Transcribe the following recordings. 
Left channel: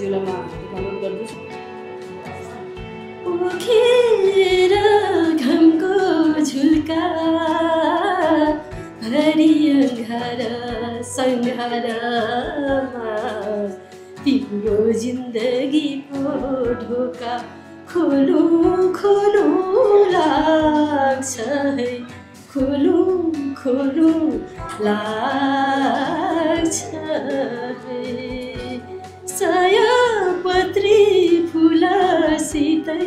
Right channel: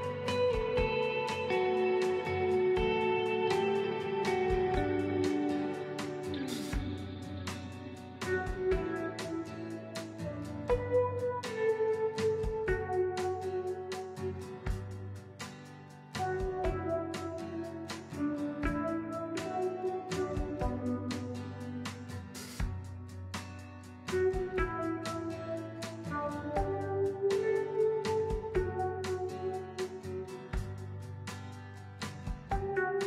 ज्यूलाई अनुरोध गर्दछु। पोखेर घमको झुल्का हरियो घर सङ्घारमा तिम्रो जिन्दगीको ढोका खोलु खोलु लाग्छ है खोलु खोलु लाग्छ है सयपत्री फुलसितै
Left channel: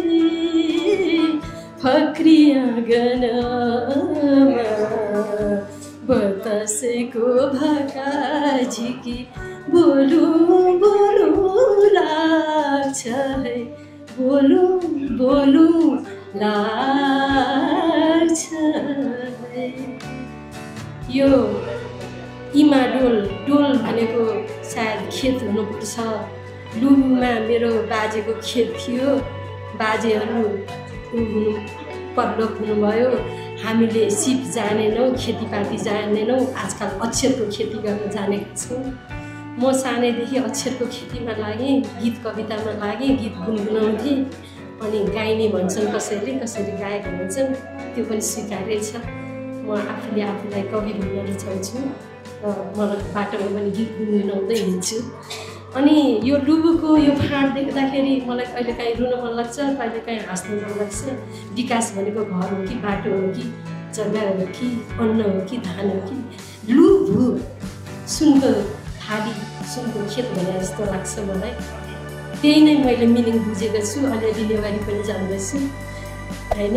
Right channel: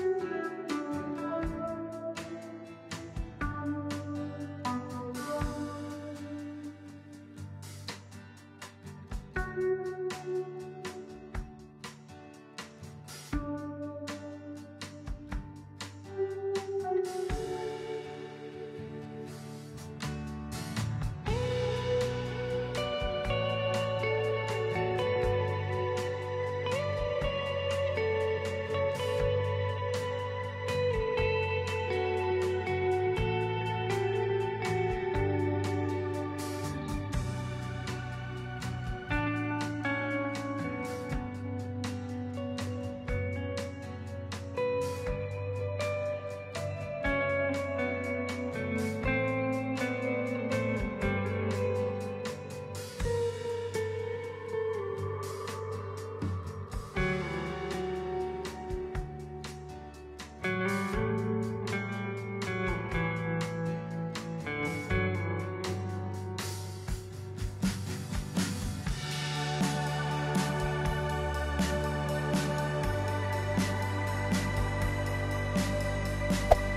फक्रियागनमा बतासेको भाका झिकी बोलु बोलु लाग्छ है बोलु बोलु लाग्छ है। यो इमाडोल डोल भनेको सायद खेत हुनुपर्छ। लुबुमा मेरो बाजेको खेत थियो। बाजेहरू परलोक हुनुभयो। हामीले सिप जानेनौँ, खेतीपाती जानेनौँ। आजकल अक्षरको खेती गर्न जानेका छौँ। म सानैदेखि अक्षरको खेतीमा लागेँ, गीत कवितामा लागेँ, गीत गुनगुनाउँथेँ। अनि गाइने भन्छन् कसैले, कसैले गायक भन्छन्, त्यो पनि स्वीकार्य छ। म आफूले आफूलाई कवि भन्न रुचाउँछु र मलाई बाटोमा पनि गीत गुनगुनाउँदै हिँड्छु। अनि यो लुबुको यो फाँट देख्दाखेरि मलाई कहिलेकाहीँ रुन मन लाग्छ, कहिलेकाहीँ हाँस्नु मन लाग्छ। विकास भनेको घर हो कि बाटो हो कि जग्गा हो कि अन्न हो कि धान हो कि लुबु सुनको थाली सुनको खेत भने जस्तो लाग्छ मलाई। त्यही नै मैले मिनिङ बुझेको छु। अलिअलि नेवारी पनि जान्दछु होइन।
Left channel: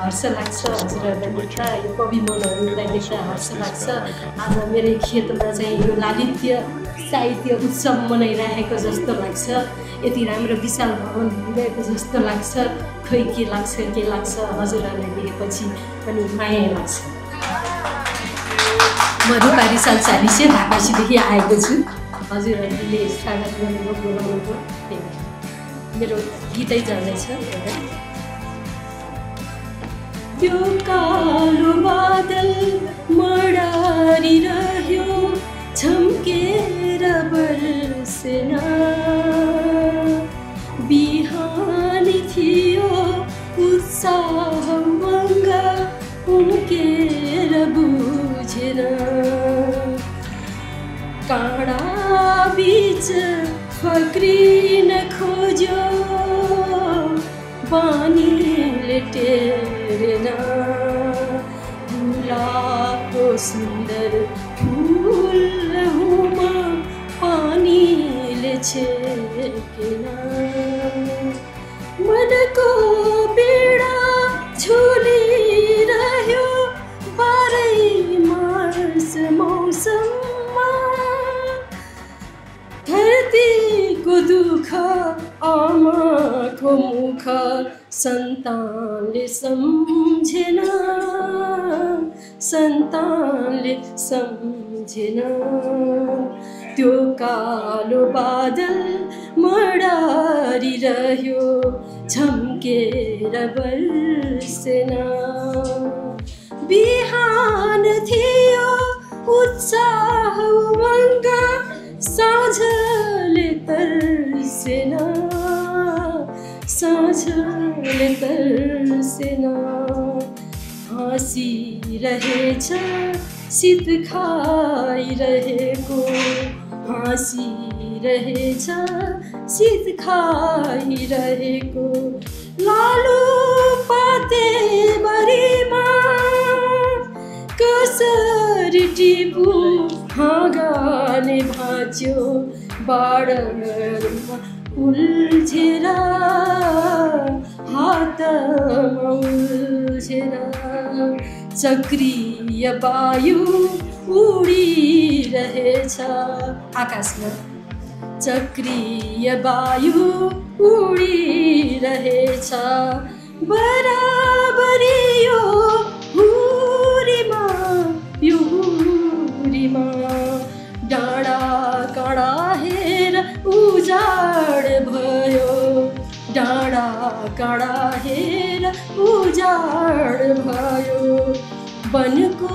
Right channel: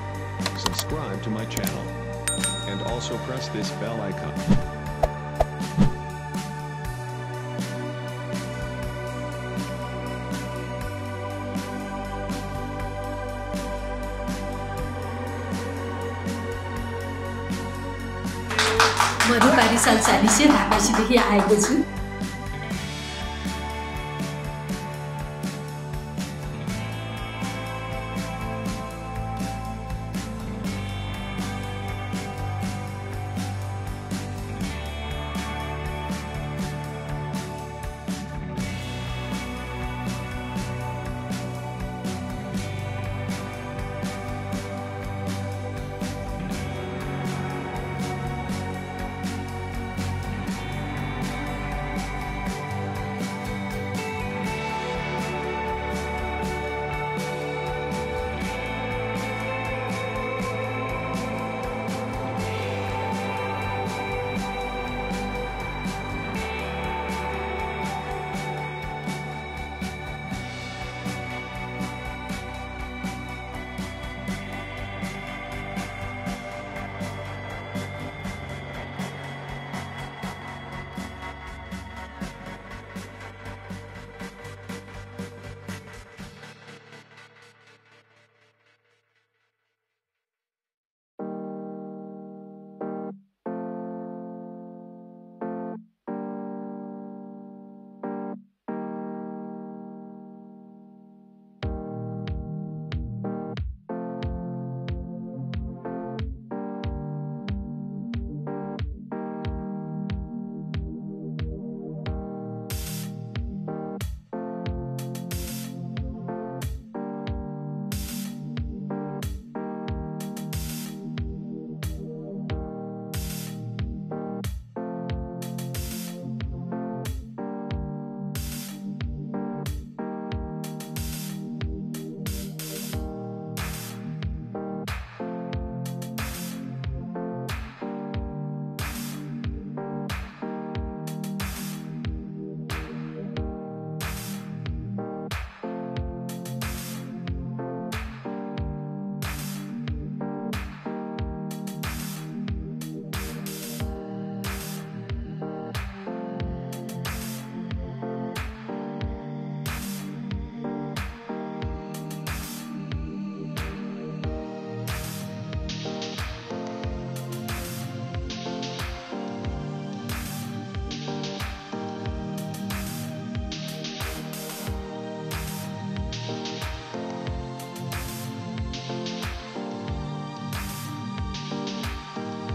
हर्ष लाग्छ कवि मनहरूलाई देख्दा हर्ष लाग्छ। आज मेरो खेतमा चाहिँ यो लालित्य साहित्य उत्सव मनाइरहेको जस्तो लाग्छ। यति राम्रो विशाल भवन भइरहेको जस्तो लाग्छ। खै के लाग्छ हजुरहरूलाई देखेपछि पनि माया लाग्छ। म रूपा रिसाल चालिसे ढाकासीदेखि आएको छु। हजुरहरूले स्वागत गरेको बोलाउनुको मेरो गीतै जाँदैछ। त्यो कालो बादल मडारिरह्यो झम्केर बर्सेन बिहानी थियो उत्साह मङ्ग उम्केर बुझेर काँडा बीच फक्रिन खोज्यो पानीले टेरेन गुलाबको सुन्दर फुलमा पानीले छेकेन मनको पीडा झुलिरह्यो बाह्रै मार्च मौसममा धरतीको दुःख आमाको मुख सन्तानले सम्झेन त्यो कालो बादल मडारिरह्यो झम्केर बर्सेन बिहान थियो उत्साह उमङ्ग साँझले तर्सेन हाँसिरहेछ शीत खाइरहेको हाँसिरहेछ शीत खाइरहेको लालु पाते बारीमा कसरी टिपु हाँगाले भाँच्यो बाडरमा उल्झेर हातमा उल्झेर चक्रीय वायु उडिरहेछ आकाशमा चक्रीय वायु उडिरहेछ बराबरी यो हुरीमा डाँडा काँडा हेर उजाड भयो डाँडा काँडा हेर उजाड भयो वनको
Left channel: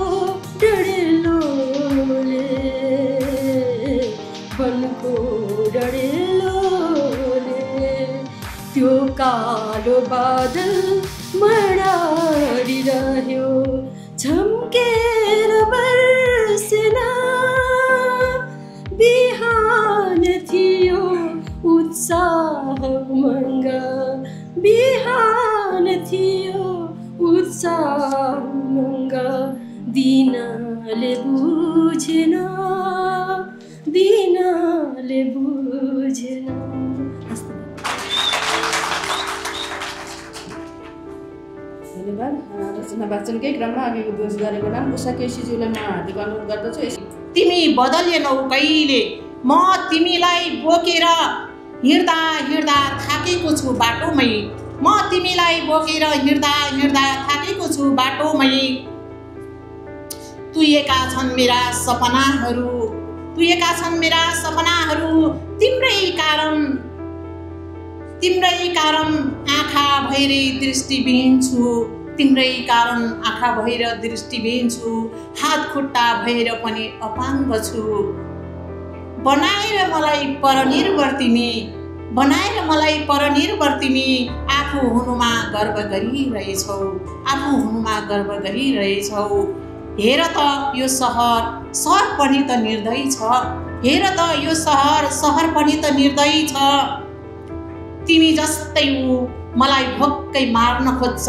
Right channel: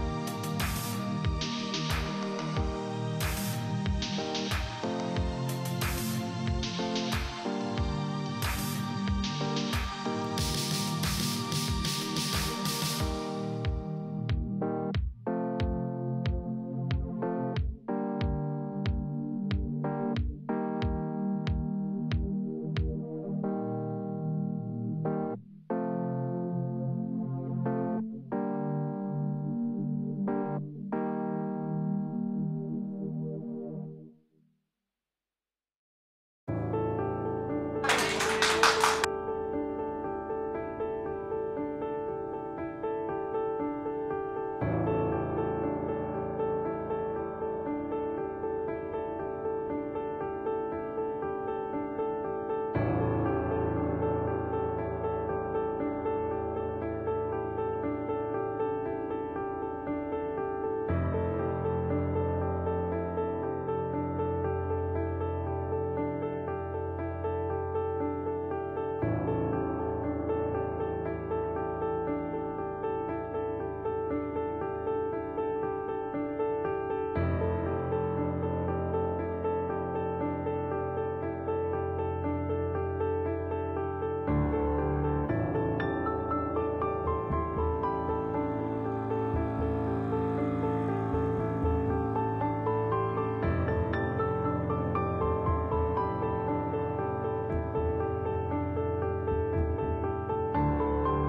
डढेलोले वनको डढेलो त्यो कालो बादल मडारिरह्यो झम्केर बर्सेन बिहान थियो उत्साह उमङ्ग बिहान थियो उत्साह उमङ्ग दिनले बुझेन दिनले बुझेन। धन्यवाद। रचना वाचनकै क्रममा अघिको दोष गरेको नाम उषा केसीज्यूलाई म हार्दिक अनुरोध गर्दछु। तिमी बदलेनौ कहिले, म तिमीलाई बोकेर हिँड्दा हिँड्दा थाकेको छु बाटोमै, म तिमीलाई बोकेर हिँड्दा हिँड्दा थाकेको छु बाटोमै। तुइएका छन् मेरा सपनाहरू, तुइएका छन् मेरा सपनाहरू, तिम्रै कारण आँखा भएर दृष्टिविहीन छु, तिम्रै कारण आँखा भएर दृष्टिविहीन छु, हात खुट्टा भएर पनि अपाङ्ग छु। बनाएर मलाई परनिर्भर तिमी, बनाएर मलाई परनिर्भर तिमी, आफू हुनुमा गर्व गरिरहेछौ, आफू हुनुमा गर्व गरिरहेछौ। हेर त यो सहर पनि त निर्दयी छ, हेर त यो सहर पनि त निर्दयी छ। तिमी जस्तै ऊ मलाई भोक्कै मार्न खोज्छ,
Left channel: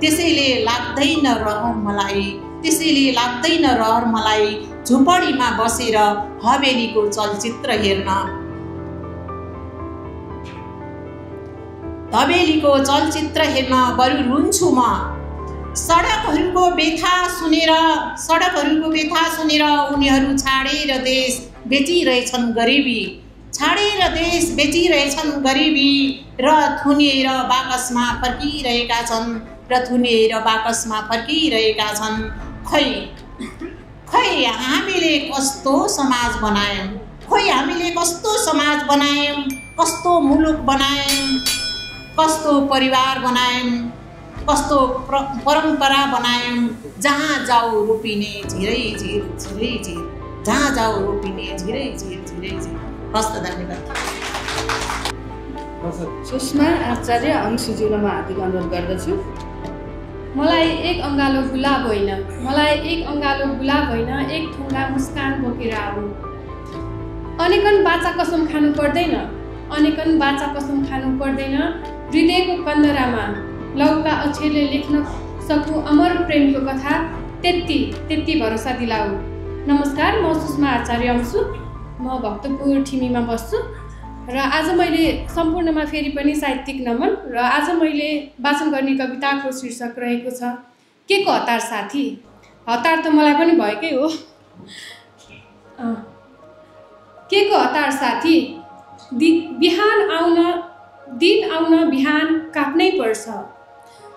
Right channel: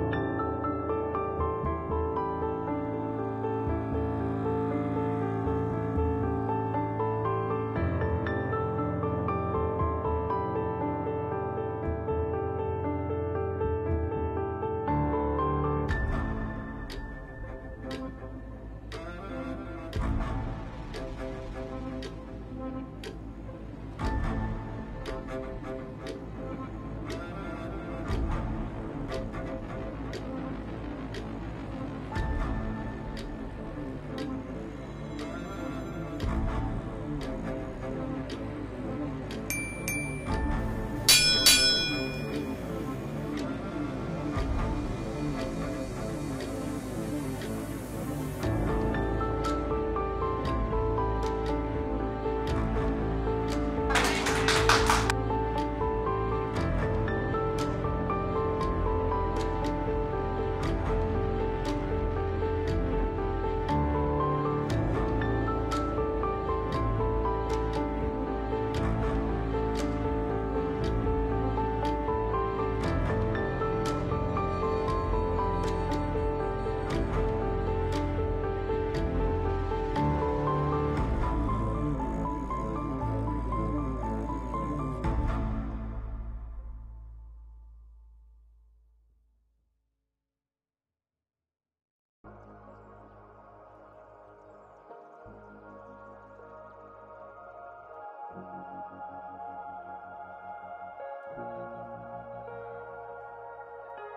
त्यसैले लाग्दैन रहर मलाई, त्यसैले लाग्दैन रहर मलाई झुपडीमा बसेर हवेलीको चलचित्र हेर्न, हवेलीको चलचित्र हेर्न बरु रुन्छु म। सडकहरूको व्यथा सुनेर उनीहरू छाडेर देश बेचिरहेछन् गरिबी, छाडेर देश बेचिरहेछन् गरिबी, र थुनिएर बाकसमा फर्किरहेका छन्, र थुनिएर बाकसमा फर्किरहेका छन्। खै हामीले कस्तो समाज बनायौँ, खोइ हामीले कस्तो समाज बनायौँ, कस्तो मुलुक बनायौँ, कस्तो परिवार बनायौँ, कस्तो परम्परा बनायौँ, जहाँ जाऊ रोपिने झिरै झिर झिरै झिर, जहाँ जाऊ रोपिने झिरै झिर झिरै झिर। हस्त धन्यवाद। सुषमा आचार्य अंशुज्यूलाई म हार्दिक अनुरोध गर्दछु। मलाई एक अङ्गालो गुलाब होइन, मलाई एक अङ्गालो गुलाब होइन, एक थुङ्गा मुस्कान बोकेर आऊ। अनेकन बाचा कसम खानु पर्दैन, अनेकन बाचा कसम खानु पर्दैन, हृदयको कन्दरामा लौका अक्षरले लेख्न सकु अमर प्रेमको कथा, त्यति भरोसा दिलाऊ। नमस्कार, म सुषमा आचार्य अंशु, म भक्तपुर ठिमीमा बस्छु र आज मैले सम्पूर्णमा फेरि पनि साहित्यिक नमन, र आज मैले वाचन गर्ने कविताको शीर्षक रहेको छ के को हतार साथी। हतार त मलाई पनि भएकै हो। के को हतार साथी, दिन आउन बिहान काट्नै पर्छ,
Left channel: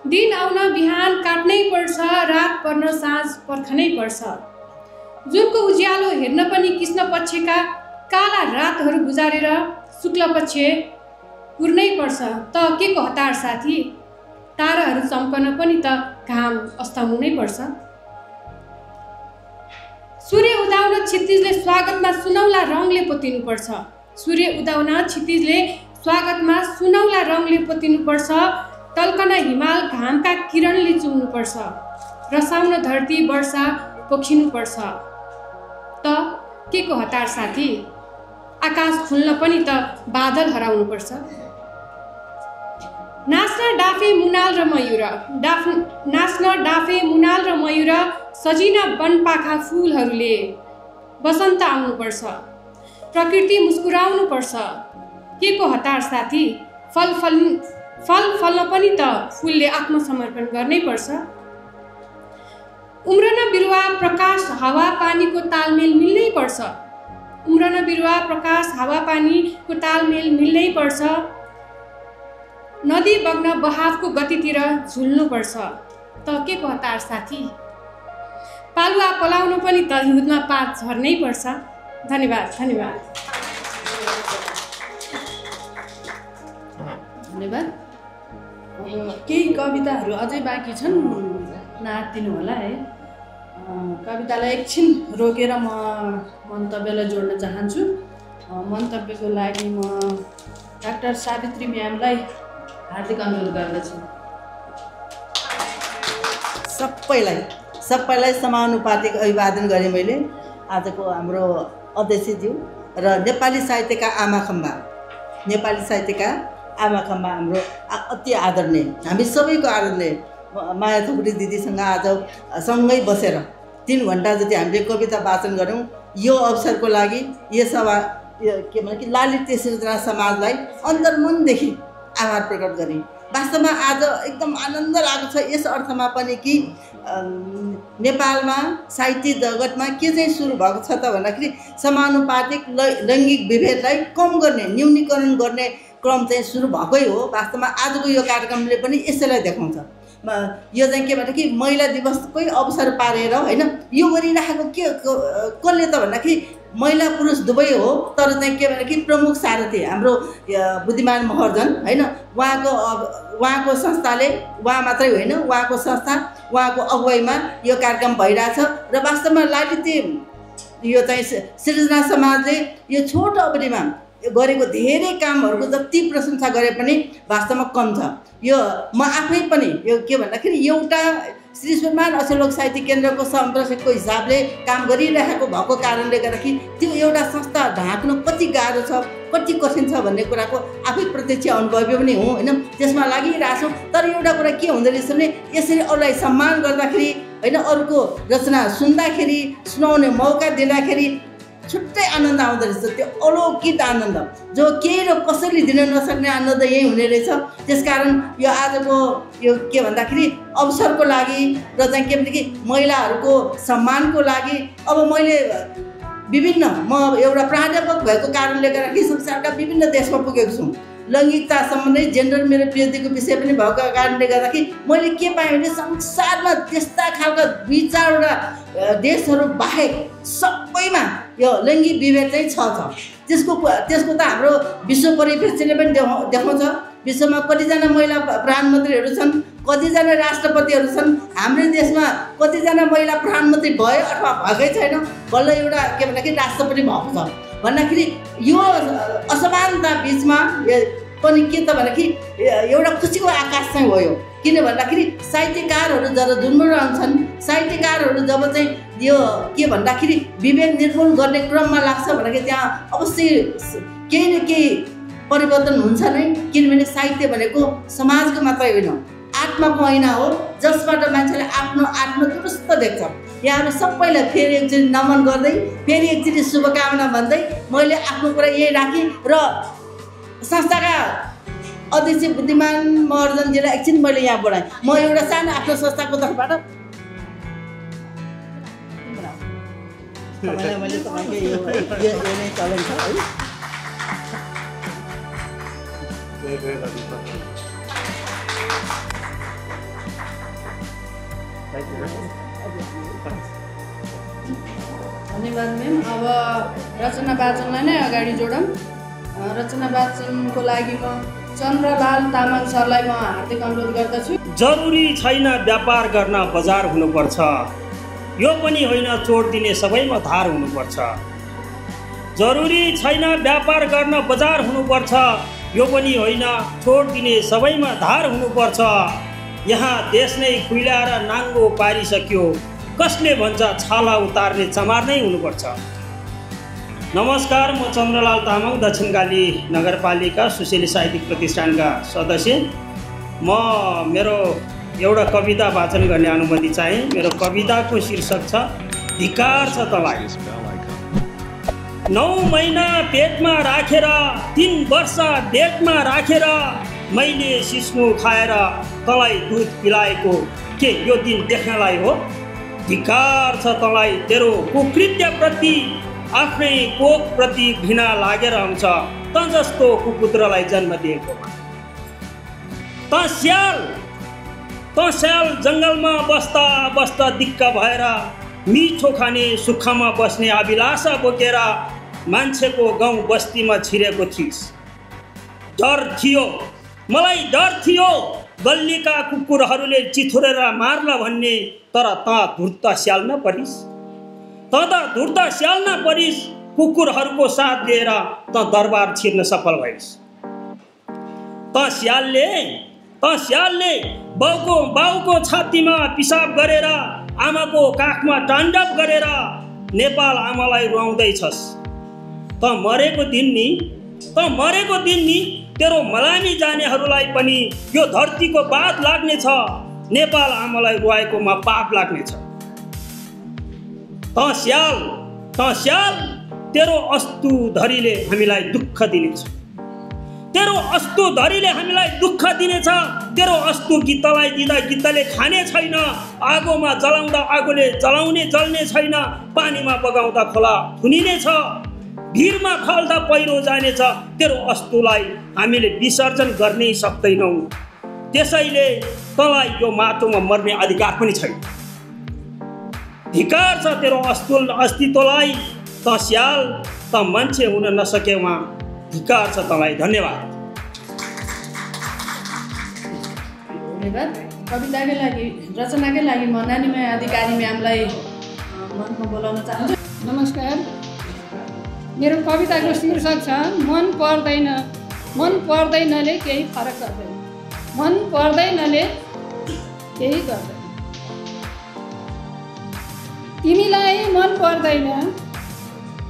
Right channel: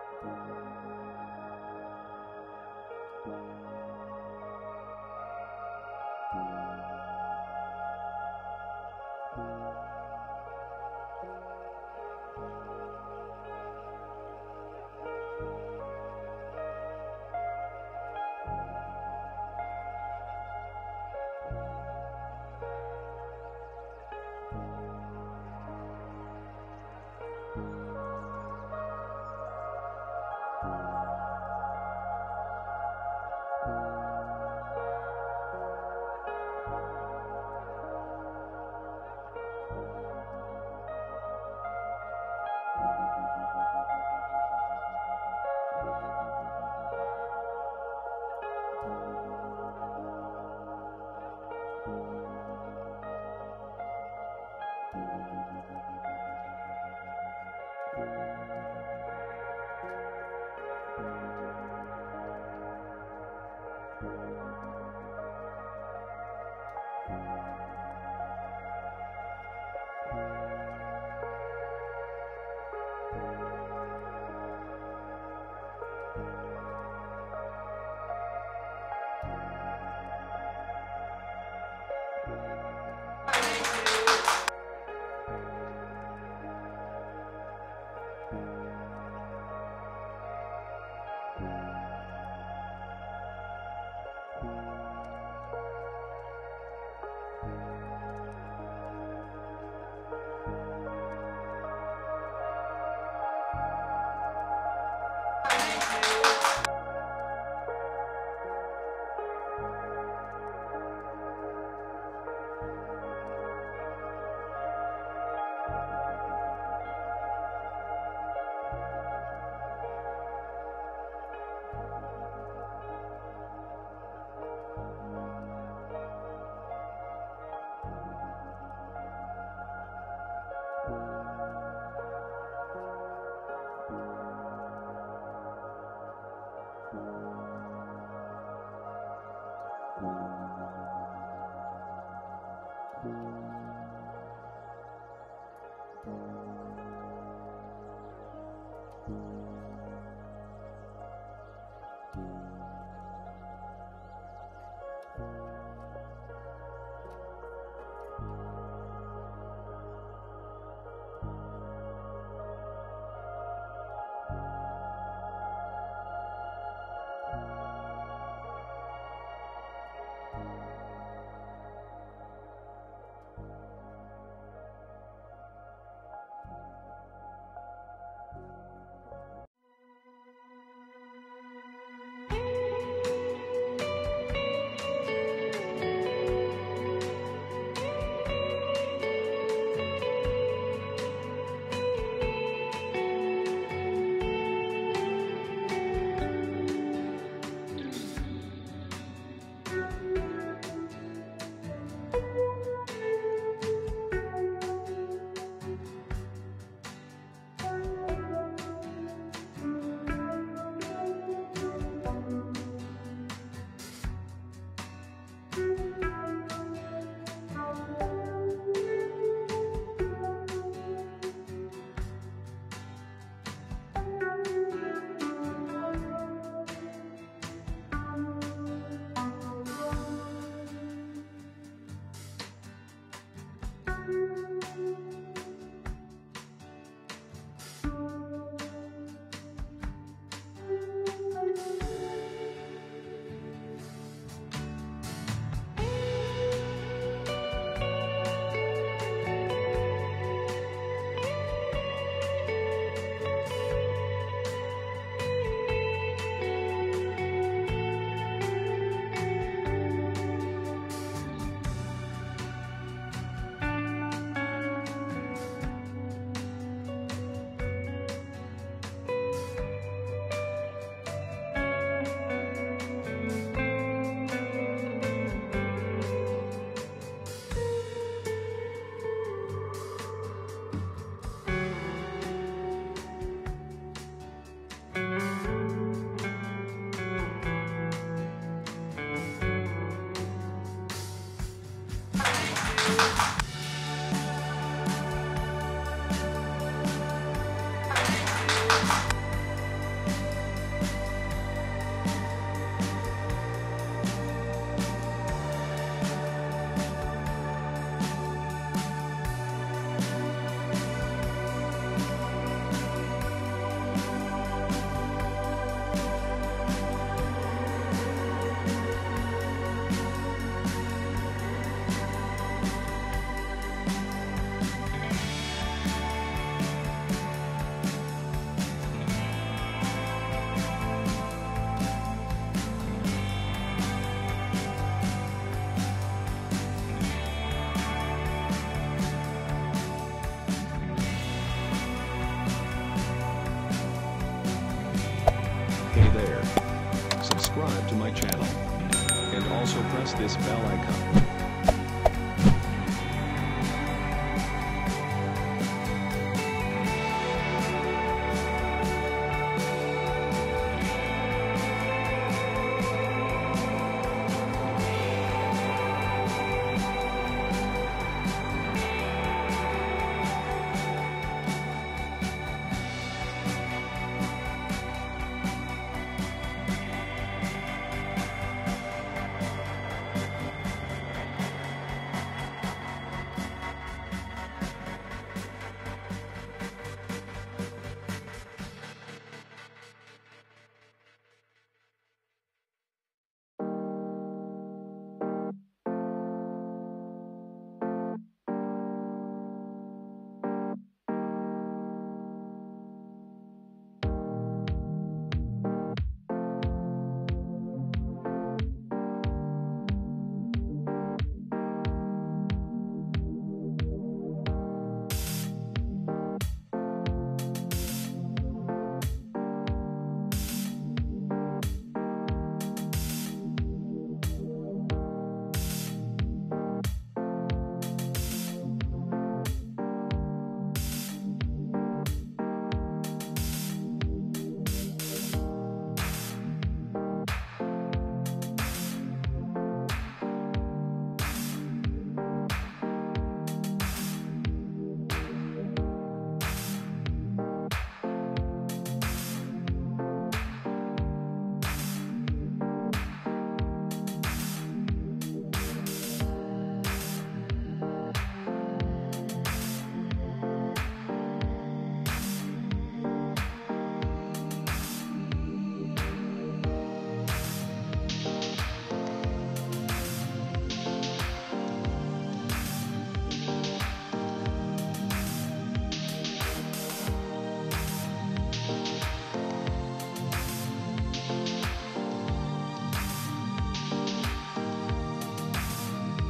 दिन आउन बिहान काट्नै पर्छ, रात पर्न साँझ पर्खनै पर्छ। जुनको उज्यालो हेर्न पनि कृष्ण पक्षका काला रातहरू गुजारेर शुक्ल पक्ष पुर्नै पर्छ। त के को हतार साथी, ताराहरू चम्कन पनि त घाम अस्ताउनै पर्छ। सूर्य उदाउन क्षितिजले स्वागतमा सुनौला रङले पोतिनुपर्छ, सूर्य उदाउन क्षितिजले स्वागतमा सुनौला रङले पोतिनुपर्छ। टल्कन हिमाल घामका किरणले चुम्नुपर्छ, रसाउन धरती वर्षा पोखिनुपर्छ। त के को हतार साथी, आकाश खुल्न पनि त बादल हराउनुपर्छ। नाच्न डाफे मुनाल र मयूर, सजिन वनपाखा फुलहरूले, बसन्त आउनुपर्छ, प्रकृति मुस्कुराउनु पर्छ। के को हतार साथी, फल फल्न पनि त फुलले आत्मसमर्पण गर्नै पर्छ। उम्रन बिरुवा प्रकाश हावा पानीको तालमेल मिल्नै पर्छ, उम्रन बिरुवा प्रकाश हावा पानीको तालमेल मिल्नै पर्छ। नदी बग्न बहावको गतितिर झुल्नुपर्छ। त के को हतार साथी, पालुवा पलाउनु पनि त हिउँदमा पात झर्नै पर्छ। धन्यवाद। धन्यवाद। अब केही कविताहरू अझै बाँकी छन्, नआत्तिनु होला है। कवितालाई एकछिन रोकेर म मन्तव्यलाई जोड्न चाहन्छु। मन्तव्यको लागि म डाक्टर सावित्री म्यामलाई हार्दिक अनुरोध गर्दछु। सबैलाई समानुपातिक अभिवादन गरेँ मैले। आजको हाम्रो अध्यक्षज्यू र नेपाली साहित्यका आमाखम्बा हाम्रो अति आदरणीय, हामी सबैको आदरणीय माया थुप्री दिदीसँग आज सँगै बसेर 3 घण्टा जति हामीले कविता वाचन गऱ्यौँ। यो अवसरको लागि यस के भने कि ललित सृजना समाजलाई अन्तर्मनदेखि आभार प्रकट गरेँ। वास्तवमा आज एकदम आनन्द लागेको छ यस अर्थमा पनि कि नेपालमा साहित्य जगतमा के चाहिँ सुरु भएको छ त भन्दाखेरि समानुपातिक लैङ्गिक विभेदलाई कम गर्ने, न्यूनीकरण गर्ने क्रम चाहिँ सुरु भएकै हो। वास्तवमा आजको यो कार्यक्रमले पनि यसैलाई देखाउँछ। यो चाहिँ के भने कि महिला दिवसकै अवसर पारेर होइन यो गरिराखेको के कसले त भन्दाखेरि महिला पुरुष दुवै हो। तर चाहिँ के भने कि प्रमुख सारथी हाम्रो बुद्धिमान महर्जन होइन, उहाँको संस्थाले, उहाँ मात्रै होइन उहाँको संस्था, उहाँको अगुवाईमा यो कार्यक्रम भइरहेछ। र वास्तवमा ललित यो चाहिँ सृजना समाजले यो छोटो अवधिमा गरेको धेरै कामहरूको जति प्रशंसा गरे पनि वास्तवमा कम छ। यो म आफै पनि यो के भन्दाखेरि एउटा श्री सुरमान अक्षर लोक साहित्य केन्द्रको संरक्षकको हिसाबले काम गरिरहेको भएको कारणले गर्दाखेरि त्यो एउटा संस्था ढाक्नु कति गाह्रो छ, कति कठिन छ भन्ने कुराको आफै प्रत्यक्ष अनुभवी पनि हो होइन। त्यसमा लागिरहेको छौँ। तर एउटा कुरा के हुँदो रहेछ भने यसरी अरूलाई सम्मान गर्दाखेरि होइन, अरूको रचना सुन्दाखेरि, सुनाउने मौका दिँदाखेरि छुट्टै आनन्द आउँदो रहेछ। त्यो अलौकिक आनन्द जो केही र कसैले दिन नसक्ने आनन्द यही हुने रहेछ। त्यसकारण यो आजको यो के भन्दाखेरि अवसरको लागि र चाहिँ के भने कि महिलाहरूको सम्मानको लागि अब मैले म एउटा प्राध्यापक भएको कारणले गर्दाखेरि संसारका विभिन्न देशमा पुगेको छु। लैङ्गिकता सम्बन्धी जेन्डर मेरो पिएचडीको विषय पनि भएको कारणले गर्दाखेरि मैले के पाएँ भने संसारमा त्यस्ता खालका 2-4वटा देशहरू बाहेक सबैमा यो लैङ्गिक विभेद चाहिँ छ। त्यसको त हाम्रो विश्व परिप्रेक्ष्यले पनि देखाउँछ। विश्वमा कतिजना महिला प्रधानमन्त्रीहरू छन्, कतिजना राष्ट्रपतिहरू छन्। हाम्रो देशमा कतिजना महिला प्रधानमन्त्री भयो अथवा भएकै छैन, बल्ल एउटा के भन्दाखेरि राष्ट्रपति भएको छ भन्दाखेरि यो असमानता बिचमा पनि के त भन्दाखेरि एउटा खुसीको आकाश चाहिँ हो यो। किन भन्दाखेरि साहित्यकारहरू जब जुन्मराउँछन्, साहित्यकारहरू जब चाहिँ यो के भन्दाखेरि विभेद निर्मूल गर्ने क्रममा लाग्छ भन्दाखेरि त्यहाँ अवश्य केही न केही परिवर्तन हुन्छ नै। किनभने साहित्य भनेको समाजको मात्रै होइन, आत्माको ऐना हो जसबाट मान्छेले आफ्नो दुरुस्त देख्छ। यहाँहरू सबैलाई फेरि एकचोटि नमन गर्दै, फेरि एकचोटि शुभकामना भन्दै मैले आफ्नो कुरा यही राखेँ र संस्थाका अध्यक्ष बुद्धिमान महर्जनजीलाई एकछिन मैले यहाँ बढाएँ। म एउटा सानो आफ्नो संस्थाको तर्फबाट मैले तपाईँको यो च्यालेन्ज छ है। धन्यवाद म्याम। अब रचना वाचनलाई नै अगाडि जोडौँ। रचना वाचनको लागि म चन्द्रलाल तामाङ सरलाई म हार्दिक अनुरोध गर्दछु। जरुरी छैन व्यापार गर्न बजार हुनुपर्छ, यो पनि होइन चोट दिने सबैमा धार हुनुपर्छ। जरुरी छैन व्यापार गर्न बजार हुनुपर्छ, यो पनि होइन चोट दिने सबैमा धार हुनुपर्छ। यहाँ देश नै खुइलाएर नाङ्गो पारिसक्यो, कसले भन्छ छाला उतार्ने चमार नै हुनुपर्छ। नमस्कार, म चन्द्रलाल तामाङ दक्षिणकाली नगरपालिका सुशील साहित्यिक प्रतिष्ठानका सदस्य। मेरो एउटा कविता वाचन गर्ने अनुमति चाहे। मेरो कविताको शीर्षक छ धिक्कार छ तँलाई। 9 महिना पेटमा राखेर 3 वर्ष डेटमा राखेर मैले सिस्नो खाएर तँलाई दुध पिलाएको के यो दिन देख्नलाई हो? धिक्कार छ तँलाई तेरो कुकृत्यप्रति, आफ्नै कोखप्रति घृणा लागेर हुन्छ त जस्तो कुपुत्रलाई जन्म दिएको। त स्याल जङ्गलमा बस्दा बस्दा दिक्क भएर मिठो खाने सुखमा बस्ने अभिलाषा बोकेर मान्छेको गाउँ बस्तीमा छिरेको थिइस्। डर थियो, मलाई डर थियो गल्लीका कुकुरहरूले चिथुरेर मार्ला भन्ने, तर त धुर्त स्याल नपरिस्। कुकुरहरूको साथ दिएर त दरबार छिर्न सफल भइस्। त स्यालले बाउको छातीमा पिसाब गरेर आमाको काखमा ताण्डव गरेर नेपाल आमालाई रुवाउँदैछस्। त मरेको दिन नि तेरो मलामी जानेहरूलाई पनि यो धरतीको बात लाग्नेछ, नेपाल आमालाई रुवाएकोमा पाप लाग्नेछ। त स्याल तेरो अस्तु धरीले हामीलाई दुःख दिनेछ, तेरो अस्तु धरीले हामीलाई दुःख दिनेछ। तेरो अस्तु गिद्धलाई दिँदा गिद्धले खाने छैन, आगोमा जलाउँदा आगोले जलाउने जल्ने छैन, पानीमा बगाउँदा खोला थुनिनेछ, भिरमा फाल्दा पहिरो जानेछ। तेरो अस्तुलाई हामीले विसर्जन गर्नै सक्दैनौँ, त्यसैले तँलाई यो माटोमा मर्ने अधिकार पनि छैन। धिक्कार छ तेरो अस्तित्वलाई। त स्याल त मान्छे हुन नसकेमा धिक्कार छ तँलाई। धन्यवाद। कविताकै लागि रचनाकै लागि म नानीमा अधिकारी म्यामलाई मञ्चमा बोलाउन चाहन्छु। नमस्कार। मेरो कविताको शीर्षक छ मन पर्दैन। मन पर्दैनले केही फरक गर्दैन। मन पर्दैनले केही गर्दैन। तिमीलाई मन पर्दैन,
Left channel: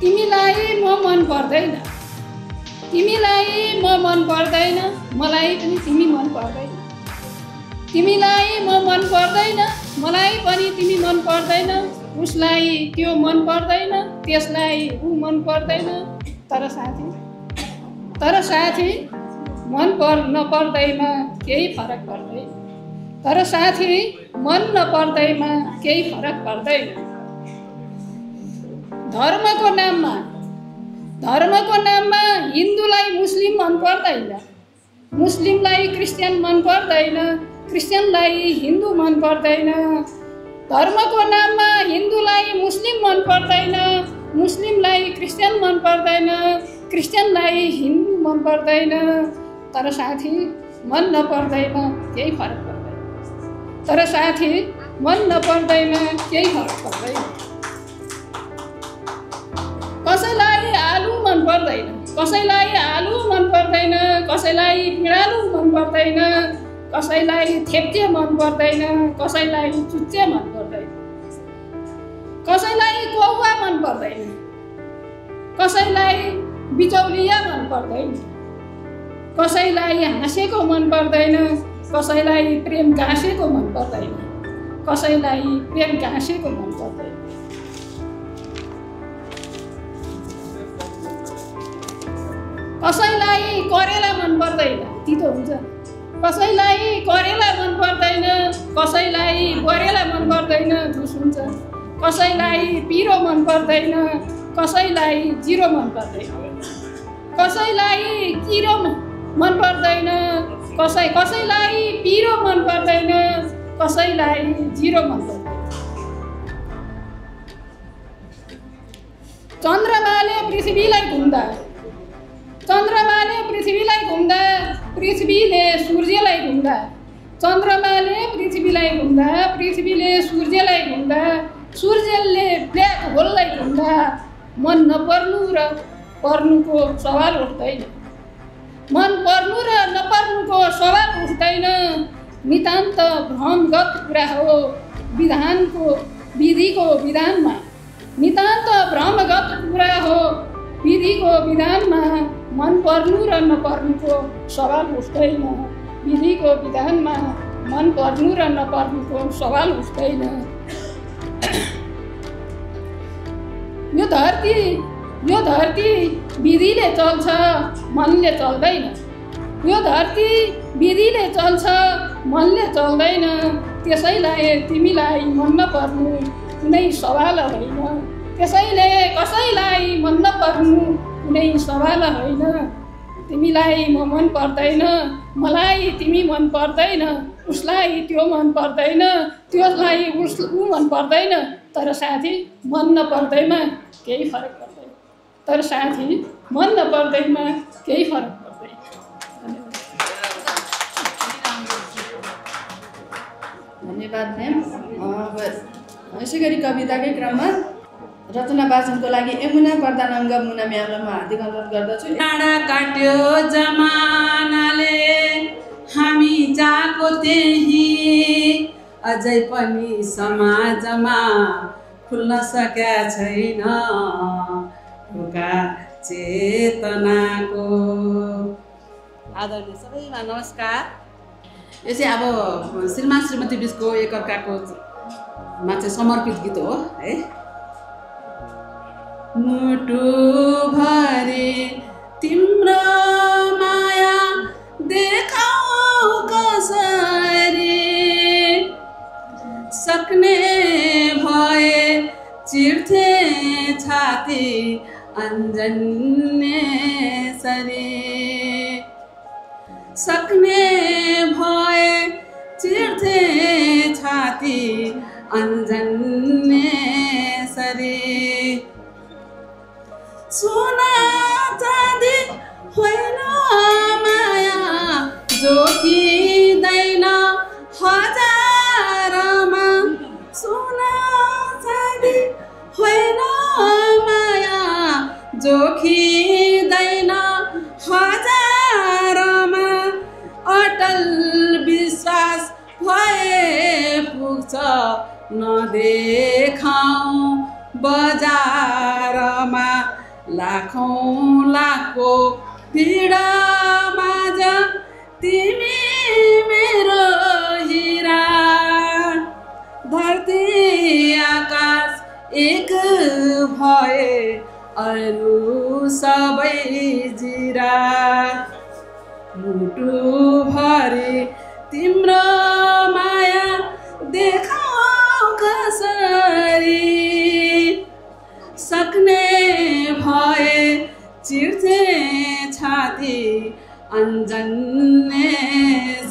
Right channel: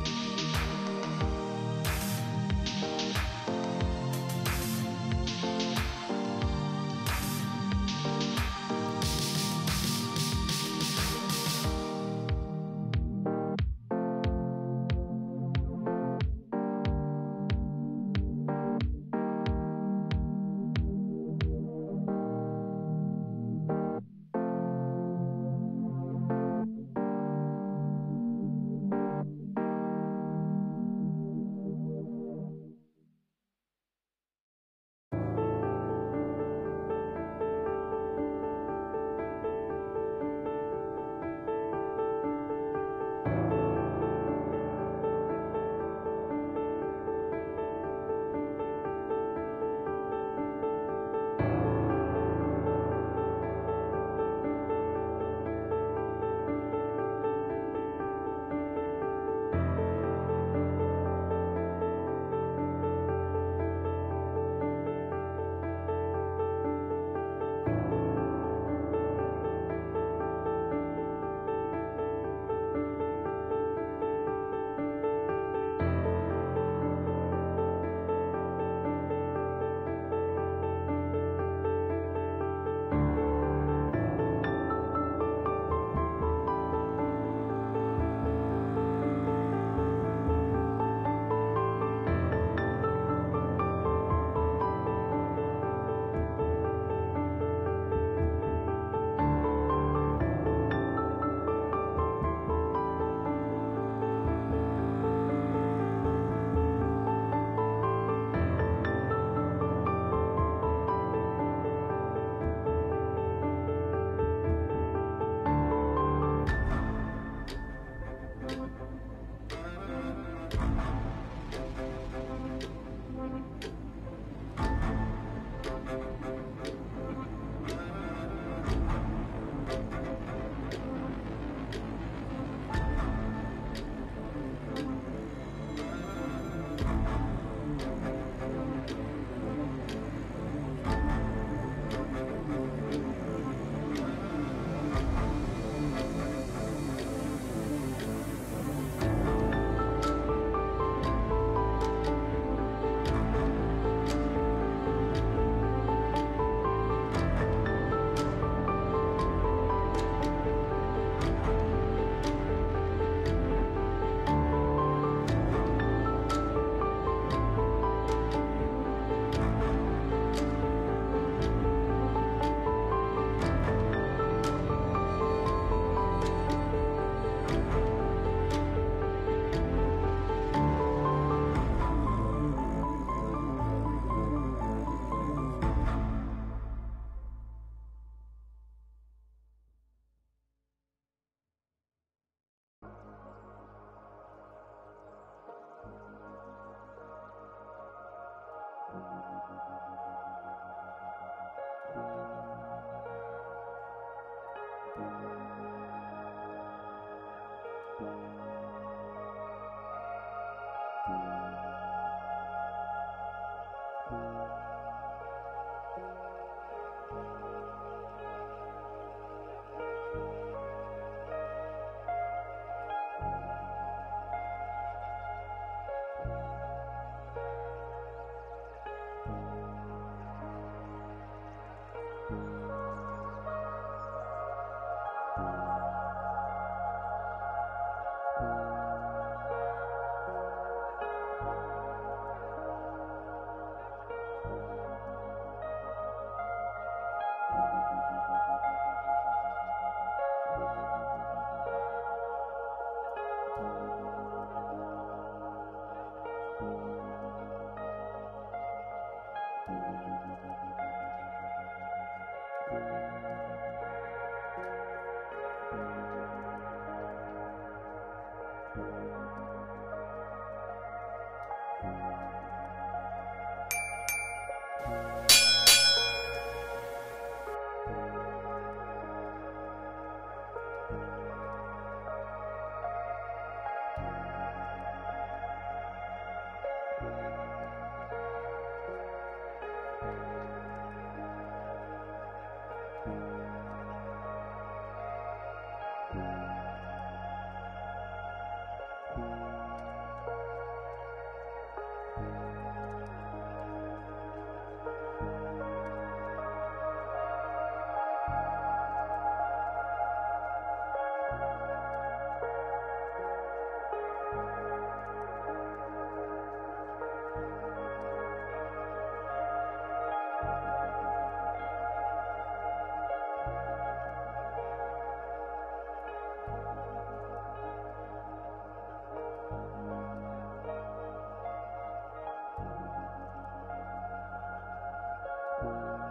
तिमीलाई म मन पर्दैन, तिमीलाई म मन पर्दैन, मलाई पनि तिमी मन पर्दैन। तिमीलाई म मन पर्दैन, मलाई पनि तिमी मन पर्दैन, उसलाई त्यो मन पर्दैन, त्यसलाई ऊ मन पर्दैन। तर साथी मन नपर्दैमा केही फरक पर्दैन। तर साथी मन नपर्दैमा केही फरक पर्दैन। धर्मको नाममा हिन्दूलाई मुस्लिम मन पर्दैन, मुस्लिमलाई क्रिस्चियन मन पर्दैन, क्रिस्चियनलाई हिन्दू मन पर्दैन। धर्मको नाममा हिन्दूलाई मुस्लिम मन पर्दैन, मुस्लिमलाई क्रिस्चियन मन पर्दैन, क्रिस्चियनलाई हिन्दू मन पर्दैन। तर साथी मन नपर्दैमा केही फरक पर्दैन। तर साथी मन नपर्दैमा केही फरक पर्दैन। कसैलाई आलु मन पर्दैन, कसैलाई आलु मन पर्दैन, कसैलाई पिँडालु मन पर्दैन, कसैलाई थेप्चे मन पर्दैन, कसैलाई चुच्चे मन पर्दैन, कसैलाई कौवा मन पर्दैन, कसैलाई बिचौलिया मन पर्दैन, कसैलाई हाँसेको मन पर्दैन, कसैलाई प्रेम गाँसेको मन पर्दैन, कसैलाई प्रेम गाँसेको मन पर्दैन। कसैलाई करेला मन पर्दैन, तितो हुन्छ। कसैलाई करेला मन पर्दैन, कसैलाई गरेला मन पर्दैन, झुस हुन्छ। कसैलाई पिरो मन पर्दैन, कसैलाई जिरो मन पर्दैन, कसैलाई किरो मन पर्दैन, कसैलाई पिरो मन पर्दैन, कसैलाई जिरो मन पर्दैन। चन्द्रमाले पृथ्वीलाई घुम्दा, चन्द्रमाले पृथ्वीलाई घुम्दा, पृथ्वीले सूर्यलाई घुम्दा, चन्द्रमाले पृथ्वीलाई घुम्दा, पृथ्वीले सूर्यलाई घुम्दा, सूर्यले ब्ल्याक होललाई घुम्दा मन नपर्नु र पर्नुको सवाल उठ्दैन। मन पर्नु र नपर्नुको सवाल उठ्दैन। नितान्त भ्रमगत कुरा हो विधिको विधानमा। नितान्त भ्रमगत कुरा हो विधिको विधानमा। मन पर्नु र नपर्नुको सवाल उठ्दैन। विधिको विधानमा मन पर्नु र नपर्नुको सवाल उठ्दैन। यो धरती विधिले चल्छ, मनले चल्दैन। यो धरती विधिले चल्छ, मनले चल्दैन। त्यसैलाई तिमीलाई मन नपर्नु कुनै सवाल होइन। त्यसैले कसैलाई मन नपर्नु कुनै सवाल होइन। तिमीलाई म मन पर्दैन, मलाई तिमी मन पर्दैन, उसलाई त्यो मन पर्दैन, त्यसलाई ऊ मन पर्दैन। तर साथी मन नपर्दैमा केही फरक पर्दैन। तर साथी मन नपर्दैमा केही फरक पर्दैन। धन्यवाद म्याम। यसै गरी कविताकै क्रममा रचना वाचनको लागि यमुना प्रधानाङ्ग मुना म्यामलाई म हार्दिक अनुरोध गर्दछु। काट्यो जमानाले हामी जाको त्यही अझै पनि समाजमा खुल्न सकेका छैन ढोका चेतनाको। आदरणीय सबैमा नमस्कार। यो चाहिँ अब श्रीमान श्रीमती बिचको एकअर्काको मा चाहिँ समर्पित गीत हो है। मुटु भरि तिम्रो माया देखाऊ कसरी, सक्ने भए चिर्थे छाती अन्जन्य सरी, सक्ने भए चिर्थे छाती अन्जन्य सरी। सोना चाँदी होइन माया जोखिँदैन हजारमा, सोना चाँदी होइन माया जोखिँदैन हजारमा, अटल विश्वास भए पुग्छ नदेखाऊ बजारमा, लाखौँ लाखको भिडमाझ तिमी मेरो हिरा, धरती आकाश एक भए अरू सबै जिरा। मुटु भरि तिम्रो माया देखाऊ कसरी, सक्ने भए चिर्थे छाती अन्जन्य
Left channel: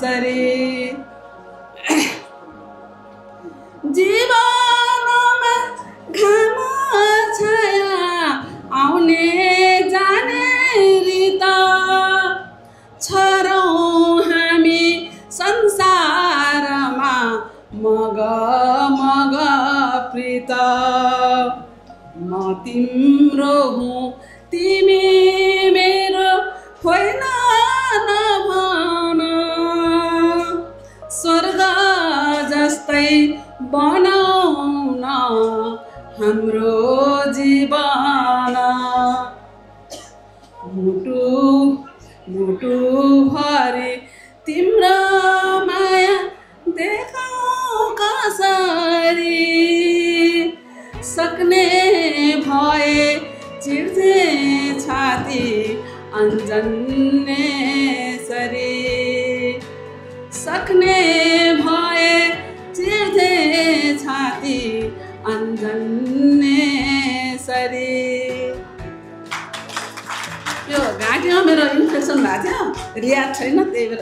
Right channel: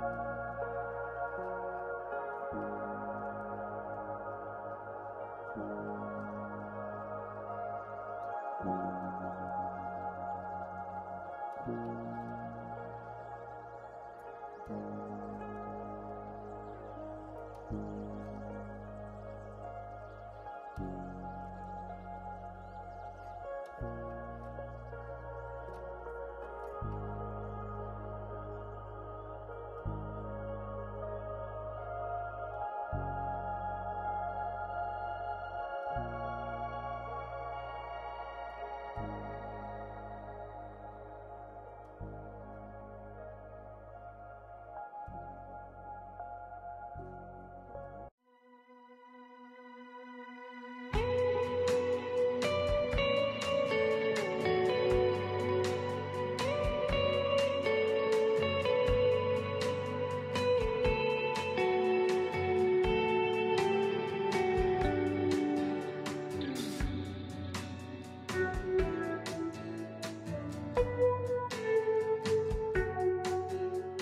सरी। जीवनमा घाम छाया आउने जाने रित, छरौँ हामी संसारमा मग मग प्रीत। म तिम्रो हुँ तिमी मेरो होइन नभन, स्वर्ग जस्तै बनाउन हाम्रो जीवन। मुटु मुटु भरि तिम्रो माया देखाऊ कसरी, सक्ने भए चिर्थे छाती अन्जन्य सरी, सक्ने भए चिर्थे छाती अन्जन्य सरी। यो घाँटीमा मेरो इन्फेक्सन भएको थियो, रियाज छैन त्यही भएर।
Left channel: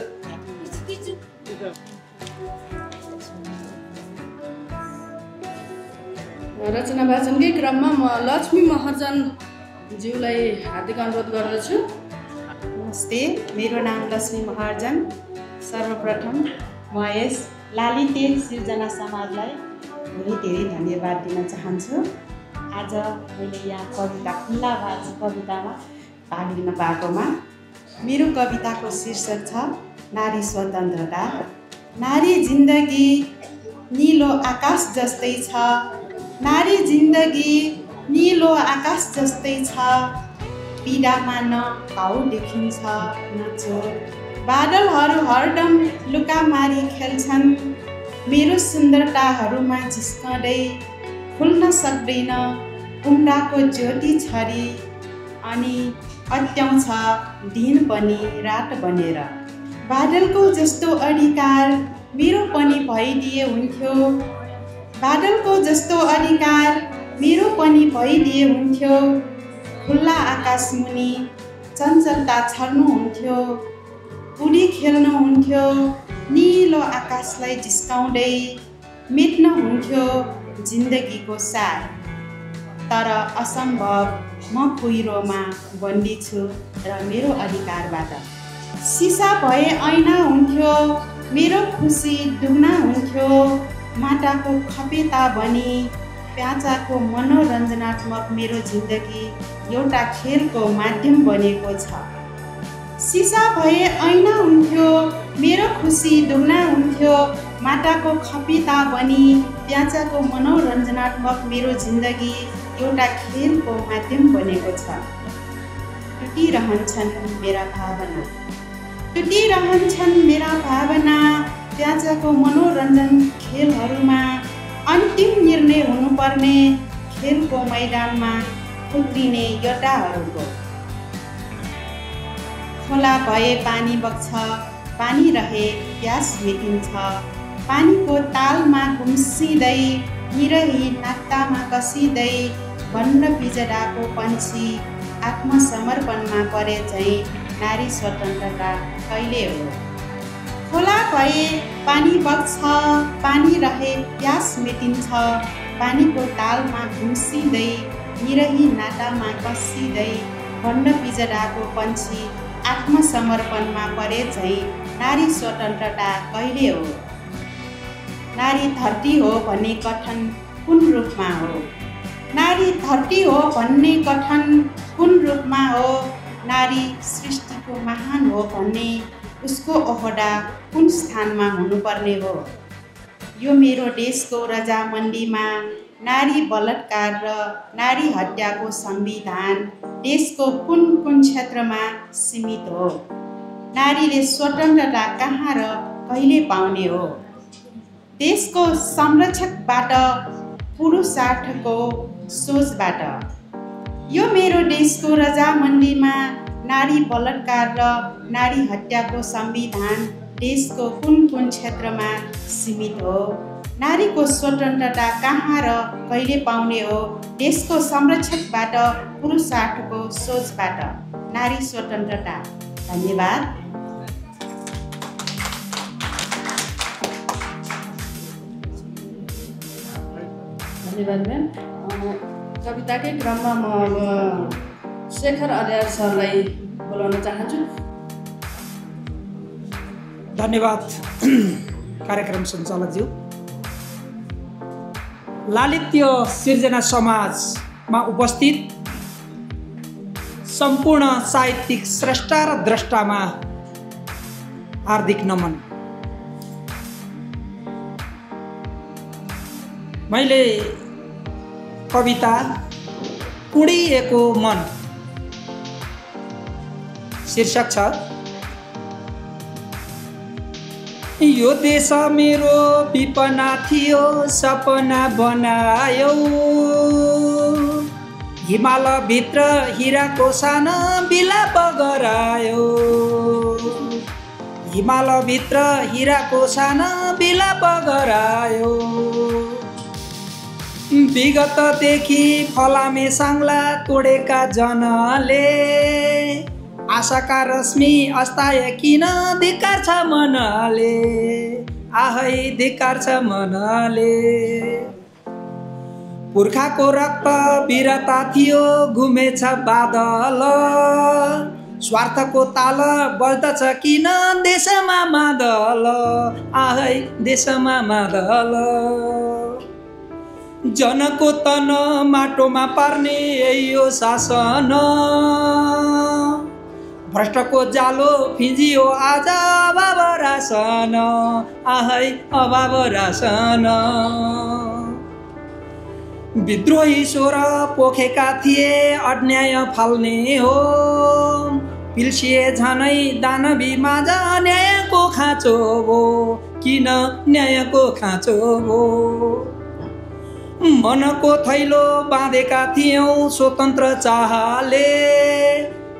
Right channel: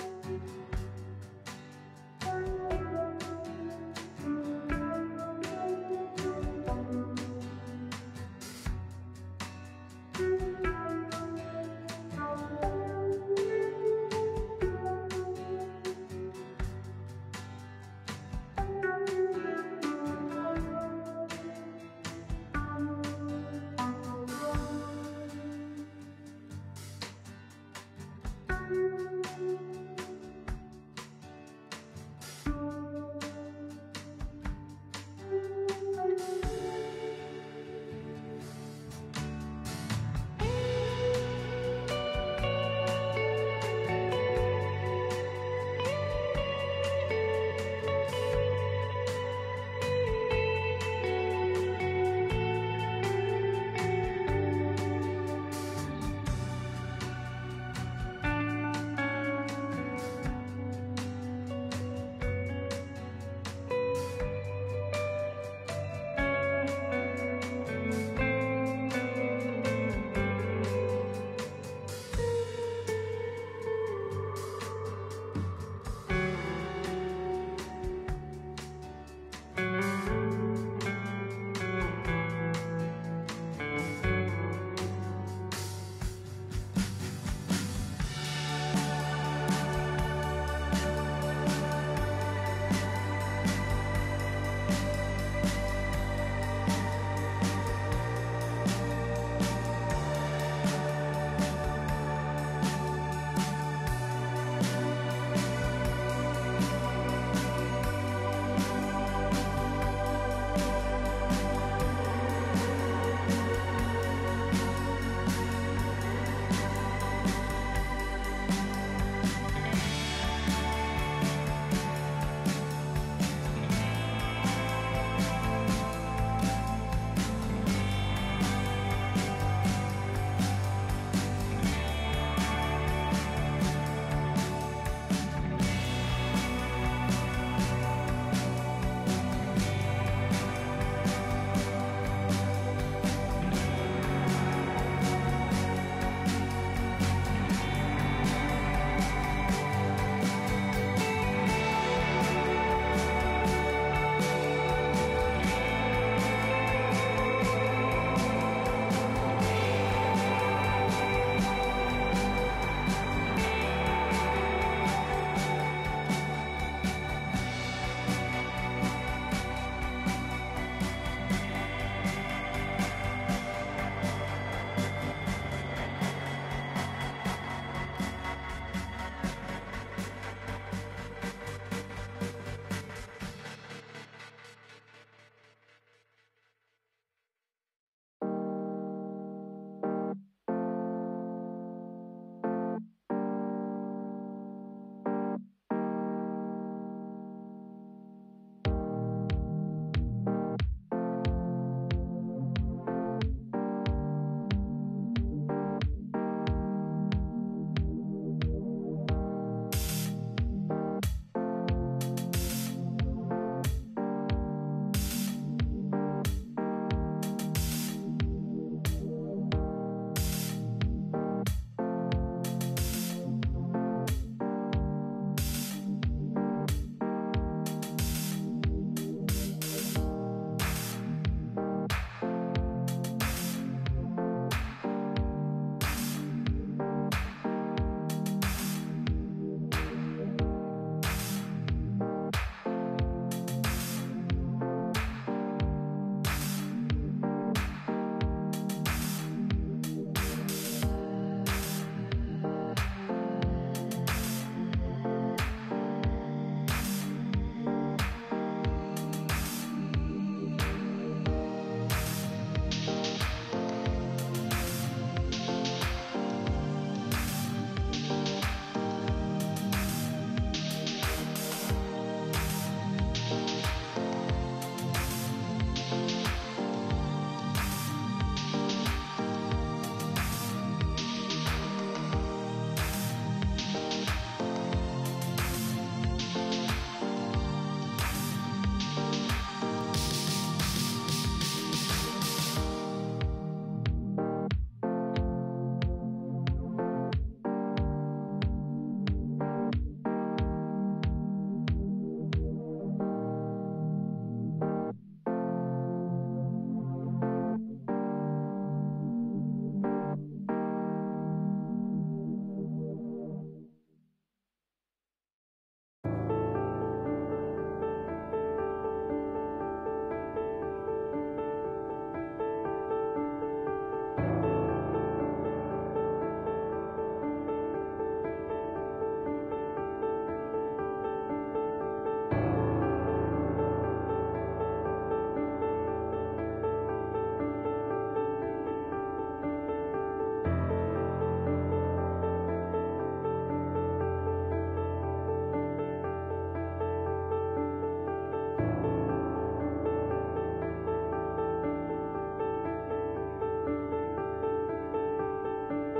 रचना वाचनकै क्रममा म लक्ष्मी महर्जनज्यूलाई हार्दिक अनुरोध गर्दछु। नमस्ते, मेरो नाम लक्ष्मी महर्जन। सर्वप्रथम म यस लालिते सिर्जना समाजलाई धेरै धेरै धन्यवाद दिन चाहन्छु। आज मैले यहाँ कविता खुल्ला भाज कवितामा भाग लिन पाएकोमा। मेरो कविताको शीर्षक छ नारी स्वतन्त्रता। नारी जिन्दगी नीलो आकाश जस्तै छ, नारी जिन्दगी नीलो आकाश जस्तै छ, पीडामा न घाउ देखिन्छ न चोट, बादलहरू हरदम लुकामारी खेल्छन्, मेरो सुन्दरताहरूमा जिस्कँदै खुल्न सक्दैन उम्राको ज्योति छरी, अनि अत्याउँछ दिन पनि रात बनेर। बादलको जस्तो अधिकार मेरो पनि भइदिए हुन्थ्यो, बादलको जस्तो अधिकार मेरो पनि भइदिए हुन्थ्यो, खुल्ला आकाश मुनि चञ्चलता छर्नुहुन्थ्यो, उडी खेल्नुहुन्थ्यो, निलो आकाशलाई जिस्काउँदै मेट्नुहुन्थ्यो जिन्दगीको सार। तर असम्भव, म कुहिरोमा बन्दी छु र मेरो अधिकारबाट। सिसा भए ऐना हुन्थ्यो, मेरो खुसी दुगुना हुन्थ्यो, माटाको खपेता बनी प्याचाको मनोरञ्जनात्मक मेरो जिन्दगी एउटा खेलको माध्यम बनेको छ। सिसा भए ऐना हुन्थ्यो, मेरो खुसी दुगुना हुन्थ्यो माटाको खपिता बनी प्याजाको मनोरञ्जनात्मक मेरो जिन्दगी एउटा खेलको माध्यम बनेको छ। टुटिरहन्छन् मेरा भावना प्याजाको मनोरञ्जन खेलहरूमा अन्तिम निर्णय हुनुपर्ने खेलको मैदानमा उक्लिने योद्धाहरूको। खोला भए पानी बग्छ, पानी रहे प्यास मेटिन्छ, पानीको तालमा गुम्सिँदै निरही नाक्तामा कसिँदै वन्न पिजडाको पन्छी आत्मसमर्पणमा परे झैँ नारी स्वतन्त्रता कहिले हो। खोला भए पानी बग्छ, पानी रहे प्यास मेटिन्छ, पानीको तालमा गुम्सिँदै निरही नातामा कसिँदै वन्न पिजडाको पन्छी आत्मसमर्पणमा परे झैँ नारी स्वतन्त्रता कहिले हो। नारी धरती हो भन्ने कथन कुन रूपमा हो। नारी धरती हो भन्ने कथन कुन रूपमा हो। नारी सृष्टिको महान हो भन्ने उसको ओहदा कुन स्थानमा हुनुपर्ने हो। यो मेरो देशको रजामण्डीमा नारी बलात्कार र नारी हत्याको संविधान देशको कुन कुन क्षेत्रमा सीमित हो। नारीले स्वतन्त्रता कहाँ र कहिले पाउने हो। देशको संरक्षकबाट पुरुषार्थको सोचबाट। यो मेरो देशको रजामण्डीमा नारी बलात्कार र नारी हत्याको संविधान देशको कुन कुन क्षेत्रमा सीमित हो। नारीको स्वतन्त्रता कहाँ र कहिले पाउने हो। देशको संरक्षकबाट पुरुषार्थको सोचबाट। नारी स्वतन्त्रता। धन्यवाद। धन्यवाद म्याम। कविताकै क्रममा म अब शेखर अर्याल सरलाई बोलाउन चाहन्छु। धन्यवाद कार्यक्रम सञ्चालकज्यू। लालित्य सिर्जना समाजमा उपस्थित सम्पूर्ण साहित्यिक स्रष्टा र द्रष्टामा हार्दिक नमन। मैले कविता उडिएको मन शीर्षक छ। यो देश मेरो विपना थियो सपना बनायो। हिमालभित्र हिराको सानो बिलाप गरायो। हिमालभित्र हिराको सानो बिलाप गरायो। विगतदेखि फलामे साङ्ला तोडेका जनले आशाका रश्मि अस्ताय किन धिक्कार छ मनले। आहै धिक्कार छ मनले। पुर्खाको रक्त वीरता थियो घुमेछ बादल। स्वार्थको ताल बज्दछ किन देशमा मादल। आहै देशमा मादल। जनको तन माटोमा पार्ने यो शासन। भ्रष्टको जालो फिजियो आज अभाव रासन। आहै अभाव रासन। विद्रोही स्वर पोखेका थिए अन्याय फाल्ने हो। पिल्सिए झनै दानवी माझ न्यायको खाँचो हो। किन न्यायको खाँचो हो। मनको थैलो बाँधेका थियौँ स्वतन्त्र चाहले।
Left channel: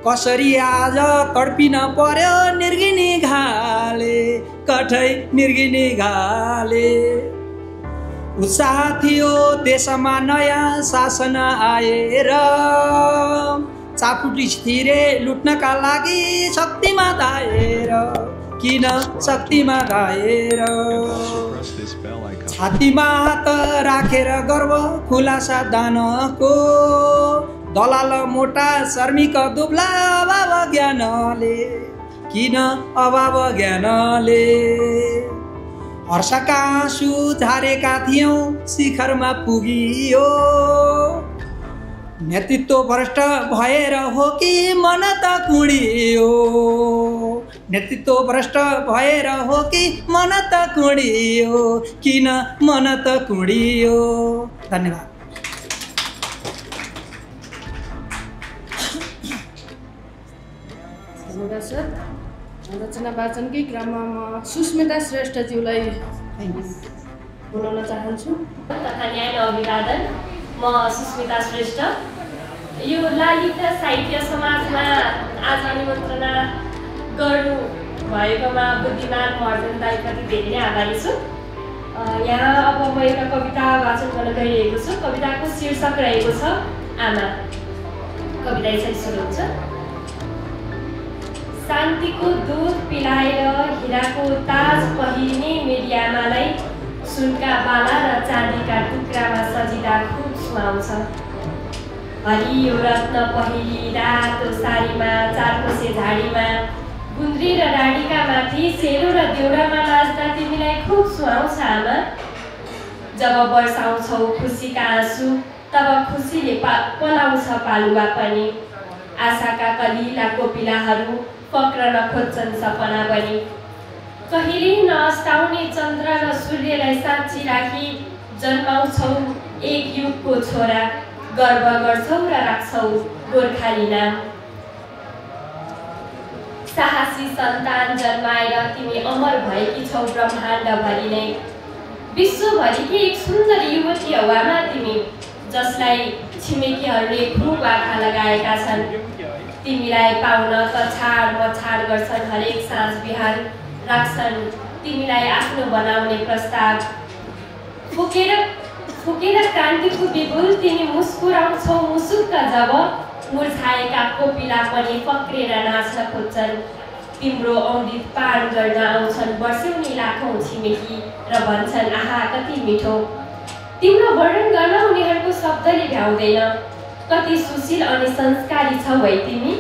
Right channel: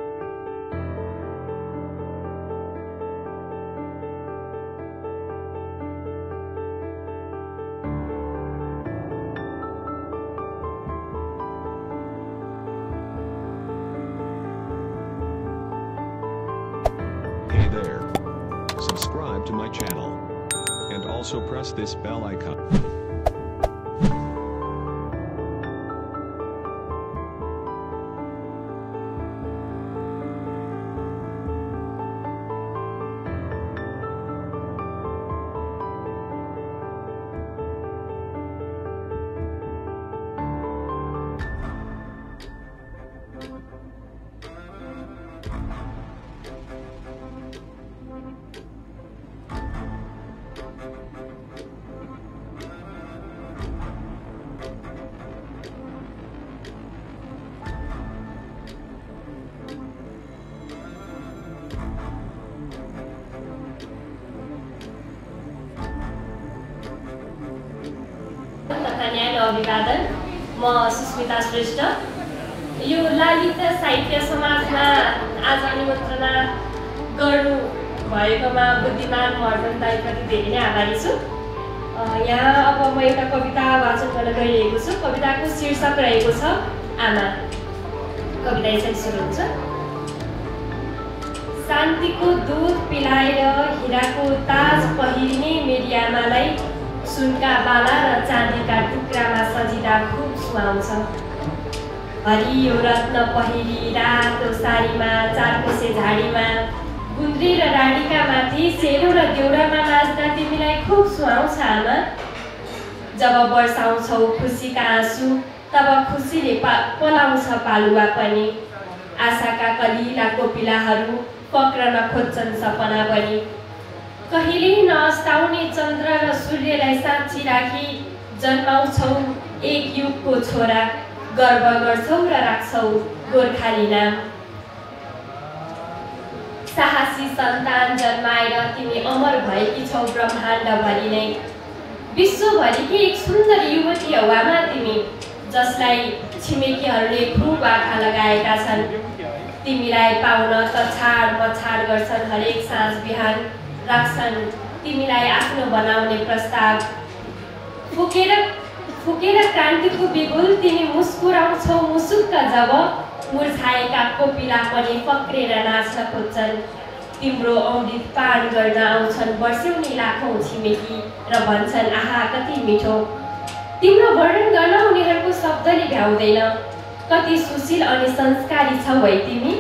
कसरी आज तडपिन पर्यो निर्गिनी घाले। कठै निर्गिनी घाले। उत्साह थियो देशमा नयाँ शासन आएर। चापुटी थिरे लुट्नका लागि शक्तिमा धाएर। किन शक्तिमा धाएर। छातीमा हात राखेर गर्व खुलासा दानको। दलाल मोटा श्रमिक दुब्ला अभाव ज्ञानले। किन अभाव ज्ञानले। हर्षका आँसु झारेका थियौँ शिखरमा पुगियो। नेतृत्व भ्रष्ट भएर हो कि मन त कुडियो। नेतृत्व भ्रष्ट भएर हो कि मन त कुडियो, किन मन त कुडियो। धन्यवाद। रचना वाचनकै क्रममा म सुस्मिता श्रेष्ठज्यूलाई बोलाउन चाहन्छु। तथा न्याय अभिवादन। म सुस्मिता श्रेष्ठ। यो ललिता साहित्य समाजमा आज निमन्त्रणा गर्नु भएकोमा बुद्धिमान महर्जन दाइप्रति धेरै नै आभारी छु। यहाँ अब म एउटा कविता वाचन गर्न गइरहेको छु। कविताको शीर्षक रहेको छ आमा। कविता यसरी सुरु हुन्छ। शान्तिको दुध पिलाएर हिराको ताज पहिरिने मेरी आमालाई सुनका बाला र चाँदीका टुक्रामा सजिँदा खुब सुहाउँछ। हरियो रत्न पहिरी रातो साडीमा चारकोसे झाडीमा गुन्द्री र रानीका माथि सेलो र देउरामा नाच्दा तिमीलाई खुब सुहाउँछ आमा। जब बर्साउँछौ खुसीका आँसु तब खुसीले पलाउँछ पालुवा पनि। आशाका कलिला कोपिलाहरू पक्रन खोज्छन् सपना बनी। कहिले नअस्ताउने चन्द्र र सूर्यलाई साक्षी राखी जन्माउँछौ एक युगको छोरा, गर्व गर्छौ र राख्छौ गोर्खाली नाम। साहसी सन्तान जन्माएर तिमी अमर भएकी छौ ब्रह्माण्डभरि नै। विश्वभरिकी एक सुन्दर युवती हौ आमा तिमी, जसलाई छिमेकीहरूले खुब आँखा लगाएका छन्। तिमीलाई पाउन तछाड मछाड गर्छन् हरेक साँझ बिहान, राख्छन् तिमीलाई आफ्नो बनाउने प्रस्ताव। फुकेर क्रान्तिको बिगुल तिमी मुस्कुराउँछौ मुसुक्क जब, मुर्छाएका कोपिला पनि पक्रेर नाच्न खोज्छन्। तिम्रो अमृत पान गर्न आउँछन् वर्षौनी लाखौँ छिमेकी र भन्छन् आहा कति मिठो। तिम्रो वर्णन गर्न उनीहरूको शब्दले भ्याउँदैन। कति सुशील अनि संस्कारी छौ है तिमी।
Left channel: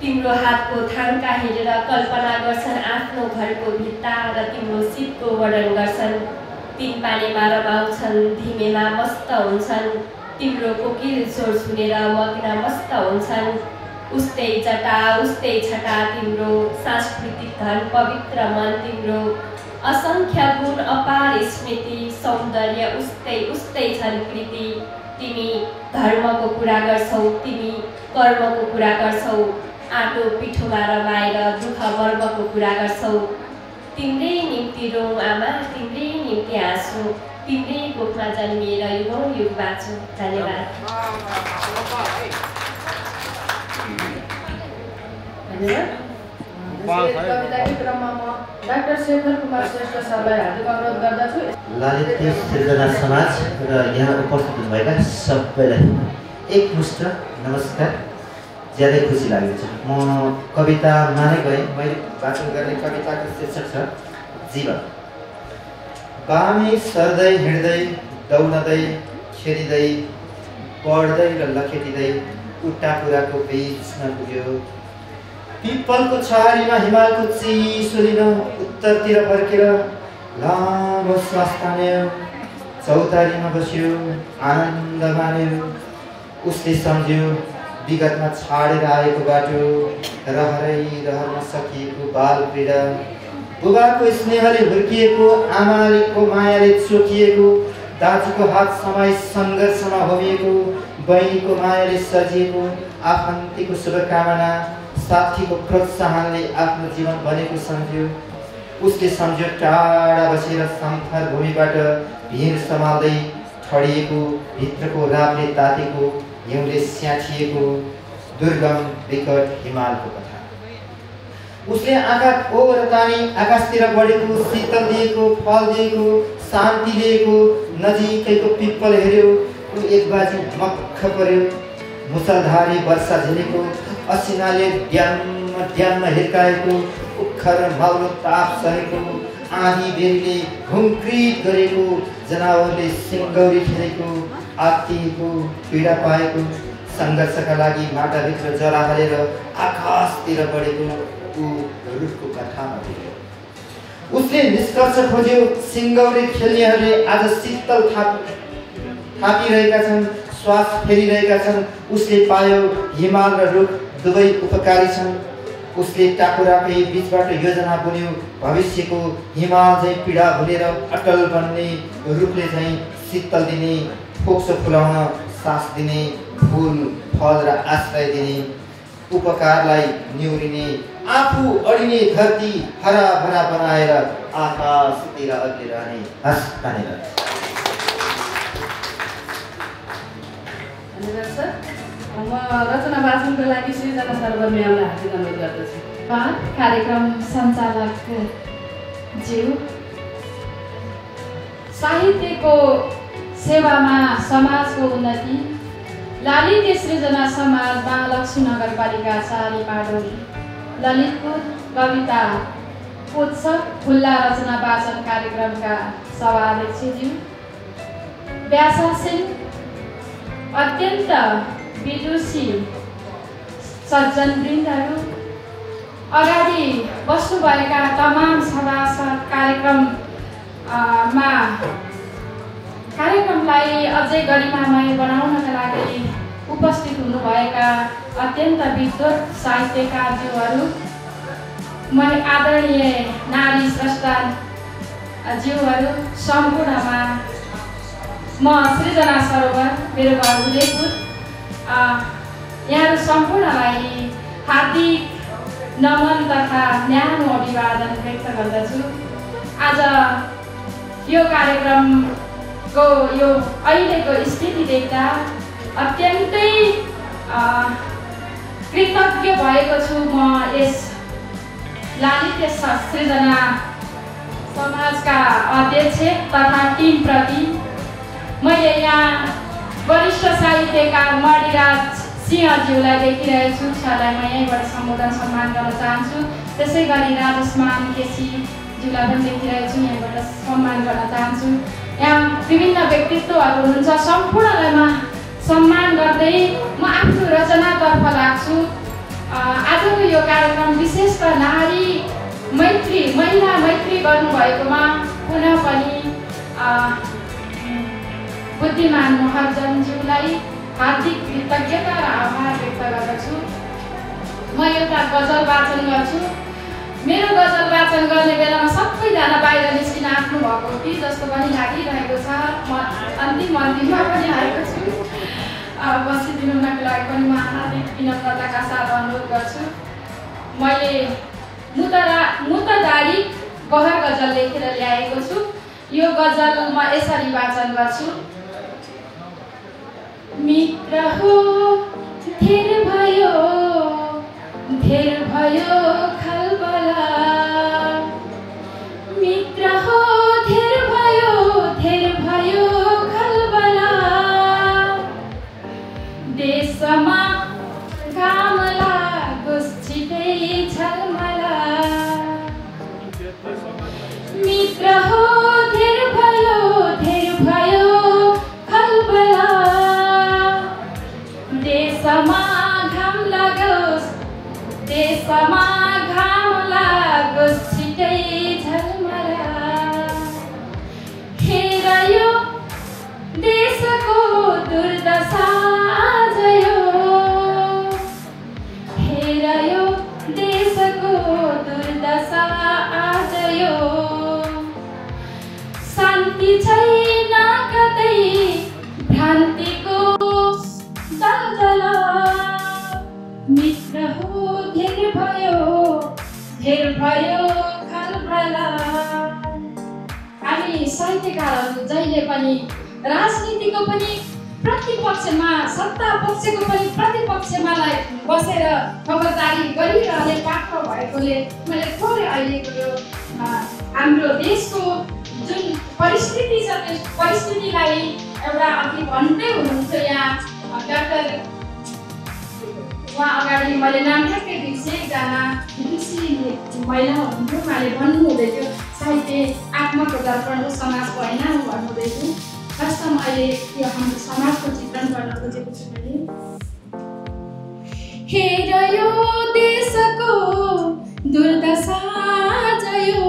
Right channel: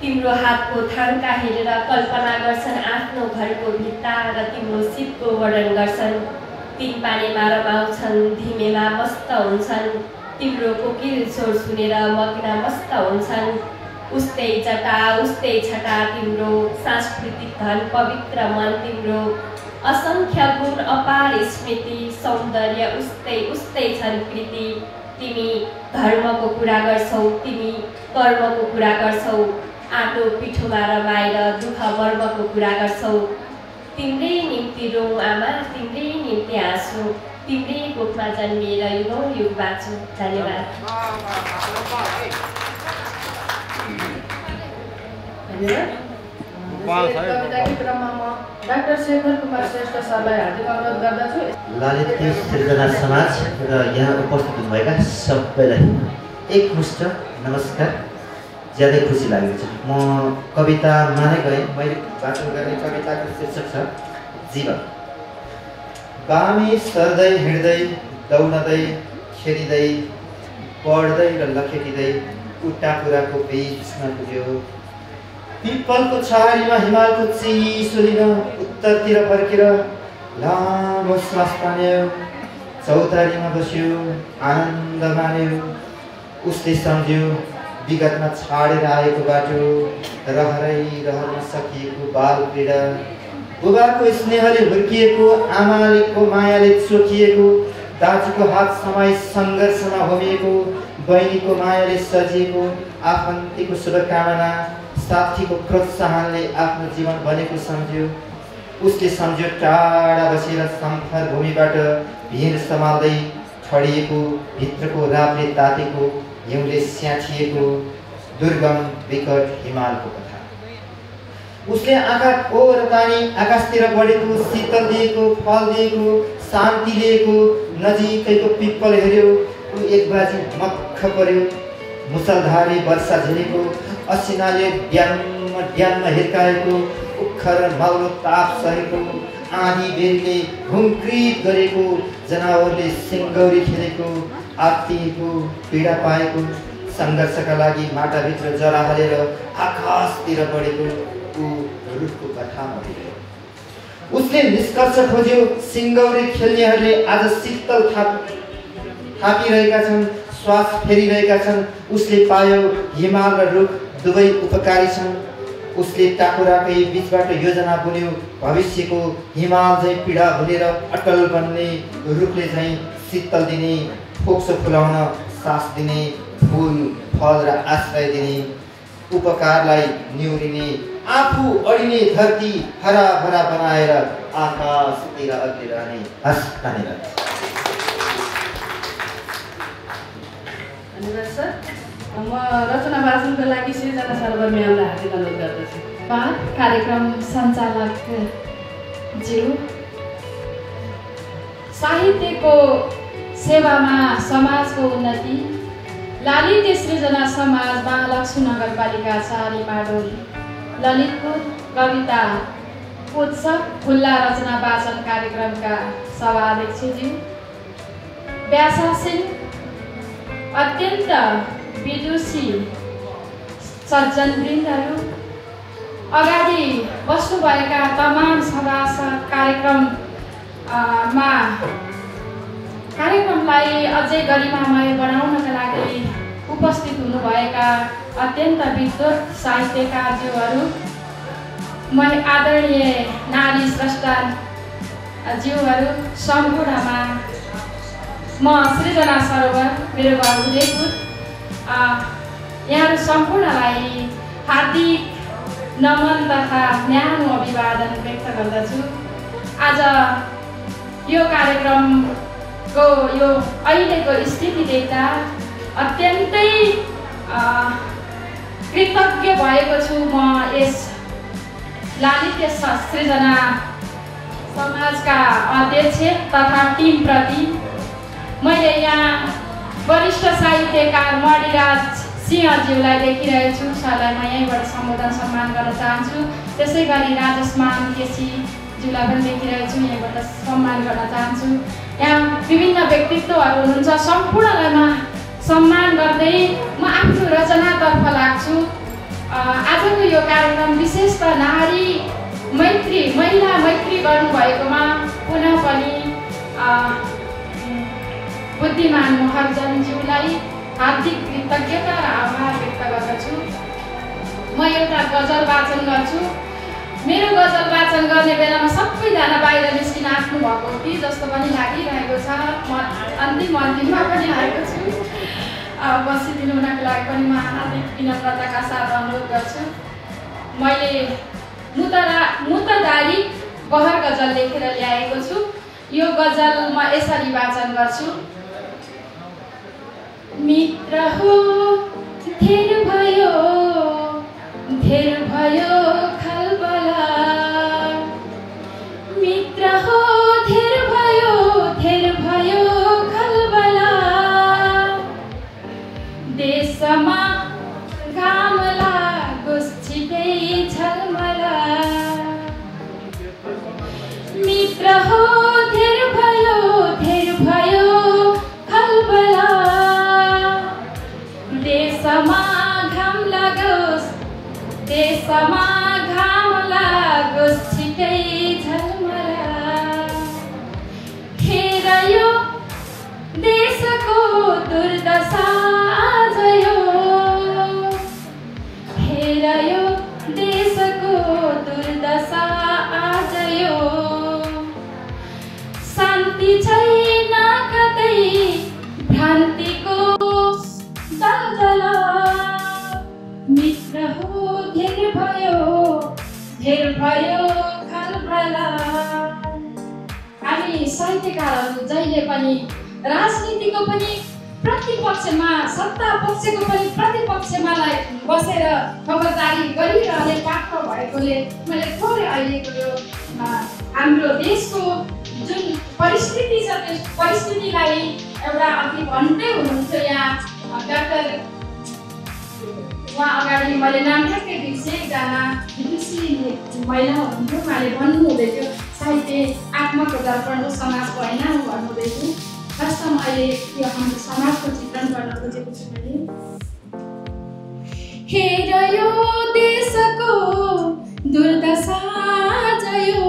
तिम्रो हातको थाङ्का हेरेर कल्पना गर्छन् आफ्नो घरको भित्ता र तिम्रो सिपको वर्णन गर्छन्। तिन पानीमा रमाउँछन् धिमेमा मस्त हुन्छन्। तिम्रो कोकिल स्वर सुनेर मग्न मस्त हुन्छन्। उस्तै जटा उस्तै छटा तिम्रो सांस्कृतिक धन पवित्र मन तिम्रो। असंख्य गुण अपार स्मृति सौन्दर्य उस्तै उस्तै छन् कृति। तिमी धर्मको कुरा गर्छौ तिमी कर्मको कुरा गर्छौ। आटो पिठोमा रमाएर दुःख वर्गको कुरा गर्छौ। तिम्रै निम्ति रौँ आमा तिम्रै निम्ति हाँसु, तिम्रै कोखमा जन्मिएर युगौँ युग बाँचु। धन्यवाद। कविताकै क्रममा म डाक्टर शेखर कुमार श्रेष्ठ सरलाई हार्दिक अनुरोध गर्दछु। ललित सृजना समाज र यहाँ उपस्थित हुनुभएका सबैलाई एकमुष्ट नमस्कार। ज्यादै खुसी लागेको छ। म कवितामा नै गएँ। मैले वाचन गर्ने कविताको शीर्षक छ जीवन। बामी सर्दै हिँड्दै दौडदै खेलिँदै पढ्दै र लखेटिँदै उट्टा कुराको बिचमा पुग्यो। पिपलको छहारीमा हिमालको चिसो लिन उत्तरतिर फर्केर लामो श्वास तान्यो। चौतारीमा बस्यो आनन्द मान्यो। उसले सम्झ्यो विगतमा छाडेर आएको बाटो, रहरमा सकिएको बाल पीडा। बुबाको स्नेहले हुर्किएको, आमाको मायाले चोखिएको, दाजुको हात समाई सङ्घर्षमा होमिएको, बहिनीको मायाले सजिएको, आफन्तीको शुभकामना, साथीको प्रोत्साहनले आफ्नो जीवन बनेको सम्झ्यो। उसले सम्झ्यो टाढा बसेर समथर भूमिबाट भिर सम्हाल्दै ठडिएको, भित्रको रातले तातेको, हिउँले स्याठिएको दुर्गम विकट हिमालको कथा। उसले आँखा ओर तानी आकाशतिर बढेको, शीतल दिएको, फल दिएको, शान्ति लिएको नजिकैको पिप्पल हेऱ्यो। ऊ एक बाजु मक्ख पर्यो। मुसलधारी वर्षा झेलेको, असिनाले ड्याममा हिर्काएको, उखर माउलो ताप सहेको, आँधी बेरीले घुमक्रित गरेको, जनावरले सिङ्गौरी खेलेको, आत्तिएको, पीडा पाएको, सङ्घर्षका लागि माटाभित्र जरा हालेर आकाशतिर बढेको ऊ रुखको कथामा पुग्यो। उसले निष्कर्ष खोज्यो सिङ्गौरी खेल्नेहरूले आज शीतल थापिरहेका छन्, श्वास फेरिरहेका छन्। उसले पायो हिमाल र रुख दुवै उपकारी छन्। उसले टाकुराकै बीचबाट योजना बुन्यो, भविष्यको हिमाल झैँ पीडा भुलेर अटल बन्ने, रुखले झैँ शीतल दिने, फोक्सो फुलाउन सास दिने, फुल फल र आश्रय दिने, उपकारलाई निहुरिने, आफू अडिने धरती हरा भरा बनाएर आकाशतिर अग्लै रहने। हस्, धन्यवाद। धन्यवाद सर। म रचना वाचनको लागि सृजना सर्वनियमलाई हार्दिक अनुरोध गर्दछु। कार्यक्रम सञ्चालक ज्यू, साहित्यको सेवामा समाजको उन्नति, ललित सृजना समाज महालक्ष्मी नगरपालिका 4 माडोली, ललितपुर कविता उत्सव खुल्ला रचना वाचन कार्यक्रमका सभाध्यक्षज्यू, व्यासासीन अत्यन्त विदुषी सज्जनवृन्दहरू, अगाडि बस्नुभएका तमाम सभासद, कार्यक्रमलाई अझै गरिमामय बनाउनका लागि उपस्थित हुनुभएका अत्यन्त विद्वत साहित्यकारज्यूहरू, आदरणीय नारी स्रष्टा ज्यूहरू, सम्पूर्णमा म सृजना सरोवर, मेरो घर उदयपुर, यहाँहरू सम्पूर्णलाई हार्दिक नमन तथा न्यानो अभिवादन व्यक्त गर्दछु। आज यो कार्यक्रमको यो अहिलेको स्थिति देख्दा अत्यन्तै कृतज्ञ भएको छु म यस ललित सृजना समाजका अध्यक्ष तथा टिमप्रति। मैले यहाँ वरिष्ठ साहित्यकार मणिराज सिंहज्यूलाई देखिरहेको छु, उसलाई म यहीँबाट सम्बोधन सम्मान गर्न चाहन्छु। त्यसै गरी राजस्मान केसीज्यूलाई पनि देखिरहेको छु, यहीँबाट सम्मान गर्न चाहन्छु। यहाँ विभिन्न व्यक्तित्वहरू हुनुहुन्छ, सम्पूर्णलाई म सम्मान गर्दै म आफ्नो रचनातर्फ लाग्छु। आजको यो कार्यक्रम विशेषतः नारी मैत्री, महिला मैत्री गर्नुभएकोमा पुनः पनि बुद्धिमान महर्जनज्यूलाई हार्दिक कृतज्ञता र आभार व्यक्त गर्दछु। म एउटा गजल वाचन गर्छु। मेरो गजल वाचन गर्ने बेलामा सबैजना बाहिर निस्किन आफ्नो भएको हो कि जस्तो पनि लागिरहेको छ। म अन्तिममा पनि आएको छु। बसिदिनु हुनको लागि पनि म हार्दिक विनम्रताका साथ अनुरोध गर्छु। मैले मुतदारी बहर गजल लेखेर ल्याएको छु। यो गजल म यसरी वाचन गर्छु। मित्र हो धेर भयो खलबला, मित्र हो धेर भयो खलबला, देशमा घाम लागोस् छिटै झलमला, मित्र हो धेर भयो खलबला, देशमा घाम लागोस् छिटै झलमला, हेर यो देशको दुर्दशा आज यो, हेर यो देशको दुर्दशा आज यो, शान्ति छैन कतै भ्रान्तिको दलदल, मित्र हो धेर भयो खलबला। हामी साहित्यकारहरू जहिले पनि राजनीतिको पनि प्रतिपक्षमा, सत्ता पक्षको पनि प्रतिपक्षमालाई बसेर खबरदारी गरिरहने पात्र भएकोले मैले थोरै अहिलेको यो हाम्रो देशको जुन परिस्थिति छ त्यस परिस्थितिलाई एउटा अघि भन्दै हुनुहुन्थ्यो यहाँ डाक्टर उहाँ अगाडि मैले नाम ठ्याक्कै बिर्सेँ, एकजना विदुषी महिला हुनुहुन्थ्यो, उहाँले भन्नुहुँदै थियो साहित्य आत्माको दर्पण हो, समाजको होइन भन्नुहुँदै थियो। वास्तवमा अहिले यो हाम्रो समाजको चित्रण गर्न खोजेको छु मैले। हेर यो देशको दुर्दशा जयो,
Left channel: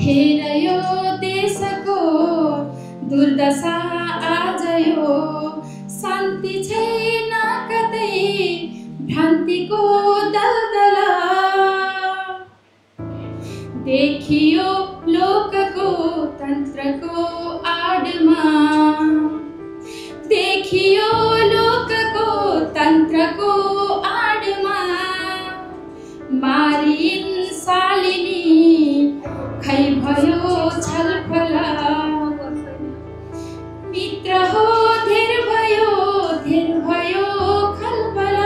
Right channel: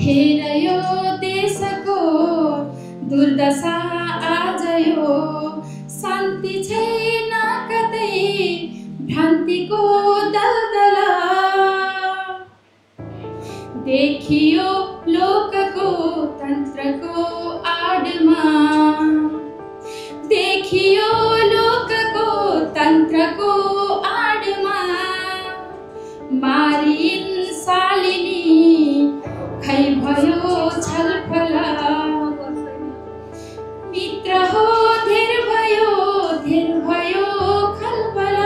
हेर यो देशको दुर्दशा आज यो, शान्ति छैन कतै भ्रान्तिको दलदल देखियो लोकको तन्त्रको आडमा देखियो लोकको तन्त्रको आडमा मारिन् शालिनी खै भयो छलफल मित्र हो धेर भयो खलबल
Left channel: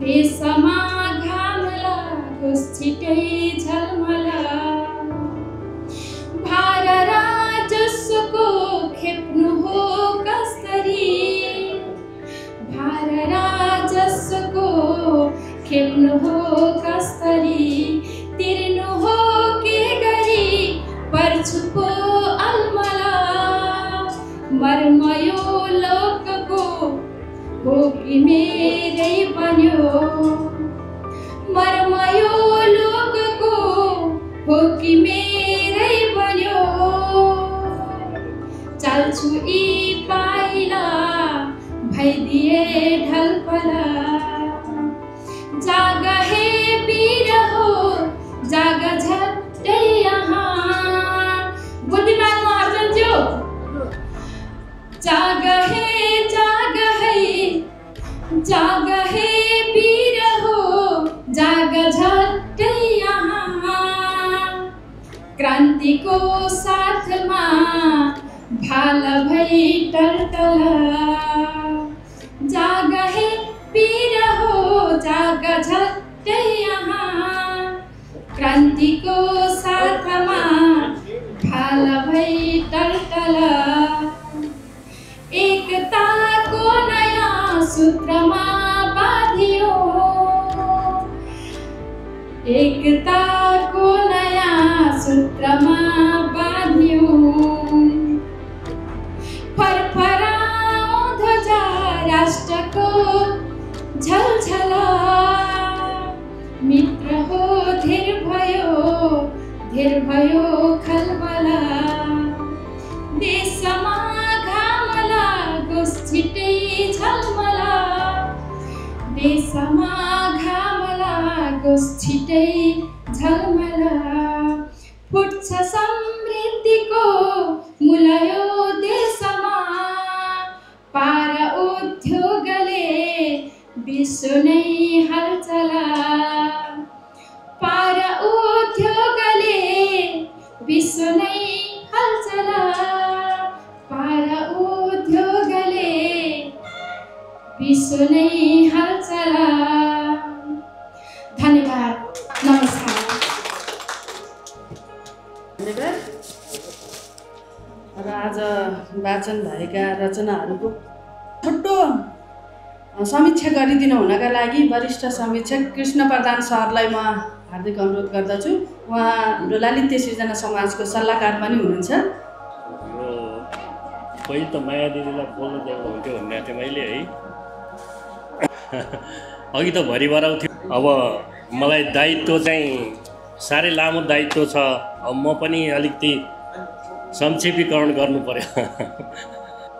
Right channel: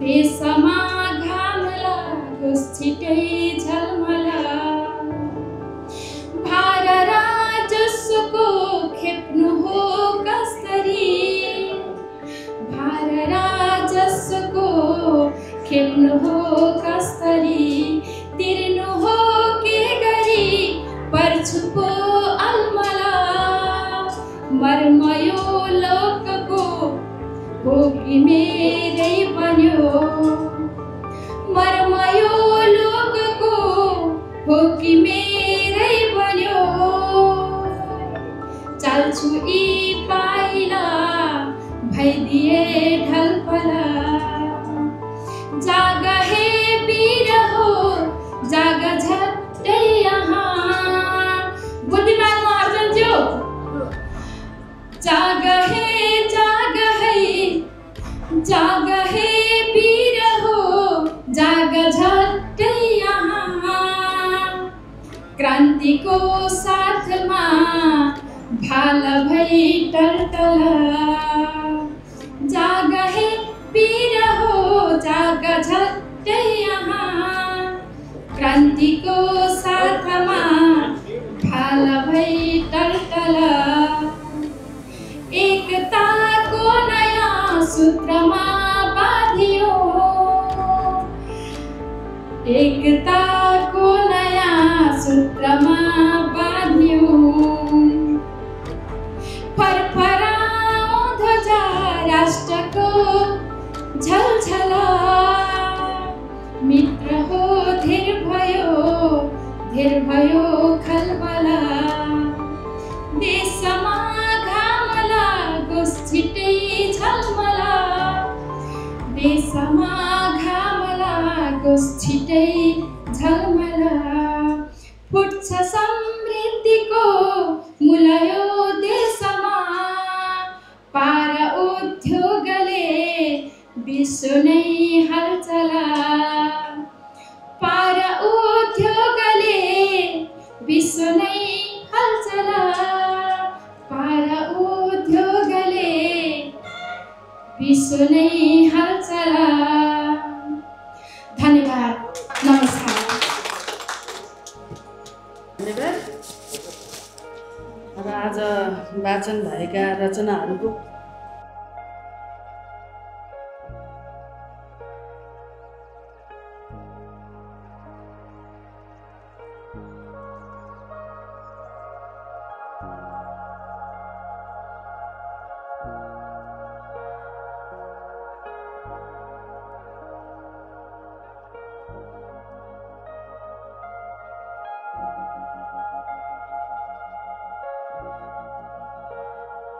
देशमा घाम लागोस् छिटै झलमल भार राजस्वको खेप्नु हो कसरी भार राजस्वको खेप्नु हो कसरी तिर्नु हो के गरी पर्छु पो अलमला मर्मयो लोकको हो कि मेरै बन्यो मर्मयो लोकको हो कि मेरै बन्यो चल्छु यी पाइला भइदिए ढलपला जाग हे वीर हो जाग झट्टै यहाँ बुद्धिमान अर्जुन ज्यू जाग हे वीर हो जाग झट्टै यहाँ क्रान्तिको साथमा भाल भई टलटल जाग हे वीर हो जाग झट्टै यहाँ क्रान्तिको साथमा भाल भई टलटल एकताको नयाँ सूत्रमा बाँधियो एकताको नयाँ सूत्रमा बाँधियो फरफराओ ध्वजा राष्ट्रको झलझला मित्र हो धेर भयो खलबला देशमा घाम लागोस् छिटै झलमला देशमा घाम लागोस् छिटै झलमला फुट्छ समृद्धिको मुलयो देशमा पार उद्योगले विश्व नै हलचला पार उद्योगले विश्व नै हलचला पार उद्योगले विश्व नै हलचला धन्यवाद नमस्कार धन्यवाद र आज वाचन भएका रचनाहरूको छोटो समीक्षा गरिदिनु हुनका लागि वरिष्ठ समीक्षक कृष्ण प्रधान सरलाई म हार्दिक अनुरोध गर्दछु। उहाँ हाम्रो ललित सृजना समाजको सल्लाहकार पनि हुनुहुन्छ। पहिले त माया दिदीलाई बोल्नु दिएको हुन्थ्यो भन्ने थिएँ मैले है अघि त भरिभराउ थियो। अब मलाई दायित्व चाहिँ साह्रै लामो दायित्व छ। अब म पनि अलिकति संक्षेपीकरण गर्नु पर्यो।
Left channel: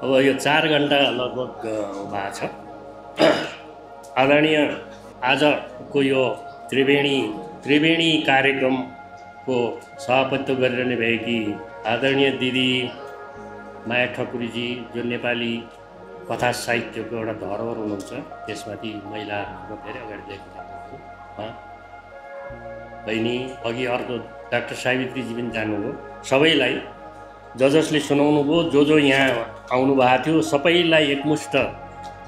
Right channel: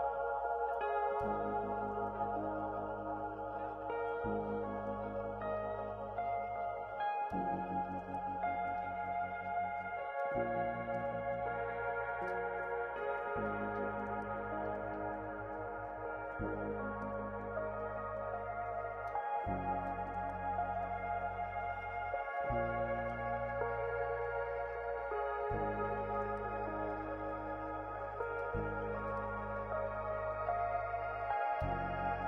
अब यो 4 घन्टा लगभग भएको छ। आदरणीय आजको यो त्रिवेणी कार्यक्रमको सभापतित्व गरिरहने भएकी आदरणीय दिदी माया ठकुरीजी, जो नेपाली कथा साहित्यको एउटा धरोहर हुनुहुन्छ, त्यसमाथि महिला धेरै अगाडि देख्नु बहिनी, अघि अर्को डाक्टर सावित्रीजी पनि जानुभयो। सबैलाई जसले सुनाउनु भयो, जो यहाँ आउनु भएको थियो, सबैलाई एकमुष्ट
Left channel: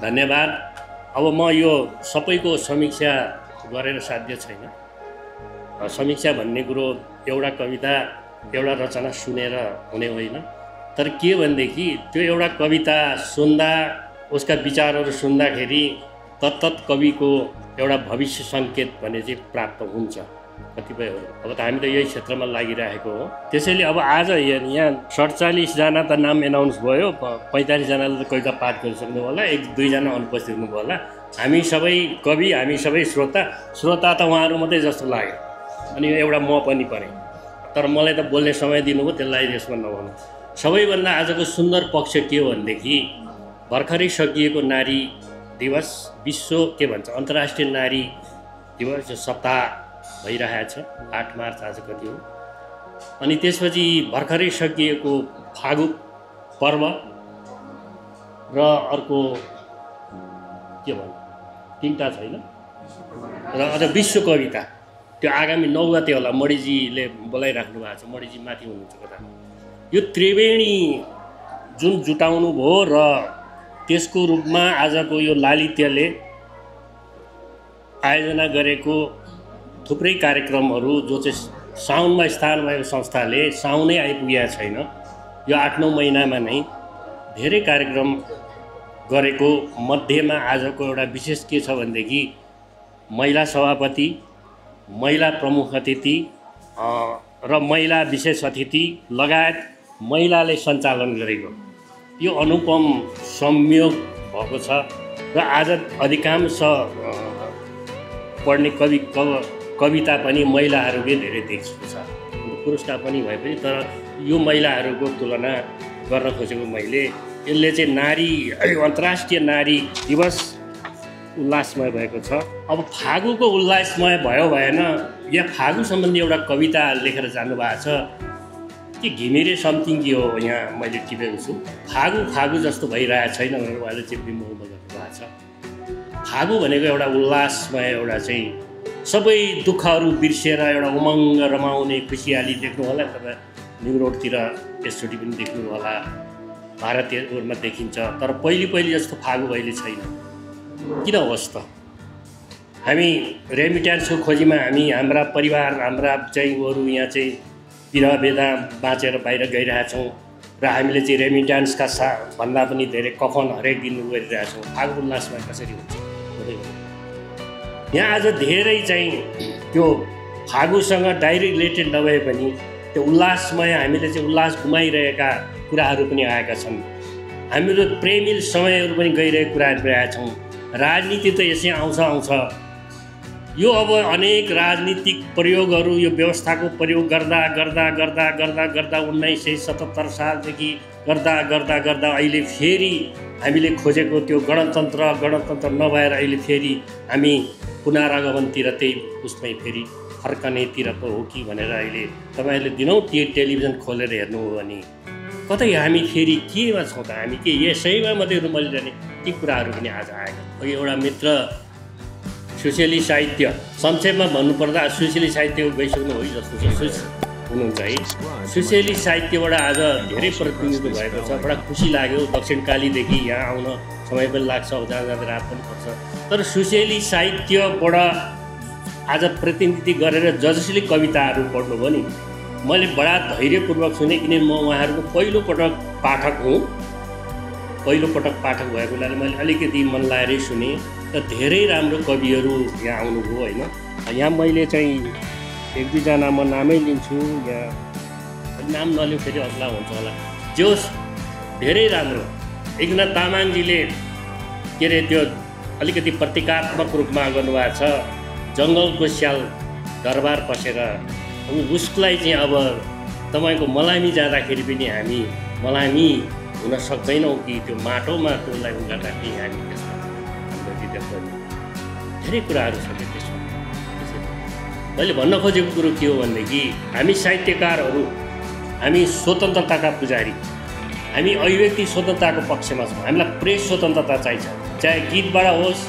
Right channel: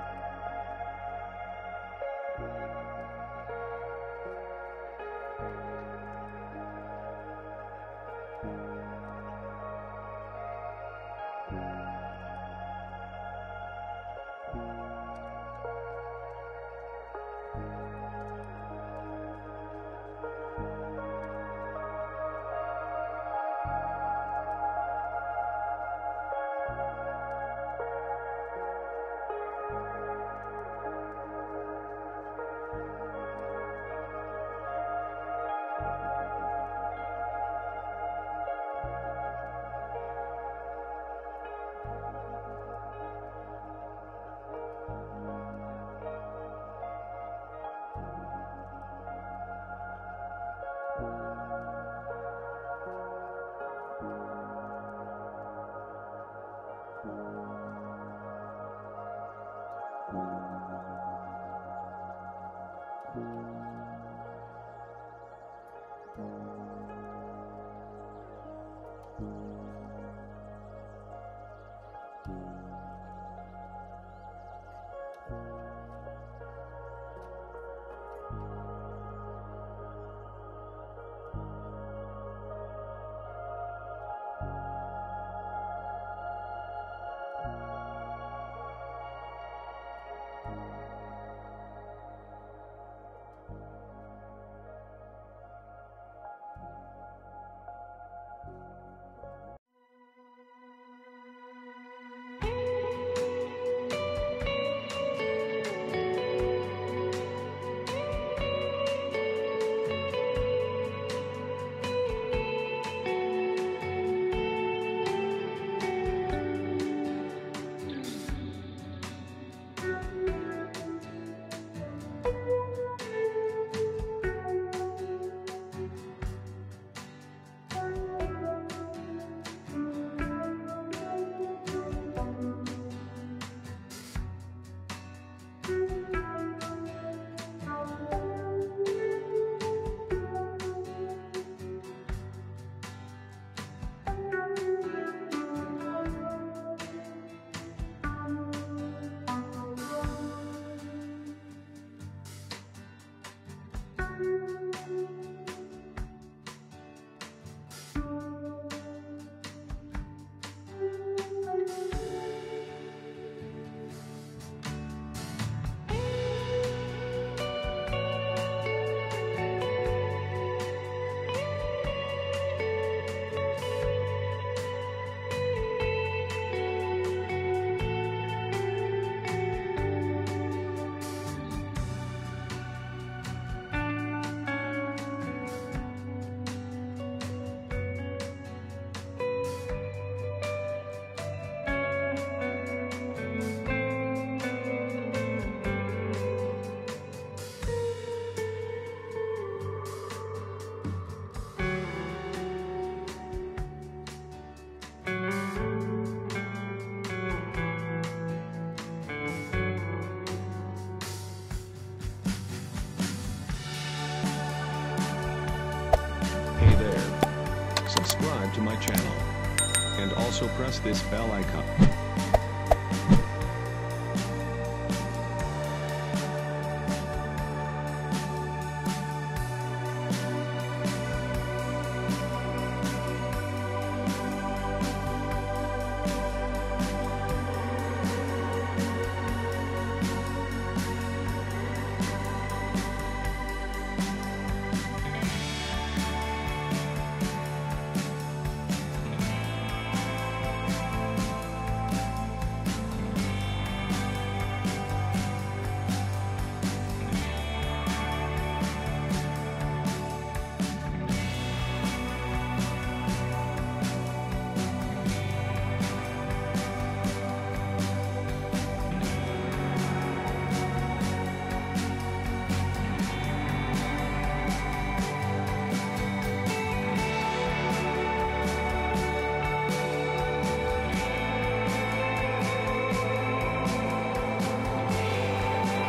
धन्यवाद। अब म यो सबैको समीक्षा गरेर साध्य छैन। समीक्षा भन्ने कुरो एउटा कविता एउटा रचना सुनेर हुने होइन। तर के भनेदेखि त्यो एउटा कविता सुन्दा, उसका विचारहरू सुन्दाखेरि तत्तत् कविको एउटा भविष्य सङ्केत भने चाहिँ प्राप्त हुन्छ कतिपयहरू। अब त हामी त यही क्षेत्रमा लागिरहेको हो। त्यसैले अब आज यहाँ 47 जना त नाम एनाउन्स भयो, 45 जनाले त कविता पाठ गरिसक्नु होला, 1-2 जना अनुपस्थित हुनुभयो होला। हामी सबै कवि, हामी सबै श्रोता त उहाँहरू मात्रै जस्तो लाग्यो। अनि एउटा म पनि परेँ, तर मलाई त बोल्ने समय दिनुभयो, त्यसलाई यसमा नभनौँ। सबैभन्दा आजको सुन्दर पक्ष के हो भनेदेखि भर्खरै सकिएको नारी दिवस विश्व के भन्छ अन्तर्राष्ट्रिय नारी दिवस यो सप्ताह भइरहेको छ। 8 मार्च आज कति हो। अनि त्यसपछि भर्खरै सकिएको फागु पर्व र अर्को के भन्नु 3टा छैन र अझ विश्व कविता त्यो आगामी 9 गते होला। मणिजीले बोलाइराख्नु भएको छ, मणिजी माथि हुनुहुन्छ कता। यो त्रिवेणी जुन जुटाउनु भयो र त्यसको रूपमा आजको यो लालित्यले आयोजना गरेको थुप्रै कार्यक्रमहरू जो चाहिँ साउनमा स्थान भएको संस्थाले साउनै आइपुगेको छैन। यो 8-9 महिनामा नै धेरै कार्यक्रम गरेको मध्येमा आजको एउटा विशेष के छ भनेदेखि महिला सभापति, महिला प्रमुख अतिथि र महिला विशेष अतिथि लगायत महिलाले सञ्चालन गरेको यो अनुपम संयोग भएको छ। र आज अधिकांश पढ्ने कविता पनि महिलाहरूकै धेरै देखिएको छ। पुरुषका पनि भए पनि तर यो महिलाहरूको तुलना गर्न खोजेको मैले। यसले चाहिँ नारी अन्तर्राष्ट्रिय नारी दिवस उल्लासमय भएको छ। अब फागुको उल्लासमय भयो भएन, या फागु सम्बन्धी एउटा कविता लेखेर जानुभएको छ कि घिमिरे समथिङ के हो यहाँ मैले टिपेको छु। फागु जस्तो भइरहेको छैन भनेर उहाँले चिप्ली मुख बजाउनु भएको छ। फागु भनेको एउटा उल्लासमय एउटा चाहिँ सबै दुःखहरू बिर्सेर एउटा उमङ्ग रमाउने खुसियाली देख्नु होला। तपाईँ न्यु रोडतिर यसचोटि पनि देख्नु होला, भारतीयहरूमा देखिन्छ। तर पहिले जस्तो फागु अहिले छैन। किन होस् त? हामी रेमिट्यान्सको खोजीमा हाम्रा परिवार हाम्रा चाहिँ उहरू यहाँ चाहिँ विरह बेदा बाँचेर बाहिर गइरहेका छौँ र हामीले चाहिँ रेमिट्यान्सका भन्दा पनि धेरै कफन हरेक दिन गरिरहेका छौँ। फागु उल्लासमा कसरी हुन्छ? यहाँ आज धेरै चाहिँ त्यो फागुसँग डाइरेक्ट रिलेटेड नभए पनि त्यो उल्लासमय हामीले चाहिँ उल्लास गुमाइरहेका कुराहरू पनि आएका छन्। हामीहरू प्रेमिल समयहरू पनि गइरहेका कुराहरू आएका छौँ। राजनीति त यसै आउँछ। यो अब अनेक राजनीतिक प्रयोगहरू यो व्यवस्थाको प्रयोग गर्दा 1977 सालदेखि गर्दा अहिले फेरि हामीले खोजेको त्यो गणतन्त्र नभएर अहिले फेरि हामी पुनरागमनतिर त्यही उसमै फेरि फर्कनेतिर पो हो कि भनेर अहिले तपाईँहरूले दिनौँ टेलिभिजन खोलेर हेर्नु हो भने कतै हामी फेरि केमा छौँ त? हामी के यसैमा मात्रै रुमलिरहने ती कुराहरू पनि आज आएका। एउटा मित्र सोसियलिस्ट साहित्य संक्षेपमा भन्नुपर्दा सोसियलिस्ट साहित्यको गइसक्नु हो जस्तो हुनुहुन्छ है। सोसियलिस्ट साहित्यबाट आज धेरै प्रतिनिधित्व भएको छ। बडा खुसी लाग्यो। दक्षिणकालीदेखि यहाँ आउन समय पनि लाग्छ, जाँदा रात पनि पर्छ। तर सोसियलिस्ट साहित्यबाट आज प्रतिनिधि गरेर जसले कविताहरू पढ्नुभयो नि, मैले बडा धैर्यपूर्वक सुने। किनभने म उहाँहरूको पहिलोपटक पाठक हुँ। पहिलोपटक पाठक भएको हुनाले मैले अलिकति मन लाएरै सुने र धेरै राम्रो कविहरू यहाँ आउनुभयो होइन। यहाँ मैले चाहिँ 1-2जना म नामै लिन्छु, यहाँ नाम नलियो फेरि अल्ला हुन्छ होला। जोस् धेरै राम्रो एकनाथ तामाङजीले के अरे त्यो अलिकति प्रतीकात्मक रूपमा गर्नुभएको छ। जङ्गलको स्याल दरबार पसेर उसलाई चाहिँ अब तपाईँको मलामी जाँदाखेरि पनि हामी मलामी हुन सक्दैनौँ कि त्यो माटोमा त्यसलाई उगार्दाखेरि हामी धेरै कुराहरू छ। मैले भन्न खोजेको कुरो के हो भनेदेखि हामी साहित्यकारहरू हामी स्वतन्त्रताका पुजारी, हामी अभिव्यक्ति स्वतन्त्रताको पक्षमा छौँ। हामीलाई प्रेस स्वतन्त्रता चाहिन्छ, चाहे गीतबाट होस्,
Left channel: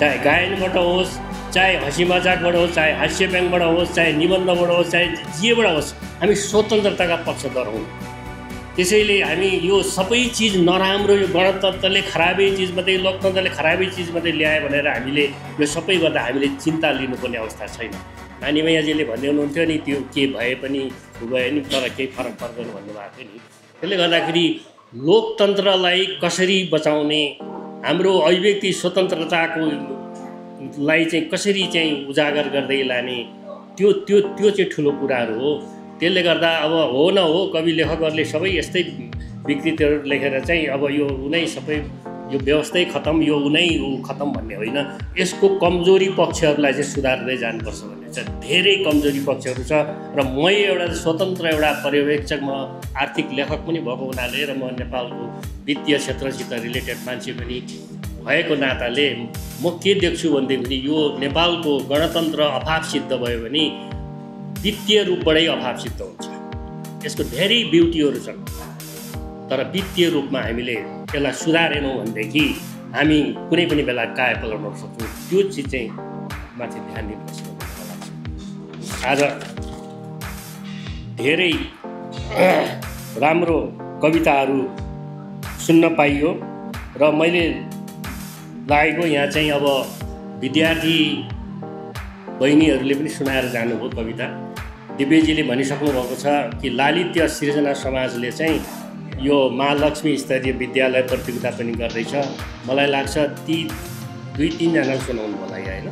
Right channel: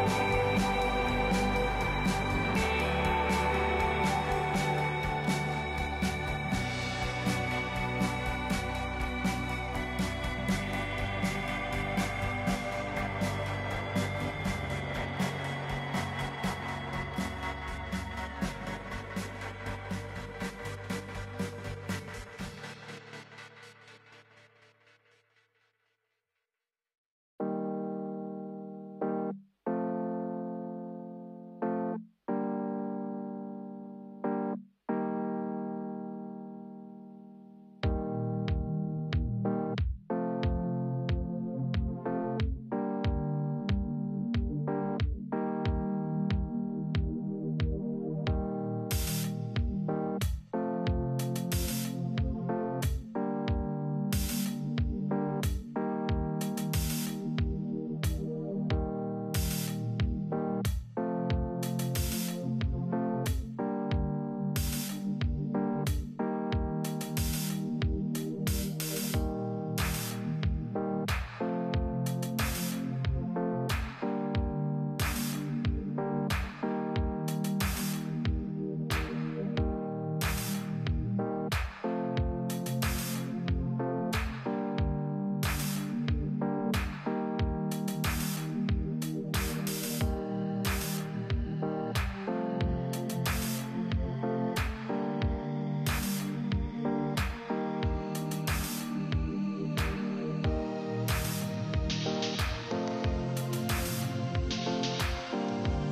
चाहे गायनबाट होस्, चाहे हँसी मजाकबाट होस्, चाहे हास्य व्यङ्गबाट होस्, चाहे निबन्धबाट होस्, चाहे जेबाट होस्, हामी स्वतन्त्रताका पक्षधर हौँ। त्यसैले हामी यो सबै चिज नराम्रो, यो गणतन्त्रले खराबै चिज मात्रै, लोकतन्त्रले खराबै चिज मात्रै ल्यायो भनेर हामीले यो सबै गर्दा हामीले चिन्ता लिनुपर्ने अवस्था छैन। नानी मैयाजीले भन्दै हुनुहुन्थ्यो नि त्यो के भए पनि भए नि तर केही फरक पर्दैन भन्नुभएको थियो नि। त्यसले गर्दाखेरि लोकतन्त्रलाई कसरी बचाउने, हाम्रो अभिव्यक्ति स्वतन्त्रताको लाई चाहिँ कसरी चाहिँ उजागर गर्दै लाने, त्यो चाहिँ ठुलो कुराहरू हो। त्यसले गर्दा अब हो न हो कवि लेखकहरूले सबै यस्तै विकृतिहरू लेखेर चाहिँ अब यो उनै सबै यो व्यवस्थै खतम, यो उनै खतम भन्ने होइन। यसको कमजोरी पक्षहरूलाई चाहिँ सुधार्दै जानुपर्छ भन्ने छ, धेरै कमजोरी पक्षहरू छ। र म एउटा स्वतन्त्र एउटा पर्यवेक्षक, म आर्थिक लेखक पनि भएको हुनाले र म नेपालको वित्तीय क्षेत्रसित रिलेटेड मान्छे पनि भएको नाताले म के देख्छु भनेदेखि यो नेपालको गणतन्त्र अभाव सिद्ध भयो भने वित्तीय रूपबाटै अभाव सिद्ध हुन्छ। यसको धेरै ब्युटीहरू छन्, तर वित्तीय रूपमा हामीले त्यसलाई सुधारेनौँ भनेदेखि हामी कुनै पनि बेला कायापलट गर्न सक्छौँ। त्यो चिज चाहिँ माथि ध्यान दिनुपर्छ। आज धेरै राम्रो कविताहरू सुन्न पाइयो र मैले लागेको यहाँ चाहिँ अब विद्यार्थी बहिनीहरूले पनि सुनाएर जानुभयो कविता। दिव्यजीले भनिसक्नु भएको छ कि लालित्य सृजना समाजले चाहिँ यो महालक्ष्मी स्तरीय विद्यालय प्रतियोगिता पनि गर्दैछ। मलाई लाग्छ ती 2-3 जना सुनाउनु होला होइन।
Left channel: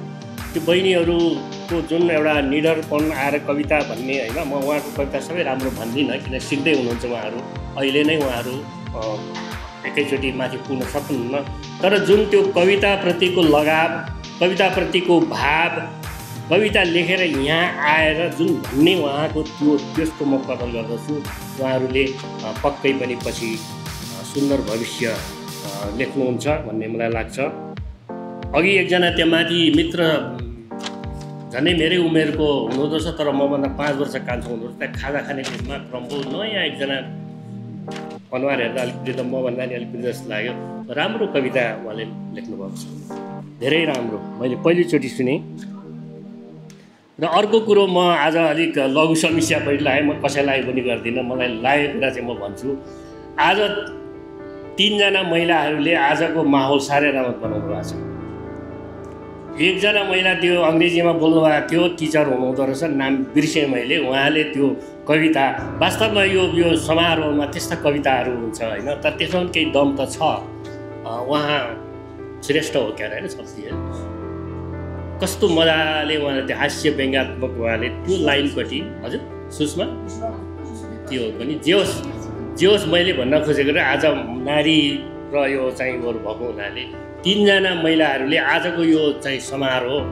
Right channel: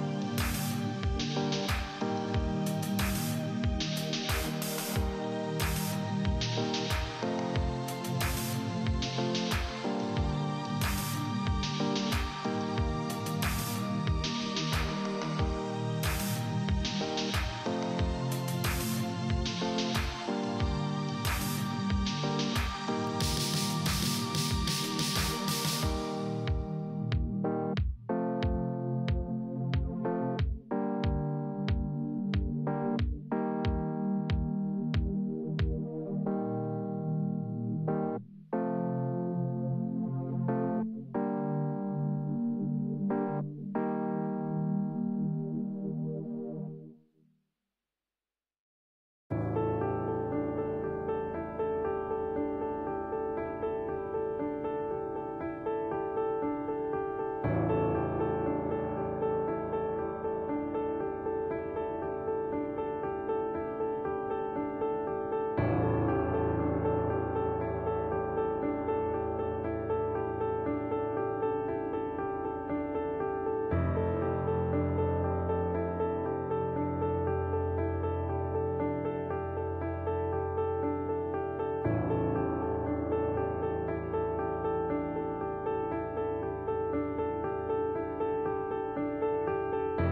त्यो बहिनीहरूको जुन एउटा निडरपन आएर कविता भन्ने होइन, म उहाँको कविता सबै राम्रो भन्दिनँ किन सिक्दै हुनुहुन्छ उहाँहरू, अहिले नै उहाँहरू एकैचोटि माथि पुग्न सक्नुहुन्न। तर जुन त्यो कविताप्रतिको लगाव, कविताप्रतिको भाव, कविता लेखेर यहाँ आएर जुन भन्ने उहाँको त्यसको म कदर गर्दछु। उहाँहरूले पक्कै पनि पछि सुन्दर भविष्य लेख्नुहुन्छ भन्ने मलाई लाग्छ। अघि एकजना त्यहाँ माथि मित्र झन्डै मेरै उमेरको हुनुहुँदो रहेछ, तर मभन्दा 5 वर्ष कान्छो हुनुहुँदो रहेछ। त्यहाँ खाजा खाने ठाउँमा प्रभु नयाँ एकजना अनुहार हेर्दा अलिकति त मभन्दा नि अलिकति जस्तो लाग्यो। राम्रो कविता उहाँले लेख्नुभएको छ, धेरै राम्रो। मैले पहिलोचोटि सुनेँ। र अर्को कुरो, म आज अलिक लघु समस्या पनि लगाएँ, म कसैलाई पनि गर्दिनँ। मलाई लागेको कुरा चाहिँ म भन्छु। आज 3 जना महिलाहरूले आजको माहौल साह्रै राम्रो बनाउनु भएको छ। एकजना महिला त्यो अङ्ग्रेजीमा बोल्नुभएको थियो, टिचर हुनुहुँदो रहेछ, नाम बिर्सेँ मैले। उहाँले त्यो कविता, वास्तवमा यो समारोहमा त्यस्ता कविताहरू हुन्छ होइन, तर त्यसमा पनि केही दम त छ। उहाँ श्रेष्ठ हो क्या होइन, शक्ति कस्तो मजाले उहाँले त्यो हास्य व्यङ्ग्यात्मक उहाँले त्यो लाइनपट्टि। हजुर सुषमा त्यो पनि जे होस् मैले भन्न खोजेको र आज नारी र यो चाहिँ भएको हुनाले 3 जना महिलाहरूले आजको यो चाहिँ समारोह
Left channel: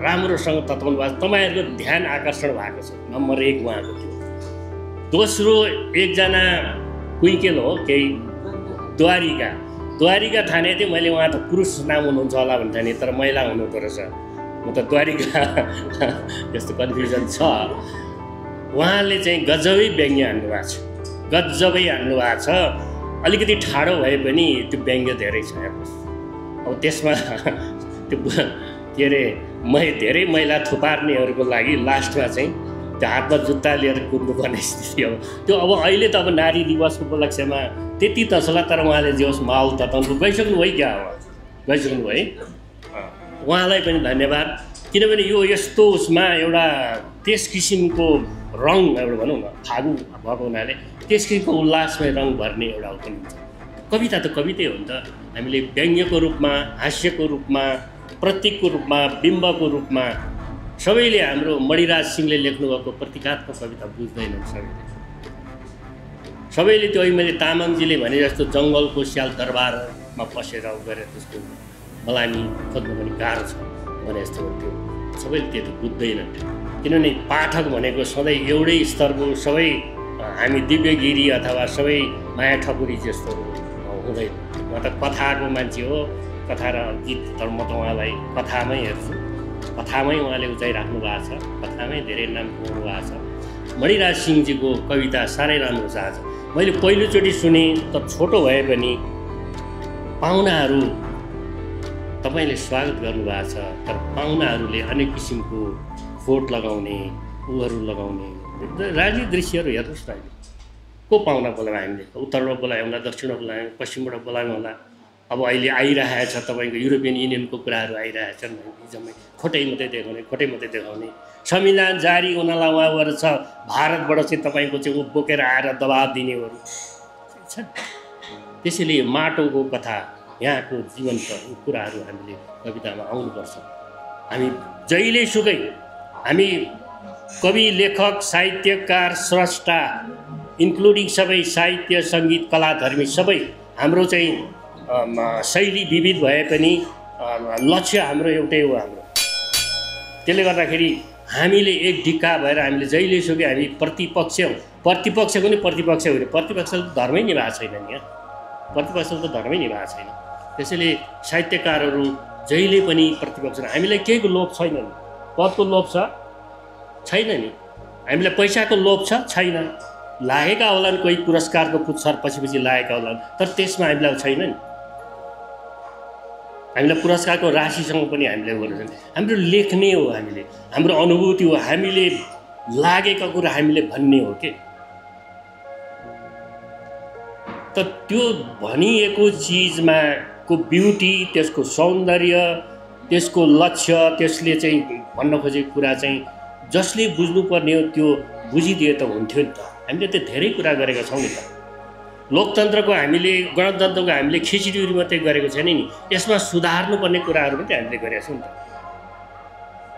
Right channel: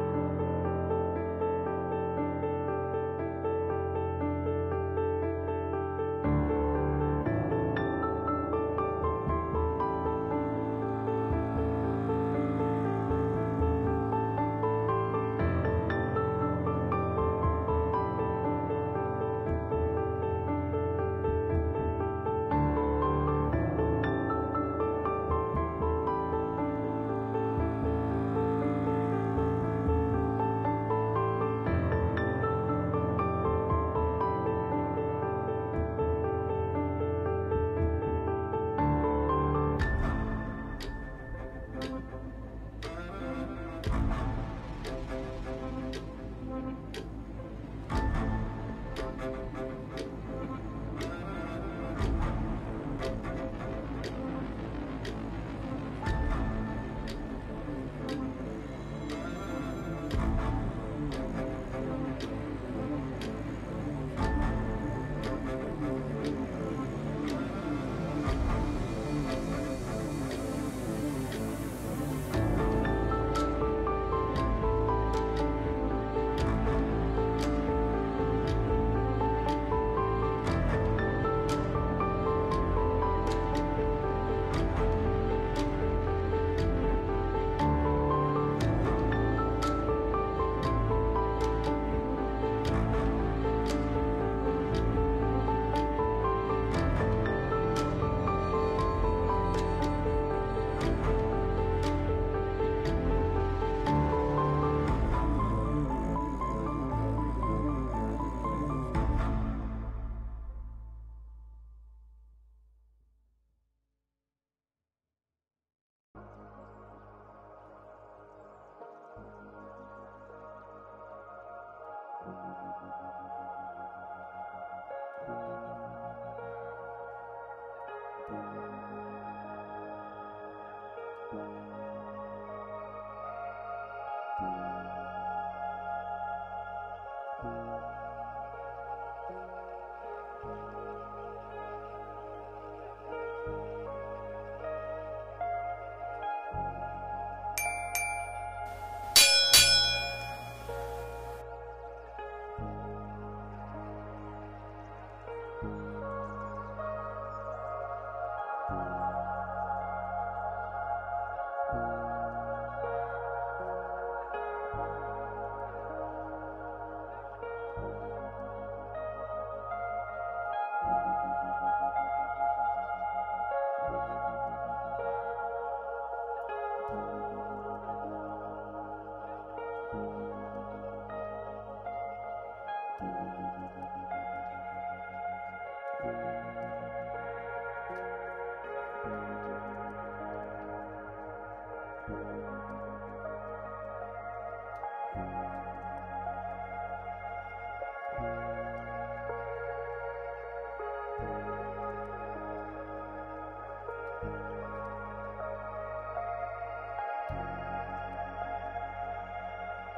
राम्रोसँग तत्काउनु भएको छ। तपाईँहरूको ध्यान आकर्षण भएको छ, नम्बर 1 उहाँको। दोस्रो एकजना कुइकेल हो, केही द्वारिका ठाने थिएँ मैले। उहाँ त पुरुष नाम हुनुहुन्छ होला भन्थे नि, तर महिला हुनुहुँदो रहेछ। म त द्वारिका यस्तो कन्फ्युजन छ। उहाँले चाहिँ गजबै व्यङ्ग्य हान्नु भएको छ, गजबै हान्नु भएको छ। अलिकति ठाडो भए पनि त्यो व्यङ्ग्य धेरै छ। अब त्यसमा त्यो के अरे धेरै महिला थुपार्नेहरूको लागि लास्टमा चाहिँ त्यो हातमा जुत्ता लिएर कुद्नुपर्ने स्थिति हो त्यो। अब अहिले त अब नारी दिवसको उपलक्ष्यमा त्यति त छ, तर उहाँले जे होस् माहौल तताउनु गइसक्नु भयो क्या, अब गइसक्नु भयो। उहाँलाई पनि धन्यवाद, किनभने यो यस्तो उसमा एउटा त्यस किसिमको रङ एउटा भनौँ न फागु भएको हुनाले त्यस किसिमको उल्लासमय रङ भर्ने एउटा हुन्छ। कविता त कवितै हो नि त। हामीले व्यङ्ग्यको रूपमा, हास्यको रूपमा, प्रतीकको रूपमा, बिम्बको रूपमा सबैले हाम्रो मणिराज सिंहले लेख्नुभएको प्रतीकात्मक कविता बुझ्दैनन् सबैले। त्यो मैले तामाङजीले भने जस्तो जङ्गलको स्याल दरबारमा पसेर गरेर जस्तो मलाई खोज्नु पनि गाह्रो छ भने जस्तो सबैले त्यो बुझ्दैनन्। किनभने पाठक भनेको सधैँ एउटै स्तरको, सबै हामी दिव्यगिरी अथवा सबै माया ठकुरी जस्तो हुँदैन। म त कथाको मान्छे हो, कथा र गीत, तर म त उहाँलाई कथामै हेर्छु। कथामै उहाँले उचाइराख्नु भएको छ, कथामै धेरै नाम गर्नु भएको छ। मणिराज सिंहजीको कविता साह्रै राम्रो छ। आज मैले पहिलोचोटि सुने, त छोटो भए पनि पाहुनाहरू तपाईँले स्वागत गर्नुभएको छ, तर पाहुनाहरूले अनेक किसिमको फोट लगाउने, ऊहरू लगाउने राजनीतिक दृश्यहरू हेर्नुहोस् न। को पाहुना बोलायो हामीले? उत्तरबाट बोलायो होला, दक्षिणबाट बोलायो, पश्चिमबाट बोलायो होला। अब अहिले आइरहेको छ तपाईँको युरोपियन युनियनको कुराहरू आइरहेको छन्, जम्मै खोटै मात्रै देखाउने। संविधान जारी हुनलाई उहाँहरू छ, भारतबाट चाहिँ तपाईँको चाहिँ ऊ बोकेर आएर दबाब दिनेहरू छन्। त्यसैले माटोको कथा, यहाँको जीवन्त कुराहरू हामीले कवितामा आउनुपर्छ। हामी जहिलेसुकै हामी कवि, लेखक, साहित्यकार, स्रष्टा इन्क्लुडिङ सबै साहित्य, सङ्गीत, कलाधर्मी सबै हाम्रो चाहिँ शैली विविध भए पनि लक्ष्य हाम्रो एउटै हो। हाम्रो त्यसले गर्दाखेरि हामीले एक ढिक्का भएर हामीले जहिलेसुकै हामी प्रतिपक्षको नि प्रतिपक्ष होइन, प्रतिपक्षले त धर्मै निभाएको छैन नि, यहाँ प्रतिपक्षले त धर्मै निभाएको छैन। त्यसैले साहित्यकारहरू जहिले पनि प्रतिपक्ष, हामीलाई केहीको लोभ छैन नि, पदको लोभ छैन नि, हामीलाई पैसाको लोभ छैन, लागेका होलान् कोही पुरस्कारको पुच्छर पछि लागेका होलान्, तर त्यसमा हामीलाई छैन नि, हामीलाई पुरस्कारको राशिसँग पनि हामीले गर्नु छैन। हाम्रो लेख्ने हो, हामीले हाम्रो अनुभूति हो, हामीले लागेका कुरा हामीले भन्ने हो के। त त्यो भनिएको चिजमा को ब्युटी, त्यसको सौन्दर्य, त्यसको लक्ष्य, त्यसले चाहिँ भन्न खोजेको कुरा चाहिँ जसले बुझ्नुपर्ने हो त्यो बुझिदिए त हुन्थ्यो नि त। हामीले त धेरै कुरा गरेका छौँ नि त। लोकतन्त्रको हामीले, गणतन्त्रको हामीले खिचडीहरू मात्रै गरेको छैन नि, यसमा सुधार्नुपर्ने कुराहरू पनि हामीले गरेका छौँ नि त।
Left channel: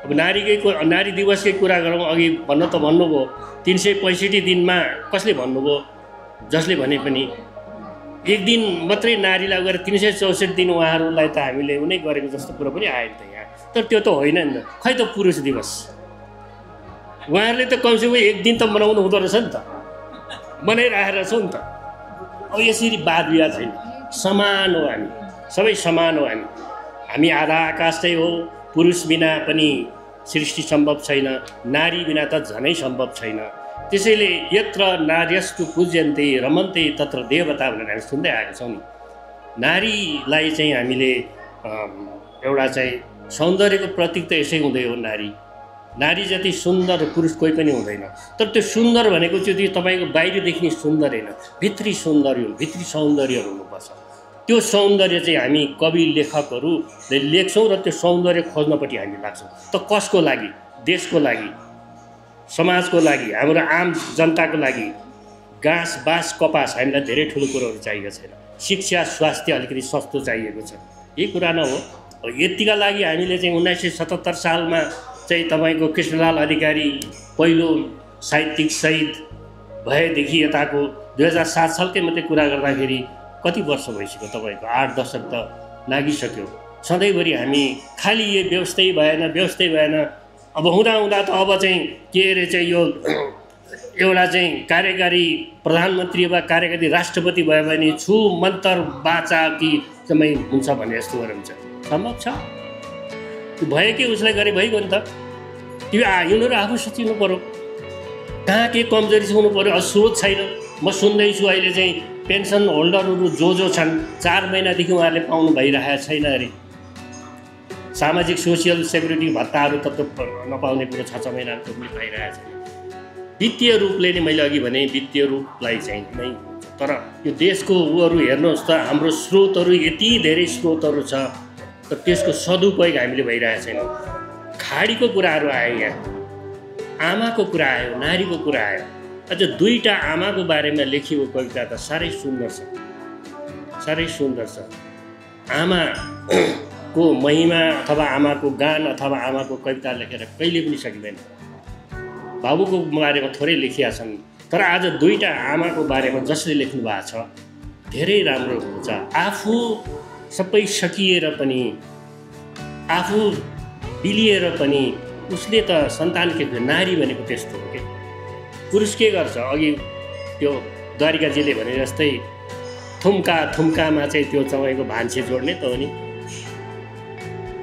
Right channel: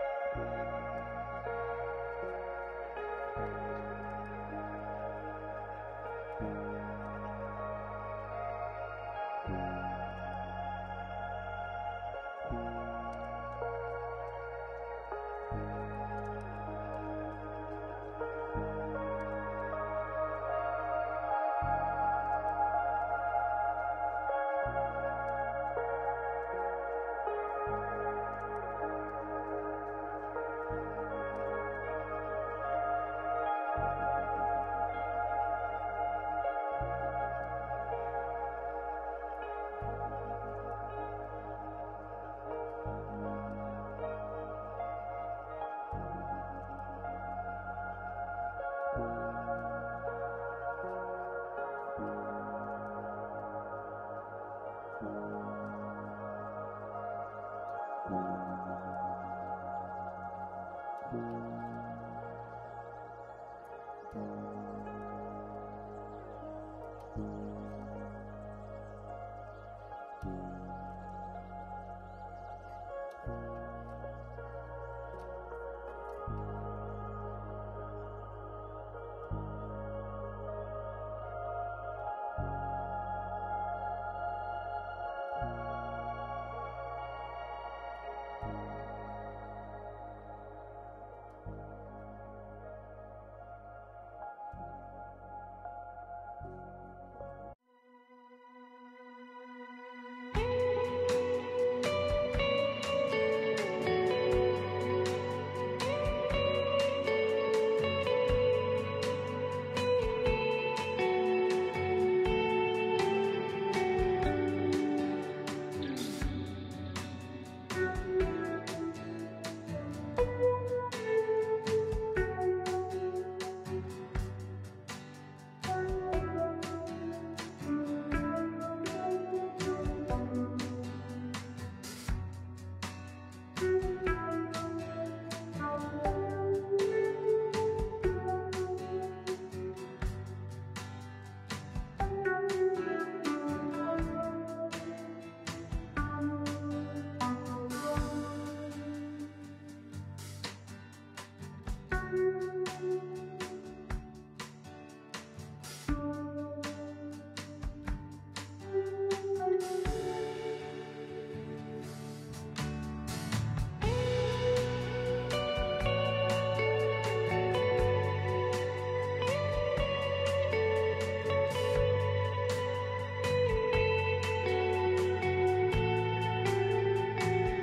अब नारी दिवसकै कुरा गरौँ, अघि भन्नुभयो 365 दिनमा कसले भन्नुभयो, जसले भने पनि एक दिन मात्रै नारीलाई गएर 364 दिन उहाँहरूलाई त हामीले उनी गरेको जस्तो कुरो पनि आयो नि त यहाँ। तर त्यो त होइन नि त, खै त पुरुष दिवस उहाँहरूले त कमसेकम एक दिन त मनाउनु हुँदो रहेछ नि त, मनाइरहेको छौँ नि त। अब यसरी वाद विवाद छैन, समान हो, हामी सबै समान हो, हामी आधा आकाश चाहिँ हो। पुरुष बिना पनि सृष्टि सम्भव छैन, नारी बिना त झनै सम्भव छैन। त्यसैले यत्र नार्यस्तु पूज्यन्ते रमन्ते तत्र देवता भनेर हामी सुन्दै आएका छौँ नि। नारीलाई चाहिँ हामीले एउटा चाहिँ सौन्दर्यको प्रतीक त यसै हुँदै हो। नारी जति सुन्दर पुरुष कोही पनि हुँदैन। तर त्यो सुन्दर भनेको चाहिँ तपाईँको बाहिर देख्ने सुन्दर होइन, भित्री सौन्दर्यहरू हुनुपर्छ। त्यो सौन्दर्य चाहिँ हामी कवि लेखकहरूले लेख्छौँ र त्यो सौन्दर्य खोज्नपट्टि हामी लाग्छौँ। त कसको लागि? देशको लागि, समाजको लागि, हाम्रो आम जनताको लागि। घाँस बाँस कपास हामीलाई धेरै ठुलो कुरोहरू चाहिएको छैन। शिक्षा स्वास्थ्य अलिकति सस्तो चाहिएको छ, यही कुरा न हो। यतिका लागि हामीले चाहिँ 1977 सालमा चाहिँ तपाईँको कृष्णलाल अधिकारी पहिलो साहित्यिक शहीद भएदेखि यताको 2007 सालकै मात्रै कुरा गर्दाखेरि कति वर्ष भइसक्यो, तपाईँको 8 दशक त लागिसक्यो। सधैँभरि हामी खालि यो व्यवस्थै भएन। अब हुँदा त अब चाहिँ के अरे चाहिँ यो एउटा चाहिँ कार्यकारी प्रधानमन्त्री वा कार्यकारी राष्ट्रपति भयो भने छु मन्तर बाचा कि समय हुन्छ भन्ने यस्तो हुन्छ, सम्भव छ? भयो कि उसलाई गरे भइगयो नि त। त्यो यिनीहरू आफू सोचिनु पऱ्यो, कहाँ के कमजोरी हुनु पऱ्यो। सोच छैन। म सुन्दैछु अहिले चाहिँ पेन्सन होल्डरहरू जो छन् 4 महिनादेखि उहाँहरूले पाउनु भइरहेको छैन अरे। सामाजिक सोसियल सेक्युरिटी भत्ताहरू त नपाउने कुरो 6 महिना पाइरहेको छ। वित्तीय रूपले नै मैले अघि भने वित्तीय रूपलाई चाहिँ नै, तर यो देशको उहरू हेर्नुहोस् त, हाम्रो स्रोतहरू यति धेरै स्रोतहरू छ, तर त्यसको सदुपयोग हामीले भइरहेको छैन। खाडीको कुराहरू आयो, यहाँ आमाको कुरा आयो, नारीको कुरा आयो। अझ 2टा आमाको बारेमा लेखिएको कविता त साह्रै सुन्दर छ। आमाको महिमा अथवा आमाको गान अथवा आमाको कविता लेखेर कहिले पनि सकिँदैन। बाबुको बारेमा थोरै लेखिया छन्, तर आज 2टा आमाको बारेमा जसले लेख्नु भएको छ धेरै राम्रो हुन्छ। आफू सबै सकिएर पनि, आफू बिलिएर पनि उसले त सन्तान के नारी भनेको त्यस्तो हो कि। पुरुष के गर्छ? अघि त्यो द्वारिकाजीले भने जस्तै थुम्कामा चाहिँ त्यो तपाईँको भान्से जोड्ने त हो नि।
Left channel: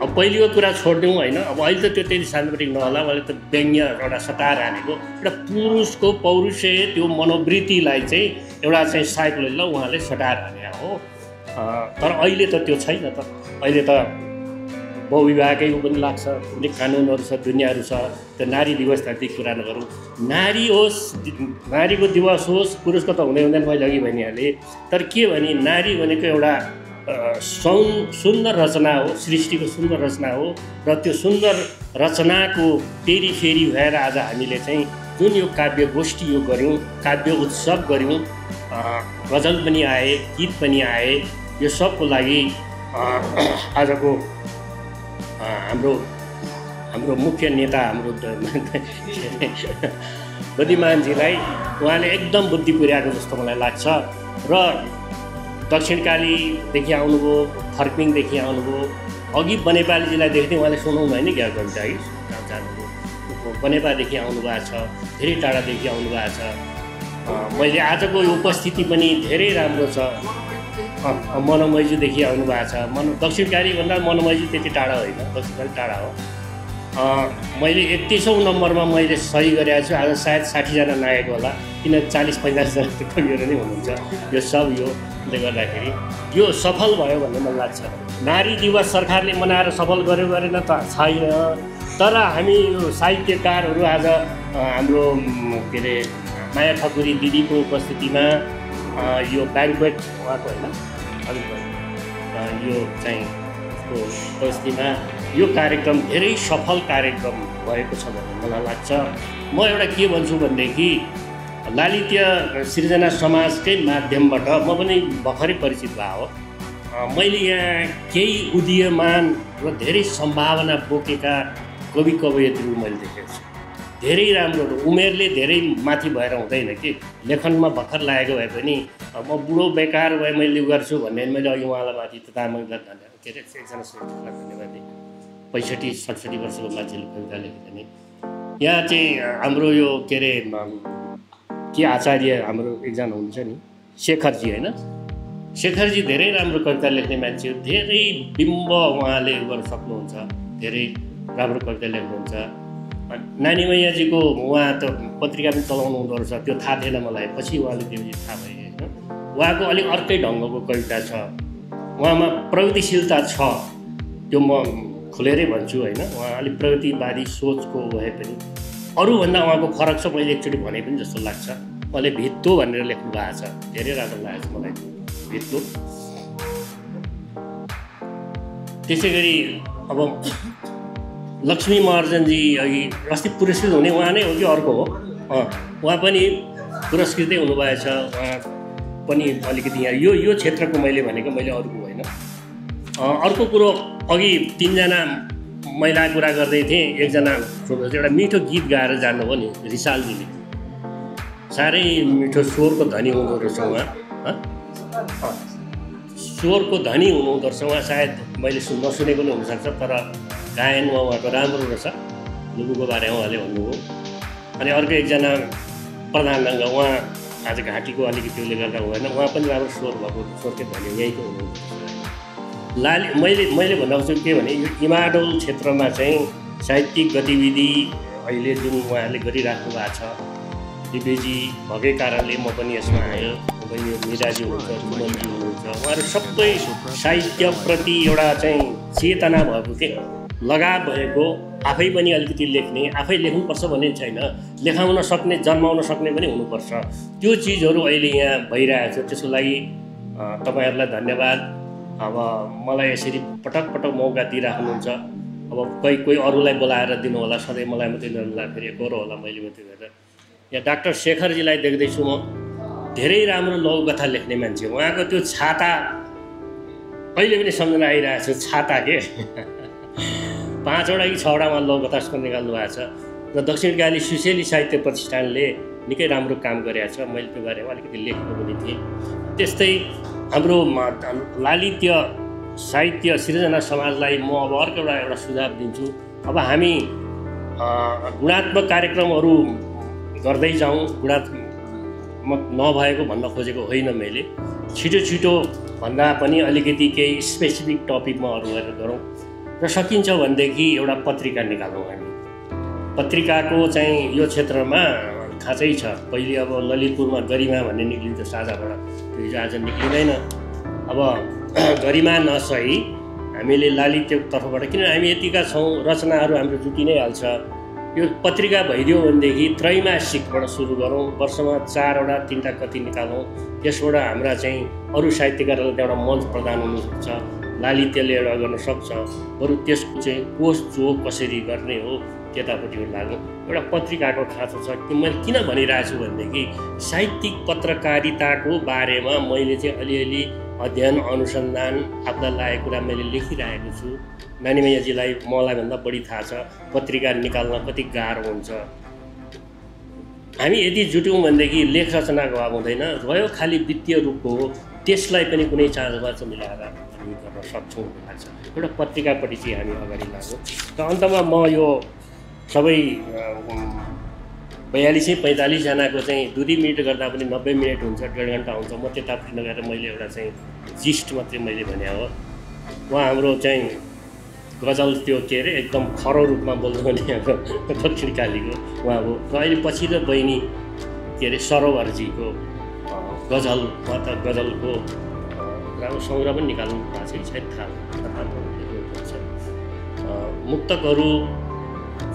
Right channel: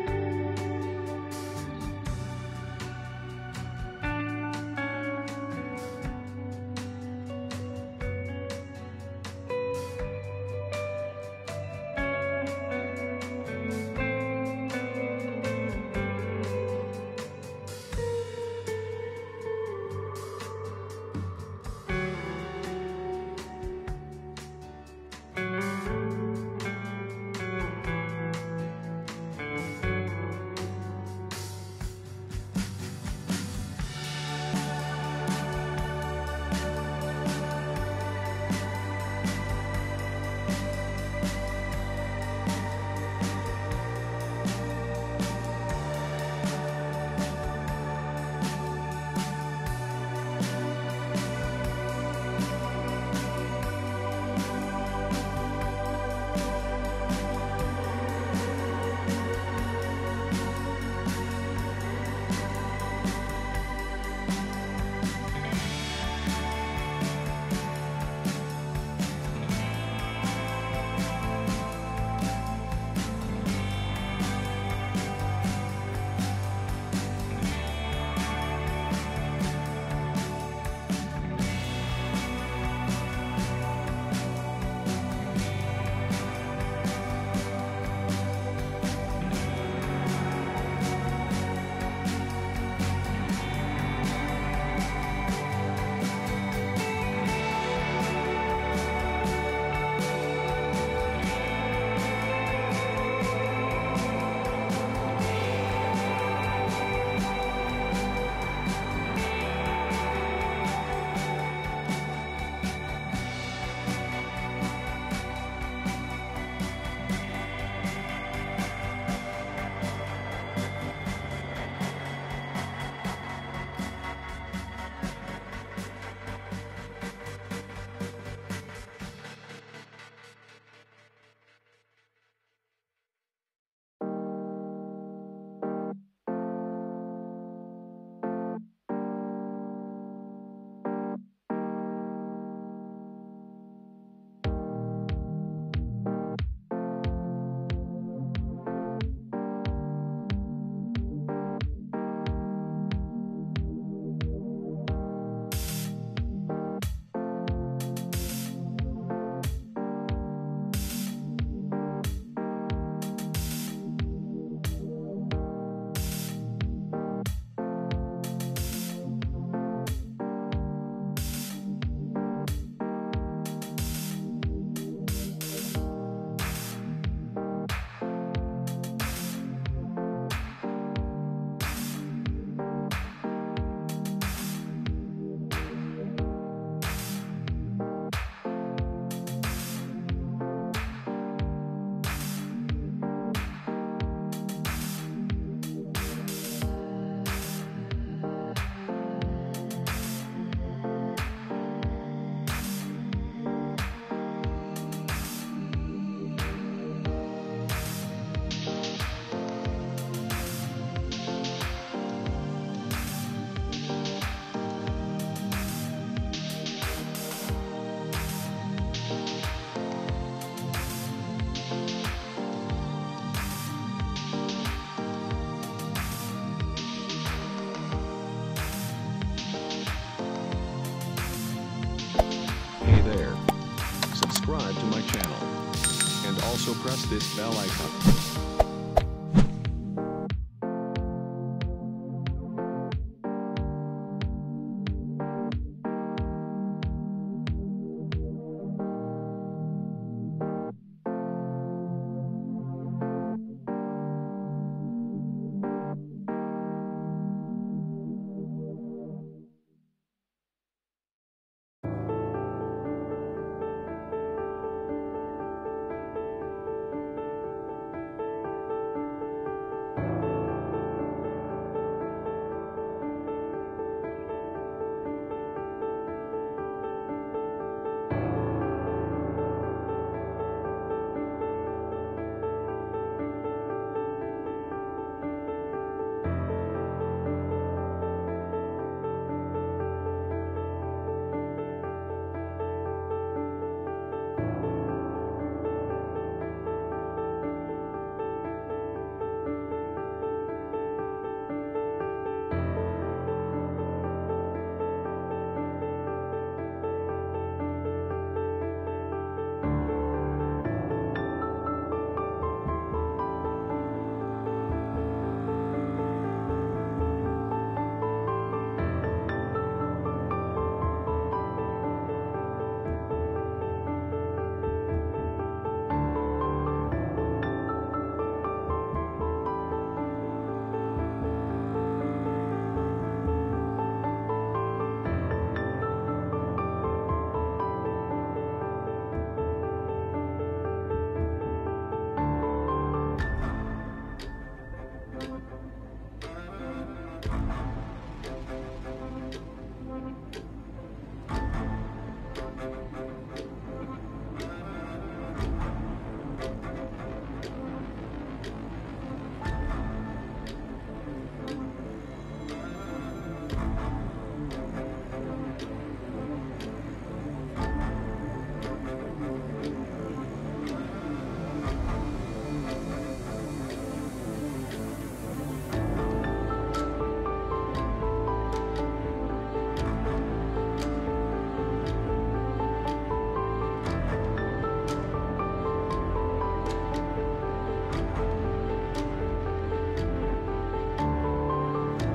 अब पहिलेको कुरा छोडिदिउँ होइन, अब अहिले त त्यो त्यति सानोपट्टि नहोला, अहिले त व्यङ्ग्य एउटा सटाएर हानेको एउटा पुरुषको पौरुषे त्यो मनोवृत्तिलाई चाहिँ एउटा चाहिँ साइकोलोजीलाई उहाँले सटाएर हाने हो। तर अहिले त त्यो छैन त। अहिले त बहुविवाहकै पनि लाग्छ, अनेक कानुनहरू छ, दुनियाँहरू छ। त्यो नारी दिवस जति कुरा नगरौँ, नारी होस्, नारीको दिवस होस्, पुरुषको त हुँदैन मैले अघि भनिहालेँ। तर के भने नारी भनेको एउटा सुन्दर रचना हो, सृष्टिको सुन्दर रचना हो। र त्यो सुन्दर रचनाको फेरि भएर आज हामीले चाहिँ जुन यो काव्य गोष्ठी यो गऱ्यौँ, काव्य उत्सव गऱ्यौँ, गजल पनि आए, गीत पनि आए, यो सबको लागि आजको हाम्रो मुख्य नेता हाम्रो बुद्धिमानजीलाई उहाँले एकदम बुद्धि पुर्याएको जस्तो मलाई लाग्छ। र दक्षिणकालीदेखि आउनुभयो, फर्पिङदेखि आउनुभयो, अघि बनेपालीजीलाई देख्दै उहाँले सुनाउनु होइन क्या कविता है, बनेपादेखि आउनुभएको छ, धेरै टाढादेखि आउनुभएको छ। मैले आजको यो उपस्थिति पनि धेरै राम्रो छ। मनोमैजुदेखि आउनुभएको छ। दक्षिणकाली भन्दा मनोमैजु त्यति टाढा होइन, दक्षिणकाली टाढा हो। मैले 31औं नम्बरमा मैले सही गरेको छु। आज सायद 60जना नआएको होला, किन 40-50जना कविहरू नै हुनुहुन्छ। यो सब योले गर्दाखेरि यो सफल भयो भन्ने मलाई लाग्छ। नारी दिवस सरकारले मनाएर सफल गर्यो गरेन त छैन, तर हामी यो साहित्यकारहरू आज हाम्रो के अरे माया ठकुरी दिदीको उपस्थितिमा यो ब्याङ्क्वेट होइन यो चाहिँ उपस्थितिमा यो कार्यक्रम धेरै सफल कार्यक्रम भएको छ भन्ने मलाई लाग्छ। म एउटा के भन्छु भनेदेखि लालित्य सृजना समाजकै माध्यमबाट म पनि भर्खरै परिचित भएको हो। मैले यहाँ केही उदीयमान र धेरै सम्भावना बोकेका कवि कवयित्रीहरू मैले देखेको छु। धेरै राम्रो, उमेरले धेरै माथि भएर हुँदैन कि लेखनमा भर्खर लागेको भए पनि म बुढो बेकार भए मैले गर्छु भन्ने मैले अघि उहाँलाई माथि तामाङलाई धन्यवाद के अरे एकजना श्रेष्ठलाई धन्यवाद दिएँ। 65-67 वर्षको मान्छेले कविता लेखेको नि यहाँ चाहिँ हाम्रो यो के अरे के आचार्य हाम्रो एकजना हुनुहुन्छ नि शेखरजी होइन, शेखरजी धेरै राम्रो कविता लेख्ने मान्छे, धेरै बिम्ब उहाँले गर्न सक्नुहुन्छ, धेरै राम्रो कविता लेख्नुहुन्छ। नानी मैयाजीको उहाँ त पत्रिका पनि चलाउनु हुँदो रहेछ, त्यो थाहा थिएन मलाई, पछि उहाँले त्यो थाहा भयो होइन। उहाँको अलिक अर्कै ढङ्गको कविता छ, उहाँमा प्रगतिशीलता छ, त्यो म खुलेरै भन्छु होइन। उहाँ अलिक प्रगतिवादी सोचको भए पनि अरूभन्दा उहाँको फरक छ। मैले एकचोटि भने पनि जस्तो लाग्छ। उहाँले भित्तो भनेर लेख्नु भएको छ, धेरै राम्रो लागेको छ मलाई भित्तो। त्यसै गरी अब लक्ष्मी महर्जनजी अघि अस्ति पुरस्कृत हुने उहाँ नै हो कि अर्को हो? उहाँ पनि पुरस्कृतै हुनुभएछ। उहाँ पनि अलिकति यहाँ यो क्षेत्रको मैले भनेको, मैले अरूको होइन। अर्को कुरो अघि 3जना महिला कुरा गर्दै थिएँ। एकजना एउटा मिठो गीत गाएर जानुभयो नि रिसालजीले, साह्रै मिठो स्वरको धनी हुनुहुँदो रहेछ उहाँ, स्वरको धनी हुनुहुँदो रहेछ उहाँ। सायद मैले नसुनेको पनि हुनसक्छ, तर गायनमा उहाँको राम्रो रहेछ। लुबुको बारेमा उहाँले भन्नुभयो। अनि अर्को एकजना प्रधानङ्ग, उहाँ आज घाँटीको अलिकति उसले गर्दा भएन, उहाँ पनि राम्रो स्वर भएको, स्वरकै धनी यहीँको हुनुहुन्छ। मैले भन्न खोज्छु के भने इमाडोल क्षेत्रमा चाहिँ साहित्यिक गतिविधि अहिले जुन उहाँहरूले गरिराख्नु भएको छ, दिव्यजी भएकै कारणले म पनि यसमा मिराजी उहाँहरू सबै साहित्यप्रति एउटा चाहिँ चेतना भएको के लगाव भएको, आफै पनि अलिकति लेख्ने, आफै लेख्नुपर्छ भन्ने छैन, लेखाउन सक्ने जन्माउन सक्ने पनि हुनुपर्छ। त्यो चिजहरू अहिले यहाँ भइरहेको छ। त्यसको लागि तपाईँहरूलाई धन्यवाद। अब मलाई यसरी पटक पटक मौका दिइराख्नुहुन्छ। अब कोही अरूलाई बोलाएर दिनु होला, सधैँ मलाई मात्रै नदिँदाखेरि गरौँ होला मैले मात्रै गरेर। यहाँ डाक्टर शेखरजीलाई देख्दैछु म, धेरै राम्रो लघुकथा लेख्ने मान्छे। उहाँको त्यो छाता अहिले पनि सम्झना आइरहेको छ, छाता के 5वटा कि 6वटामा लघुकथा निकाल्नु भएको छ। र दक्षिणकाली सुशेली साहित्य प्रतिष्ठानले निकै राम्रो काम गरेको छ। मैले त्यो बारेमा अलिकति लेख्नु पनि थिएँ। त्यस्तै हाम्रो लालित्य साहित्य सृजना समाजलाई म अब अर्को एउटा सुझाव दिन्छु। अब हामी गुणात्मक कार्यक्रमहरू गर्दै जाउँ, गुणात्मक नभएको भन्न खोजेको होइन मैले। छिटो भन्दा पनि अलिकति केही स्पेसिफिक टपिकमा अरू गरेर गरौँ र सकिन्छ भनेदेखि एउटा पत्रिका निकालौँ हामी। पत्रिकाको चाहिँ यो क्षेत्रमा खाँचै छ। पहिले अब ललितपुरमा गरिमा भन्ने निक्लिन्थ्यो साझाबाट, त्यो आज निक्लिँदैन। अब गरिमा नसही हामीले लालित्यको तर्फबाट, किन हामी यतिका छौँ, रचनाहरू हाम्रो जुटि नै हाल्छ। यो पत्रिका भइदियो भनेदेखि त्रैमासिकबाट सुरु गरौँ, वर्षमा 4वटा 3टा कति निकालौँ। यसबाट हाम्रा चाहिँ अरू साहित्यकारहरूलाई एउटा मञ्च प्रदान हुनसक्छ, लालित्यले एउटा गर्न सक्छ। बरु त्यसको चाहिँ कोष जो कसरी गर्ने हो त्यतापट्टि लाग्यो। एउटा पत्रिकाको खाँचो छ। मैले किन भनिरहेको छु भनेदेखि साहित्यिक पत्रकारिताको बारेमा मैले चाहिँ अलिअलि अध्ययन अनुसन्धान आफूलाई लागेको कुरा मैले लेखिरहेको छु। नानी मैयाजीलाई मलाई भन्दा बढी थाहा छ पत्रिका निकाल्न कति गाह्रो हुन्छ। हामी यदि जुट्यौँ भनेदेखि लेख रचना गवाब हुँदैन, रह्यो खालि वित्तीय रूपको हो, त्यसलाई पनि कुनै चाँजोमा चाहिँ मिलाएर गर्न सक्छौँ। एउटा पत्रिकापट्टि चाहिँ हामी अगाडि लाग्छौँ। र अन्तमा म यो सबै 42-45 जनाको चाहिँ 2 मिनट गर्दा पनि 90 मिनट हुन्छ, 1.5 घन्टा हुन्छ। म त्यता पनि गएर मैले एउटा चाहिँ जिस्ट मात्रै मैले भने हो। उहाँ हाम्रो चाहिँ गजल त्यो के अरे एकदम खरो रूपमा बोल्नुहुने अब दक्षिण कालीको उहाँ हो। र अहिले पछि त बहिनी के अरे सरोवरजीको गजल गजलको राम्रो सङ्ग्रह पनि निकाल्नु भएको छ, सायद थाहा मुक्तकहरू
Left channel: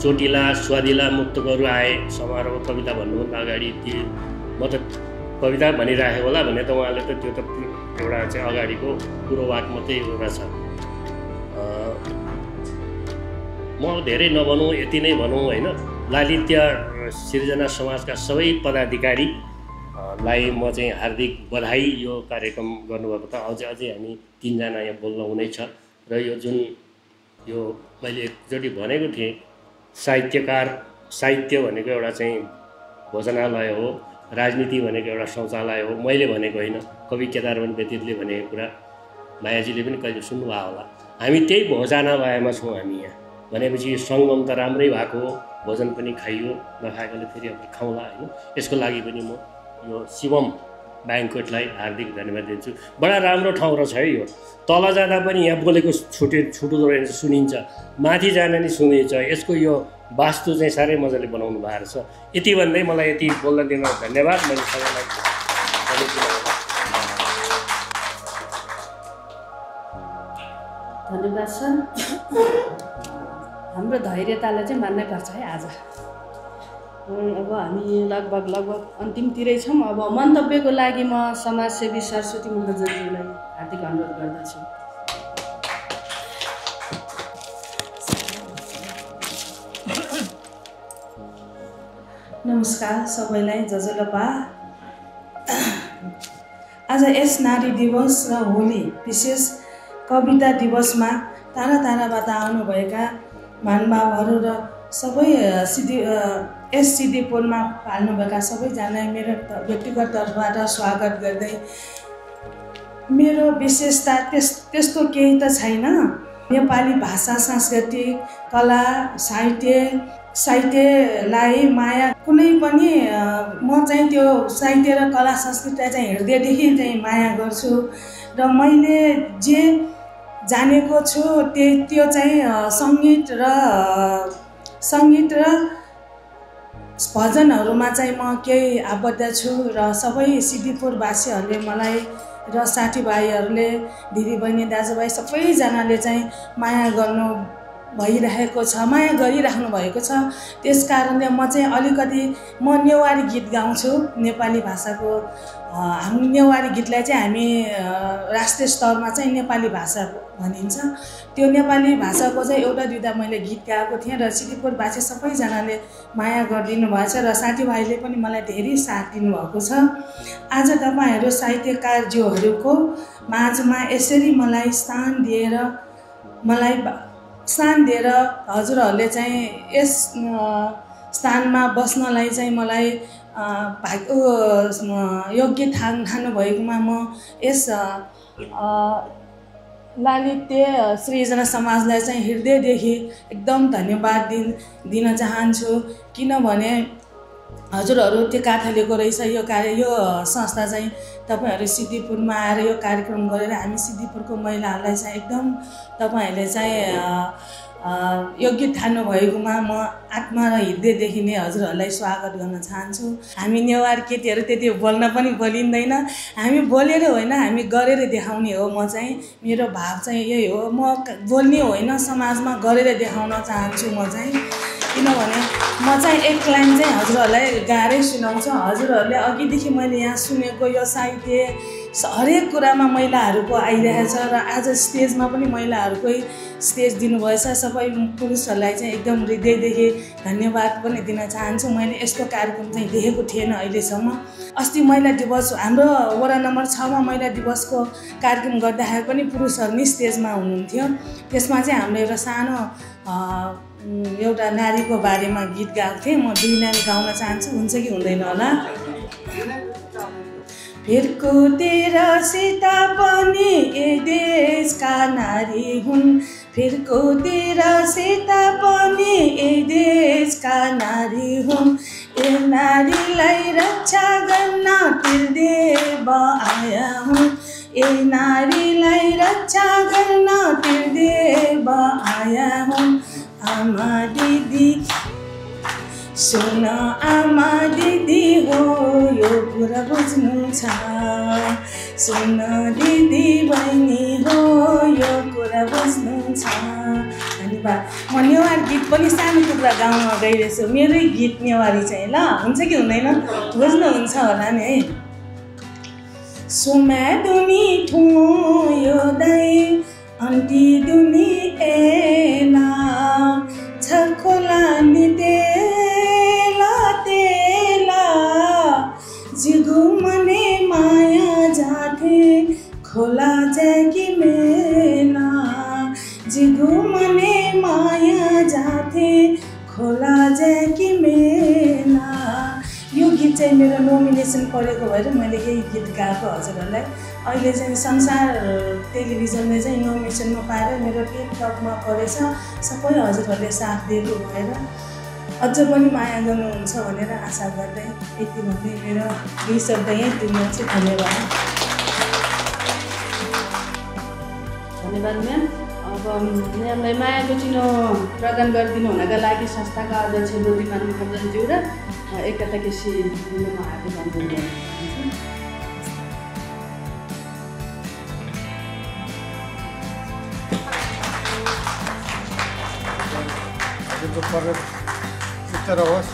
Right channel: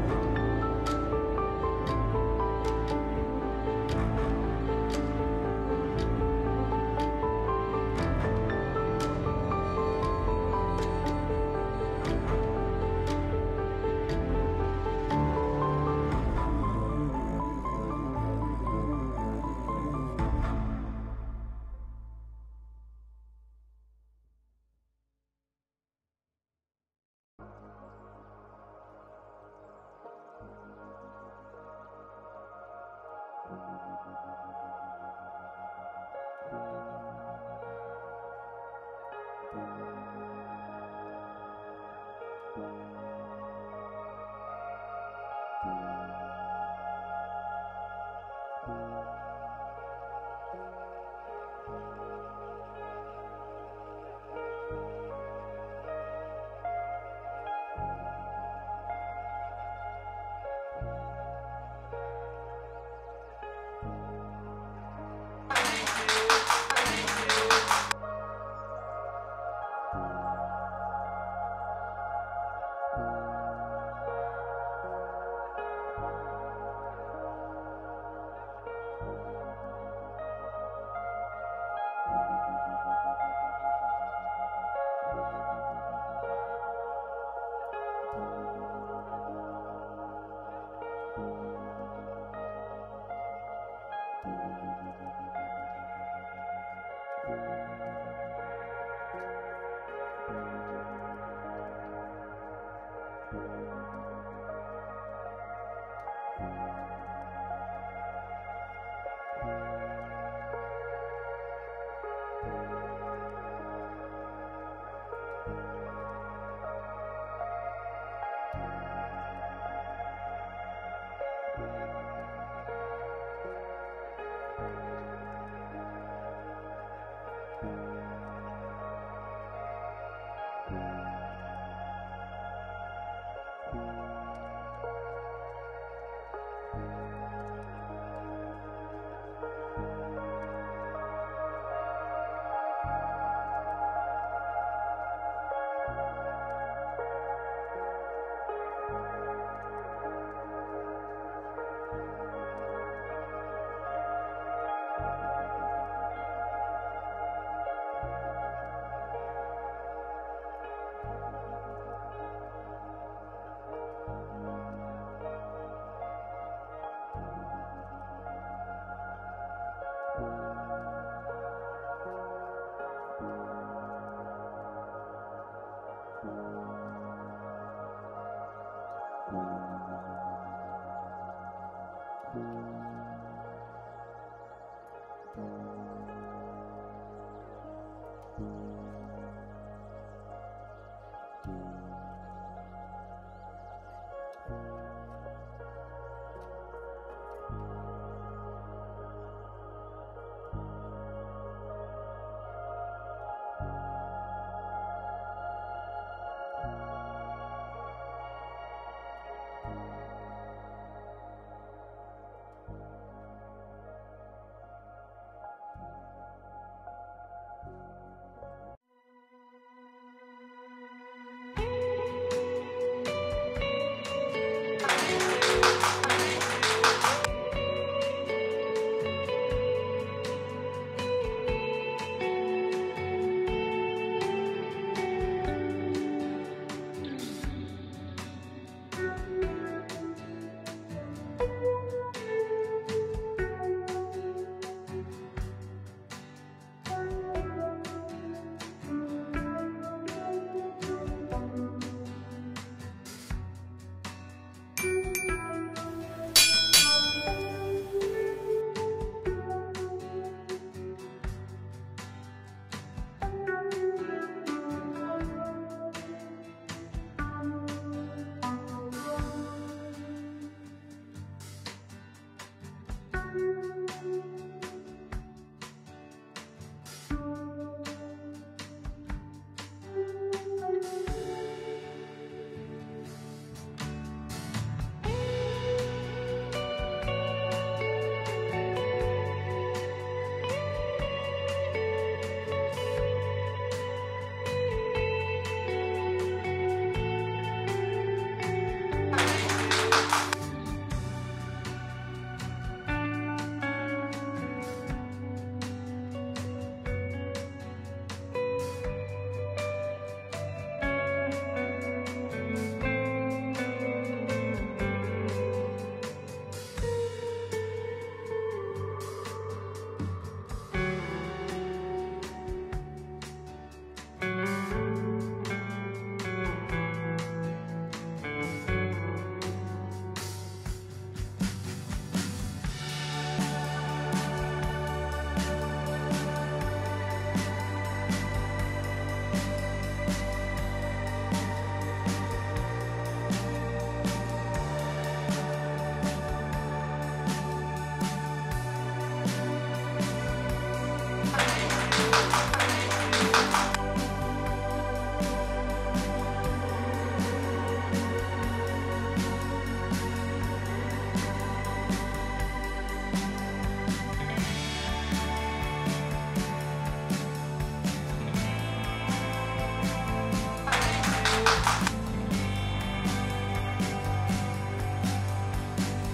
चोटिला स्वादिला मुक्तकहरू आए समारोह कविता भन्नुभन्दा अगाडि त्यो म त कविता भनिराखेको होला भने त उहाँले त त्यो त एउटा चाहिँ अगाडिको पूर्ववाक मात्रै हुँदछ। म धेरै नभनौँ, यति नै भनौँ होइन। लालित्य सिर्जना समाजका सबै पदाधिकारीलाई म चाहिँ हार्दिक बधाई। यो कार्यक्रम गर्नुभएको त अझै हामी 3 जना यहाँ बोल्न हुनेछ। र यो जुन यो मैले एकचोटि भनेको थिएँ, साहित्य भनेको एउटा चाहिँ भोजनालय हो, राजनीति भनेको एउटा शौचालय हो। मैले भनेको होइन, कवि केदारमन व्यतीतले भनेको कुरा मायाजीले पनि कहिले सुन्नुभयो होला। हामी त्यही भोजनालयमा छौँ हामी यहाँ भनेपछि सङ्गम त राम्रै भएको हो, भोजन पनि खाइयो, नखाएकोले फेरि अब खाउँला होइन। यसको लागि पनि म यो शिवम ब्याङ्कवेटलाई हार्दिक धन्यवाद दिन्छु। बडा राम्रो ठाउँ रहेछ है यो। तल जाँदा पनि यहाँ बोलेको छुटुदो रहेछ, सुनिन्छ, माथि जाँदा नि सुनिन्छ। यसको यो वास्तु चाहिँ साह्रै मजाले बनाउनु भएको रहेछ। यति भन्दै मलाई यति बोल्न दिन धन्यवाद। मैले सबैलाई धन्यवाद सर। हाम्रो धैर्यतालाई चाहिँ मान्नैपर्छ है आज। अब हामी लगभग अन्तिमतिरै छौँ। अब मन्तव्यको लागि म समाजसेवी सरस्वती मुखर्जीलाई हार्दिक अनुरोध गर्दछु। नमस्कार सबैलाई, जजलपा। आज यस नारी दिवस र होली विशेष कविता दिवसमा टाढा टाढाबाट आउनुभएका महानुभावहरू र सबै यस सिद्धिपुरमा पाल्नुभएका सबैजनालाई मेरो व्यक्तिगत तर्फबाट स्वागत गर्दै, मेरो विशेषता त्यस्तो केही त छैन। नेपाली भाषा, सांस्कृतिक, कला, साहित्यलाई माया कुनै पनि म चाहिँ त्यो साहित्य र कला संस्कृतिलाई चाहिँ हृदयदेखि चाहिँ माया गर्छु। र मैले जे जानेको छु त्यो चाहिँ सङ्गीत र भजनहरूमा चाहिँ म केही आबद्ध छु। र सबै सिद्धिपुरवासीहरूले मलाई र साथीभाइहरूले, दिदीबहिनी, दाजुभाइ सबैजनाले चाहिँ माया गरिराख्नु भएको छ। त्यस कारणले म चाहिँ अलिकति नेवारी गीत गाउँछु। नेपाली भाषाको हामी नेवारी गीतलाई चाहिँ हामी राष्ट्रिय स्तरमा चाहिँ नेपाली भाषा भनिन्छ। त्यो नेपाली भाषाको चाहिँ एउटा दुईवटा मैले गीत गाएको थिएँ र सिद्धिपुरवासी सबैजनाले माया गरिदिनु भएछ र साथीभाइले पनि मलाई धेरै साथ दिनुभएको छ। आज तपाईँहरू साहित्यकारज्यूहरूको माझमा यसरी मलाई स्थान दिएर हजुरहरूले चाहिँ यस स्थानमा बस्नलाई चाहिँ मलाई योग्य ठान्नु भएकोमा म यस लालित्य सृजना समाजलाई चाहिँ हृदयदेखि एकदम धन्यवाद दिन चाहन्छु। किनभने हजुरहरू त्यो काठलेको रहेछ यो संस्था चाहिँ तपाईँहरू सिद्धिपुरमा आएर यो कार्यक्रम गरेर हामी सिद्धिपुरको महिलाहरूलाई चाहिँ एकदम तपाईँहरूले चाहिँ योग्य ठान्नु भएकोमा म आत्मा र हृदयदेखि नै हजुरहरूलाई स्वागत गर्न चाहन्छु। हामी नेवार केटीहरू त्यति बोल्न पनि बोलिँदैन, हामी बोलेर होइन हामी गरेर देखाउने हो। म चाहिँ मेरो भाव चाहिँ यही हो, म बोल्ने होइन समाजमा गरेर देखाउन चाहन्छु। म चाहिँ किनभने म चाहिँ एक लाइन चाहिँ हजुरहरूलाई गाएरै सुनाउँछु। हजुरहरूले अघिदेखि मैले यहाँ सुनेको यो साहित्य हरेक कुरामा महिलाहरूको आइरहेछ र आज स्टेजमा पनि महिलाहरूकै स्टेज दिनुभएछ। सबै पुरुषहरूलाई चाहिँ एकदम हृदयदेखि धन्यवाद पनि दिन चाहन्छु। मैले यस्तो कार्यक्रम चाहिँ देखेको थिएन अहिलेसम्म। अस्ति महिला दिवस हाम्रो वडा नम्बर 6मा महिला दिवसको कार्यक्रम गर्दाखेरि पनि पुरुषहरू नै स्टेजमा हुनुहुन्थ्यो। त्यसमा चाहिँ हाम्रो एउटा सानो एउटा नारीको बारेमा गीत गाएको थिएँ। म 2 लाइन गाउन चाहन्छु, हुन्छ कि हुँदैन होला? फिरको तेरा सीता पनि ए देशका नारी हुन् फिरको तेरा सीता पनि ए देशका नारी हुन् ए नारीलाई रक्षा गर्न त्रिदेव आया हुन् ए नारीलाई रक्षा गर्न त्रिदेव आया हुन् आमा दिदी सुन आमा दिदी हो यो कुरा बुझ्नु छ सुन दिदी बहिनी हो यो कुरा बुझ्नु छ। धन्यवाद। म नेवार गीत पनि सानो टुक्रा गाउन गइरहेछु मेरै गीत नेवारी चाहिँ ल हुन्छ कि हुँदैन बुझ्नुहुन्छ होला नि है। सोमा दुमी ठु यो दाइ अन्टी दुमी एला छखोला निते जिगु मने माया जाथे खोला जागी मेला जिगु मने माया जाथे खोला जागी मेला। यो गीत चाहिँ मेरो नोमिनेसन परेको भएर मैले यही गीत गाएको हजुरहरूलाई। अहिले चाहिँ संसार टेलिभिजनले चाहिँ नोमिनेसनमा पाएर मेरो टिकटकमा परेछ सबै हजुरहरूले साथ दिएको भएर अझ पनि माया गर्नुहुन्छ भनेर आशा गर्दै यति भन्दै मेरो यही शब्द यहीँ टुङ्ग्याउँछु। धन्यवाद। धन्यवाद म्याम। अब म्यामलाई मायाको चिनो प्रदान गरिदिनु हुनका लागि संस्थाका अध्यक्ष लोभिमान महाजनज्यू र एकता केसी हार्दिक रहोस्।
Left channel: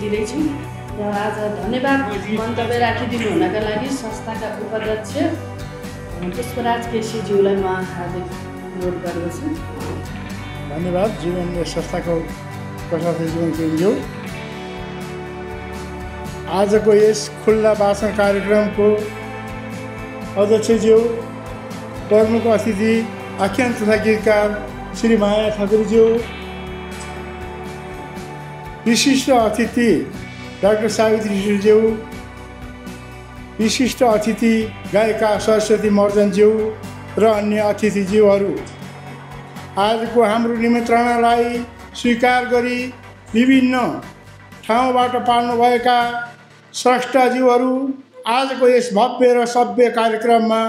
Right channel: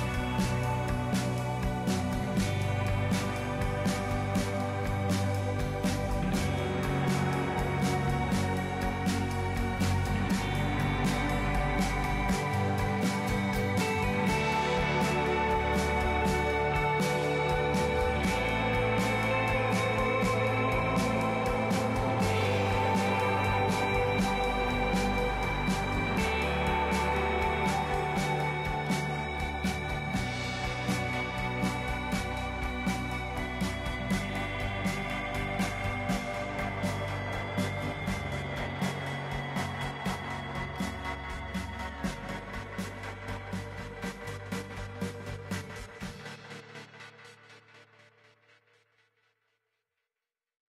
दिँदैछु र आज धन्यवाद मन्तव्य राखिदिनु हुनका लागि संस्थाका उपाध्यक्ष पुष्पराज केसीज्यूलाई म हार्दिक अनुरोध गर्दछु। धन्यवाद। जीवन संस्थाको प्रशासन जीवनज्यू आजको यस खुल्ला भाषण कार्यक्रमको अध्यक्षज्यू प्रमुख अतिथि आख्यान तथा गीतकार श्री माया ठाकुरज्यू विशिष्ट अतिथि डाक्टर सावित्रीज्यू विशिष्ट अतिथि गायिका सरस्वती मर्जनज्यू र अन्य अतिथिज्यूहरू आजको हाम्रो निमन्त्रणालाई स्वीकार गरी विभिन्न ठाउँबाट पाल्नुभएका स्रष्टाज्यूहरू आजको यस भव्य र सभ्य कार्यक्रममा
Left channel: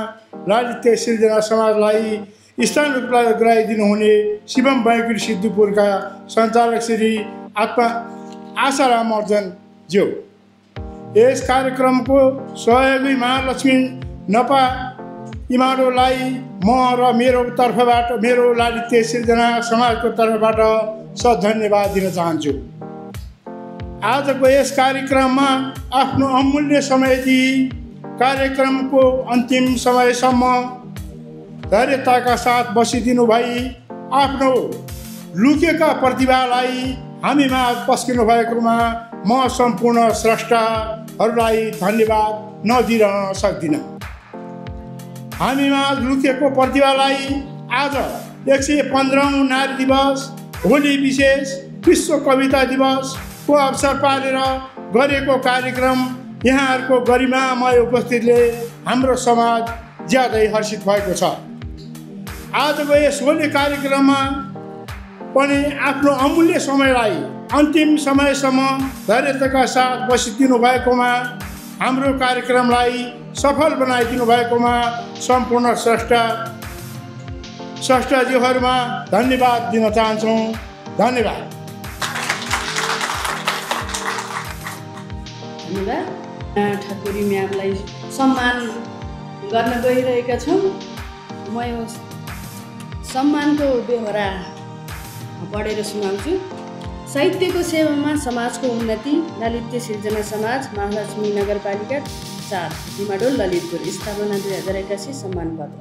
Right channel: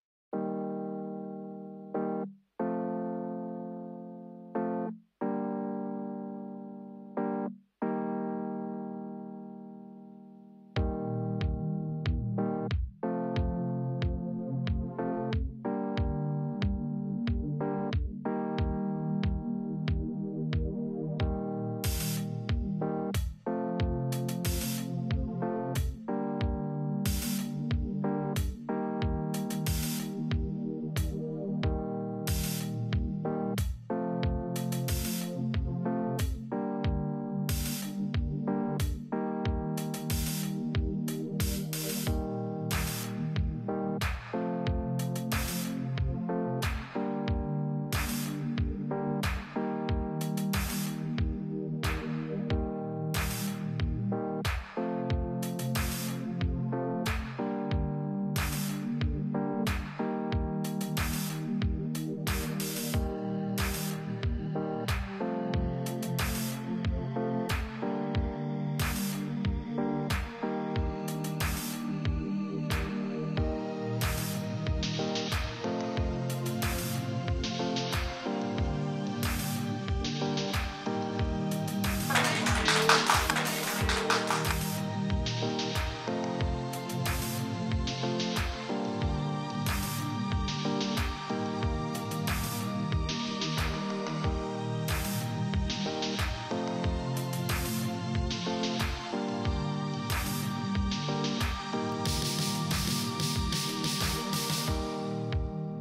लालित्य सिर्जना समाजलाई स्थान उपलब्ध गराइदिनु हुने शिवम बैकुण्ठ सिद्धपुरका सञ्चालक श्री आशाराम अर्जनज्यू यस कार्यक्रमको सहयोगी महालक्ष्मी नपा इमाडोलाई म र मेरो तर्फबाट मेरो लालित्य सिर्जना समाजको तर्फबाट धन्यवाद दिन चाहन्छु। आजको यस कार्यक्रममा आफ्नो अमूल्य समय दिई कार्यक्रमको अन्तिम समयसम्म धैर्यताका साथ बसिदिनु भई आफ्नो लुकेका प्रतिभालाई हामीमा पस्किनु भएकोमा म सम्पूर्ण स्रष्टाहरूलाई धन्यवाद नदिन सक्दिनँ। हामीमा लुकेको प्रतिभालाई आज 115औं नारी दिवस होली विशेष विश्व कविता दिवसको अवसर पारेर गरेको कार्यक्रम यहाँहरूको गरिमामय उपस्थितिले हाम्रो समाज ज्यादै हर्षित भएको छ। आजको यस होली कार्यक्रममा पनि आफ्नो अमूल्य समयलाई अन्तिम समयसम्म धैर्यताका साथ बसिदिनु भएकोमा हाम्रो कार्यक्रमलाई सफल बनाइदिनु भएकोमा सम्पूर्ण स्रष्टाज्यूहरूमा धन्यवाद दिन चाहन्छौँ। धन्यवाद। ठाकुरी म्यामलाई सम्मान गर्न गइरहेका छौँ। म यो सम्मानको दोहोरा पढेर सुनाउँछु। साहित्यको सेवामा समाजको उन्नति ललित्य सिर्जना समाज महालक्ष्मी नगरपालिका 4 डिमाडोल ललितपुर स्थापना 2081 सम्मान पत्र।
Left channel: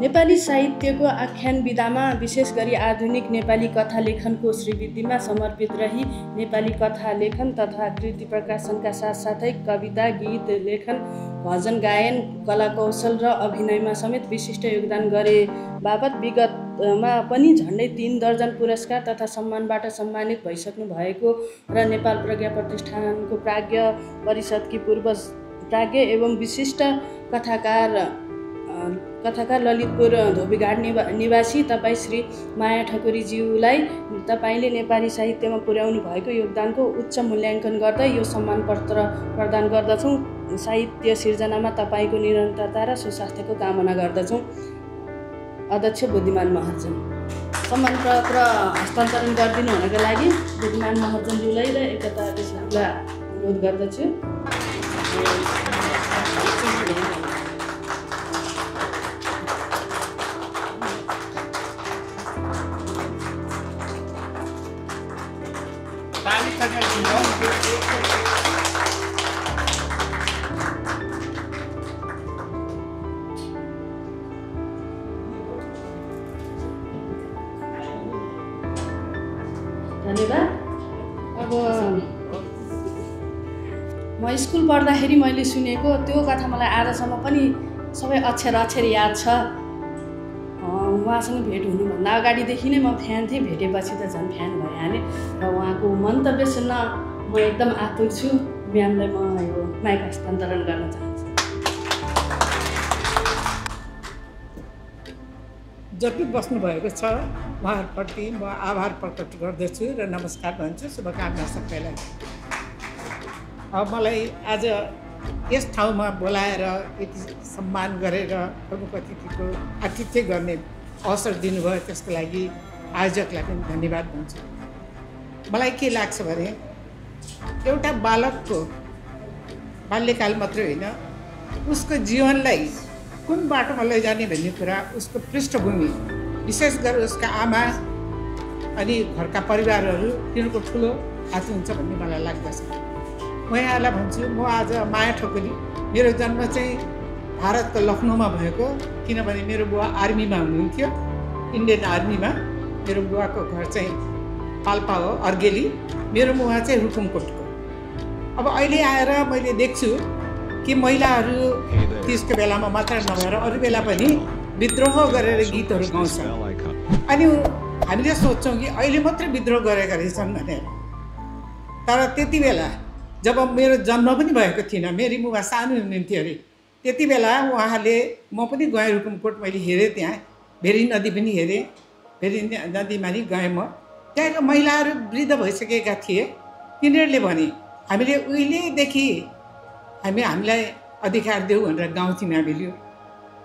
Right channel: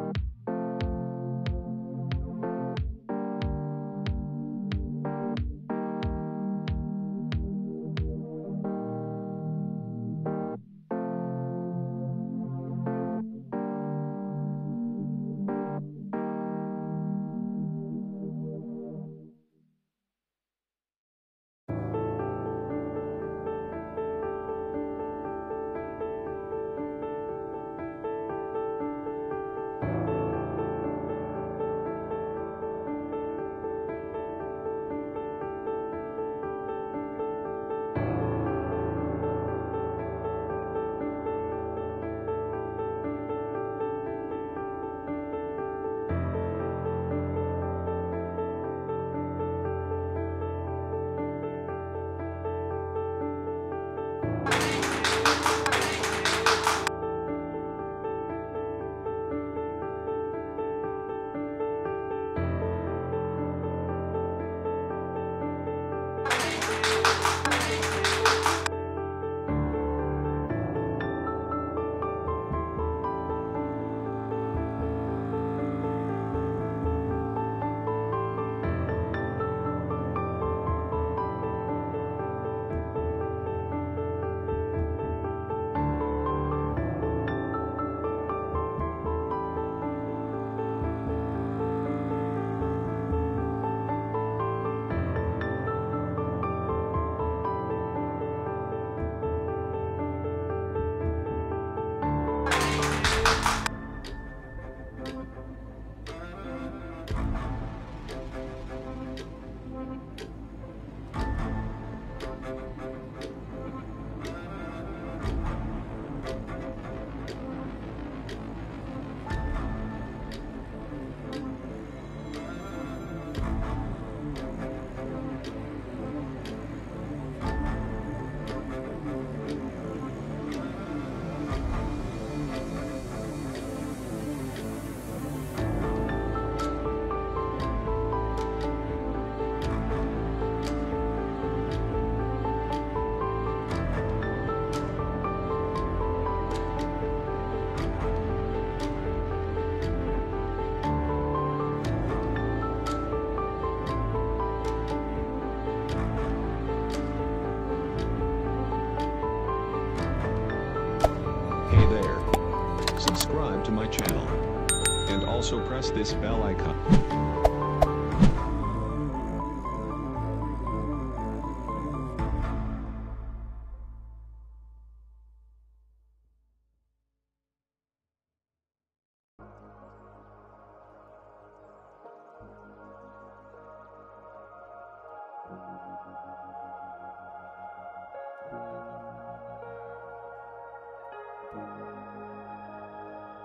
नेपाली साहित्यको आख्यान विधामा विशेष गरी आधुनिक नेपाली कथा लेखनको श्रीवृद्धिमा समर्पित रही नेपाली कथा लेखन तथा कृति प्रकाशनका साथसाथै कविता गीत लेखन भजन गायन कला कौशल र अभिनयमा समेत विशिष्ट योगदान गरे बापत विगत खेलकुदमा पनि झन्डै 3 दर्जन पुरस्कार तथा सम्मानबाट सम्मानित भइसक्नु भएको र नेपाल प्रज्ञा प्रतिष्ठानको प्राज्ञ परिषदकी पूर्व प्राज्ञ एवं विशिष्ट कथाकार ललितपुर धोबीघाट निवासी तपाईँ श्री माया ठकुरीज्यूलाई तपाईँले नेपाली साहित्यमा पुर्याउनु भएको योगदानको उच्च मूल्याङ्कन गर्दै यो सम्मान पत्र प्रदान गर्दछौँ। साहित्य सिर्जनामा तपाईँको निरन्तरता र सुस्वास्थ्यको कामना गर्दछौँ। अध्यक्ष बुद्धिमान महर्जन। सम्मान पत्र हस्तान्तरण गरिदिनु हुनको लागि बुद्धिमान महर्जनज्यूलाई र एकता इस्लामलाई अनुरोध गर्दछु। अब म स्कुल पढ्दाखेरि मैले सुनेको त्यो कथा मलाई आजसम्म पनि सबै अक्षर याद छ। उहाँसँग भेट हुनुभन्दा अगाडिदेखि नै म फ्यान थिएँ, भेटेपछि त झन् फ्यान भइहालेँ र उहाँको मन्तव्य सुन्न म एकदम आतुर छु। म्यामलाई म यो माइक हस्तान्तरण गर्न चाहन्छु। जति बस्नुभएको छ उहाँहरूप्रति म आभार प्रकट गर्दछु र नमस्कार भन्छु। शुभकामना सबैलाई। अब मलाई आज यस ठाउँमा बोलाएर यति सम्मान गरेर प्रमुख अतिथिको आतिथ्य गर्ने अवसर दिनुभयो, त्यसको लागि आयोजकलाई पनि धन्यवाद दिन्छु। मलाई के लाग्छ भने एउटा बालकको बाल्यकाल मात्रै होइन, उसको जीवनलाई कुन बाटोमा लैजाने भन्ने कुरा उसको पृष्ठभूमि, विशेष गरेर उसका आमा अनि घरका परिवारहरू तिनीहरूको ठुलो हात हुन्छ भन्ने मलाई लाग्दछ। म यहाँलाई भन्छु, म आज माया ठकुरी, मेरो जन्म चाहिँ भारतको लखनऊमा भएको, किनभने मेरो बुवा आर्मीमा हुनुहुन्थ्यो, इन्डियन आर्मीमा। मेरो बुवाको घर चाहिँ पाल्पा हो, अर्गेली। मेरो मुवा चाहिँ रुकुमकोटको। अब अहिले आएर मैले देख्छु कि महिलाहरू त्यसको बेलामा मात्र नभएर अरू बेला पनि विद्रोह गरेर गीतहरू गाउँछ। अनि हामीले सोच्छौँ कि अहिले मात्रै विद्रोह गरेका रहेछन् भनेर। तर त्यति बेला जब मेरो जन्म पनि भएको थिएन, मेरी मुवा सानो हुनुहुन्थ्यो अरे, त्यति बेला उहाँले, म पनि गएँ रुकुमकोट, मैले हेरेँ त्यहाँ भेरी नदी पनि हेरेँ, भेरी नदीमा नि गएँ म। त्यहाँको महिलाहरू वृद्ध भइसकेका थिए। तिनीहरूले भने हामीले उहिलेदेखि हामीलाई अधिकार देऊ भनेर गाउँथ्यौँ हामीले।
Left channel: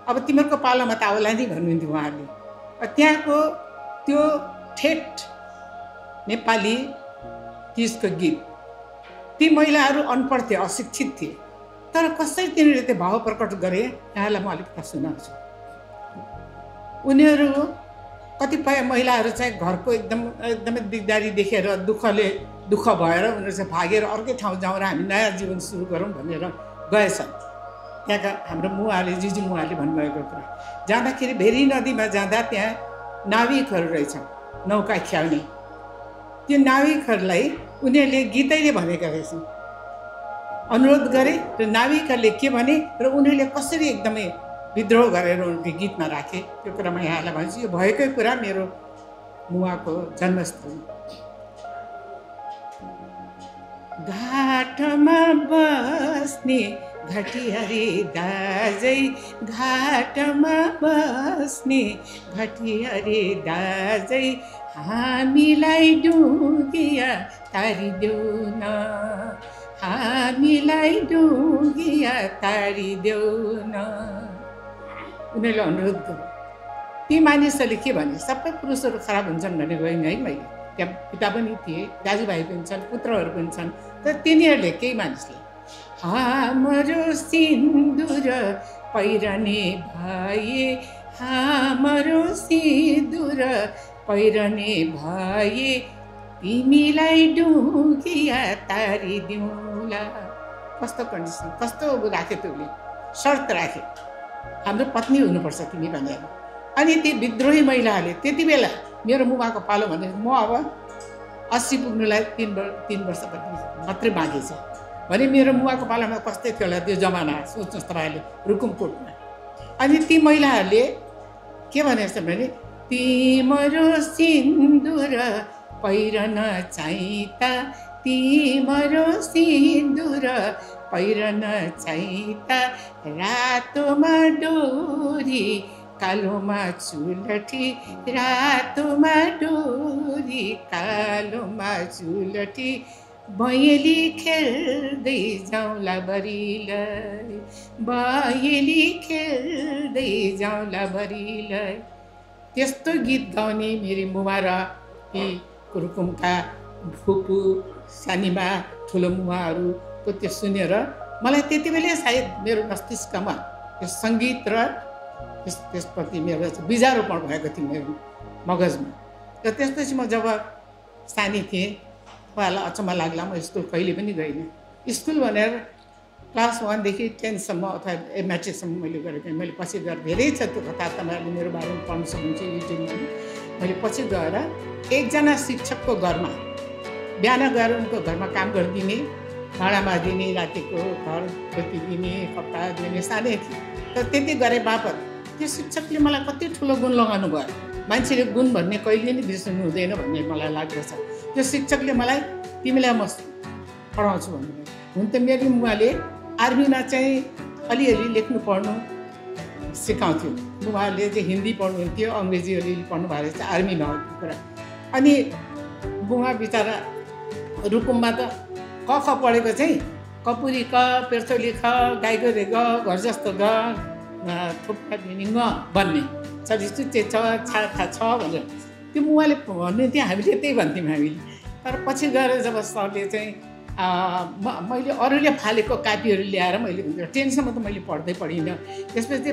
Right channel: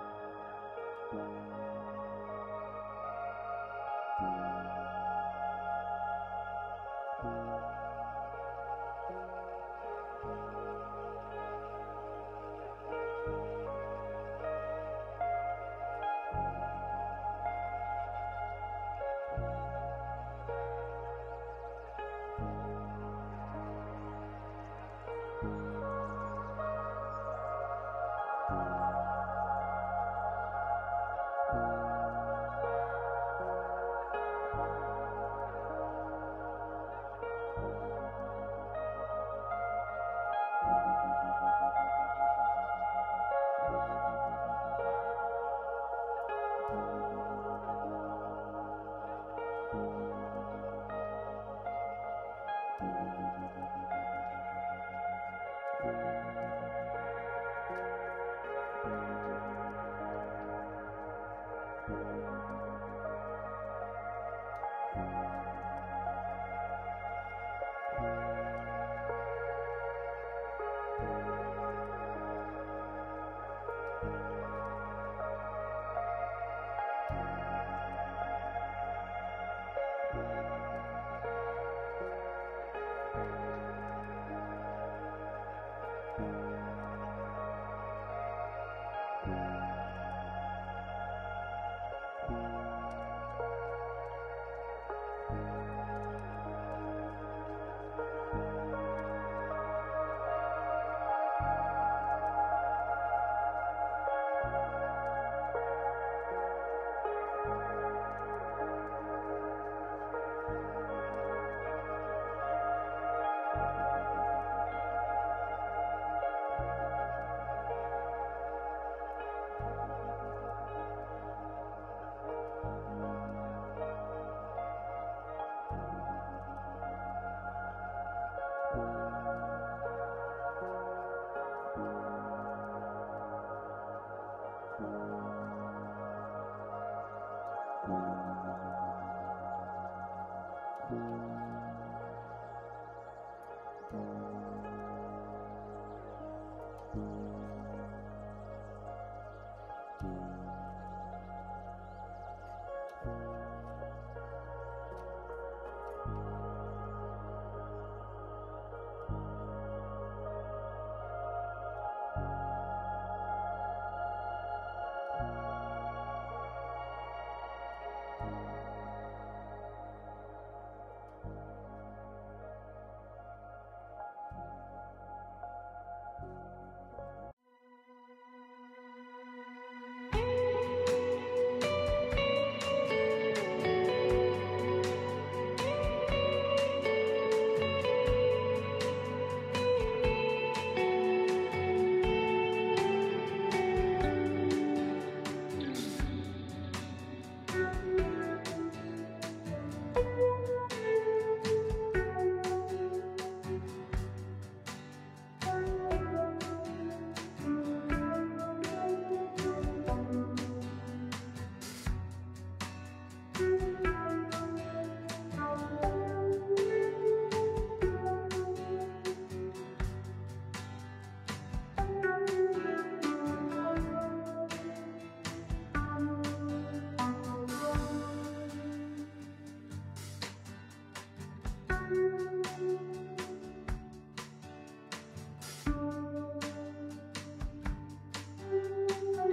अब तिमीहरूको पालोमा त आउला नि भन्नुहुन्थ्यो उहाँहरूले। त्यहाँको त्यो ठेट नेपाली त्यसको गीत, ती महिलाहरू अनपढ थिए, अशिक्षित थिए, तर कसरी तिनीहरूले त्यो भाव प्रकट गरे यहाँलाई म अलिकति सुनाउँछु। उनीहरू कतिपय महिलाहरू चाहिँ घरको एकदमै दिगदारी देखेर दुःख भएर उनीहरू चाहिँ भागेर अर्कै ठाउँ जाउँ र हामी नयाँ जीवन सुरु गरौँ भनेर गएछन्। त्यहाँका हाम्रो मुवाले, जिजु मुवाले भन्नुभएको कुरा, जाँदाखेरि भेरी नदीमा जाँदा त्यहाँ नाविकहरू रहेछन्, नौका ख्याउने। त्यो नाविकहरूलाई उनीहरूले गीतैले भनेका रहेछन्। अनुरोध गरे र नाविकहरूले के भने र उनीहरूले कसरी एकदमै विद्रोह गरेर उनको गीतमा राखे, त्यो कुरा म यहाँलाई भन्छु। यो भएकै कुरा मेरो मुवाको जन्मस्थल। घाटमा बस्ने घटियारी दाजै, घाटमा बस्ने घटियारी दाजै, हामीलाई डुगिया तारिदेऊ न, हामीलाई डुगिया तारिदेऊ न। उनीहरूले अनुरोध गरे। ती मानिसहरूले के भने, सबै पुरुषहरू खराब हुन्छन् भने गइनँ है मैले। त्यहाँ पिता पनि थिए, दाजुभाइ पनि छन्, पुत्रहरू पनि छन्। तर तिनीहरूले, केही मानिसले, हाम्रो सिन्दुर पहिरने भए, हाम्रो सिन्दुर पहिरने भए, तिमीलाई डुगिया तारिदिउँला। कस्तो कन्डिसन, कस्तो राखे त्यसले, शर्त राखे, हाम्रो पत्नी हुनुपर्छ तिमी भनेर। अनि ती विद्रोही महिलाहरूले त्यति बेला मेरो मुवाको पालो भने म अब 80 पुग्नुलाई 3 वर्ष मात्रै बाँकी छ भने मेरो मुवाको पालामा कस्तै थियो होला त्यो जमाना, सोच्नुहोस् तपाईँहरूले रुकुमकोटमा। अनि ती महिलाहरूले के भनेछ भने तिम्रो सिन्दुर पहिरन चाहिँ त तिम्रो सिन्दुर पहिरन चाहिँ त रातोमा डोरी कालोमा चुलठी रातोमा डोरी कालोमा चुलठी बयली खेल्दै जाउँला बरिलै बयली खेल्दै जाउँला बरिलै। त्यस्तो गीत गाउने मेरी मुमा र यी रुकुमका फुपू सानीमा ठुलो मुमाहरूको त्यो सुनेर मलाई त्यति बेला सायद मेरो मस्तिष्कमा त्यो सङ्गीत र त्यसप्रति मेरो बिजारोपण भएको थियो मेरो मगजमा। र त्यसपछि म जब सानी थिएँ उहाँलाई अचम्म लाग्ला म स्कुल कहिले पनि गइनँ। स्कुल भनेर क्लास 1 देखि 10 सम्म अथवा म्याट्रिकसम्म मैले गरेको मैले पछि गएर धेरै छ त्यो कथा तपाईँहरूले मेरो बारेमा पढ्न सक्नुहुन्छ युट्युबमा। मैले पछि गएर एकजना शिक्षकको घरमा बिहान गएर उनको घरमा काम गरिदिने भाँडा माजिदिने रातिको घर खोलिदिने कपडा दिने सानै थिएँ। तर त्यति गरे बापत त्यो शिक्षकले मलाई कति ठुलो गुण लगाउनु भयो। मान्छेले गुण भन्ने कहिले नै बिर्सनु हुँदैन भन्ने मलाई लाग्दछ। त्यो शिक्षकले मलाई तिमीलाई म पढाउँछु भन्नुभयो। हुन त मेरो मुवाले आर्मीमा चाहिँ अलिअलि लेख्नु पढ्नु सिकाउँथ्यो। उहाँले चाहिँ हिन्दी पढ्नुहुन्थ्यो अङ्ग्रेजी अलिअलि पढ्नु भएको रहेछ आर्मीमा कुरा। अनि बुवा बिचरा रुकुममा त क ख पढेको चाहिँ कपुरी क पेर्चोली ख गाईको रे ग घर जस्तो ग थुप्पा दिने ङ भन्ने चलिचुच्चे छ छाखा छ भनेर त्यो मुवाले भन्नुहुन्थ्यो। हामीले त्यही भन्थ्यौँ हामीले। तर पछि गएर जब सरले चाहिँ मैले अरूले फालेको कापीहरू ल्याएर मैले 10सम्म त मैले पढिनँ। त्यसपछि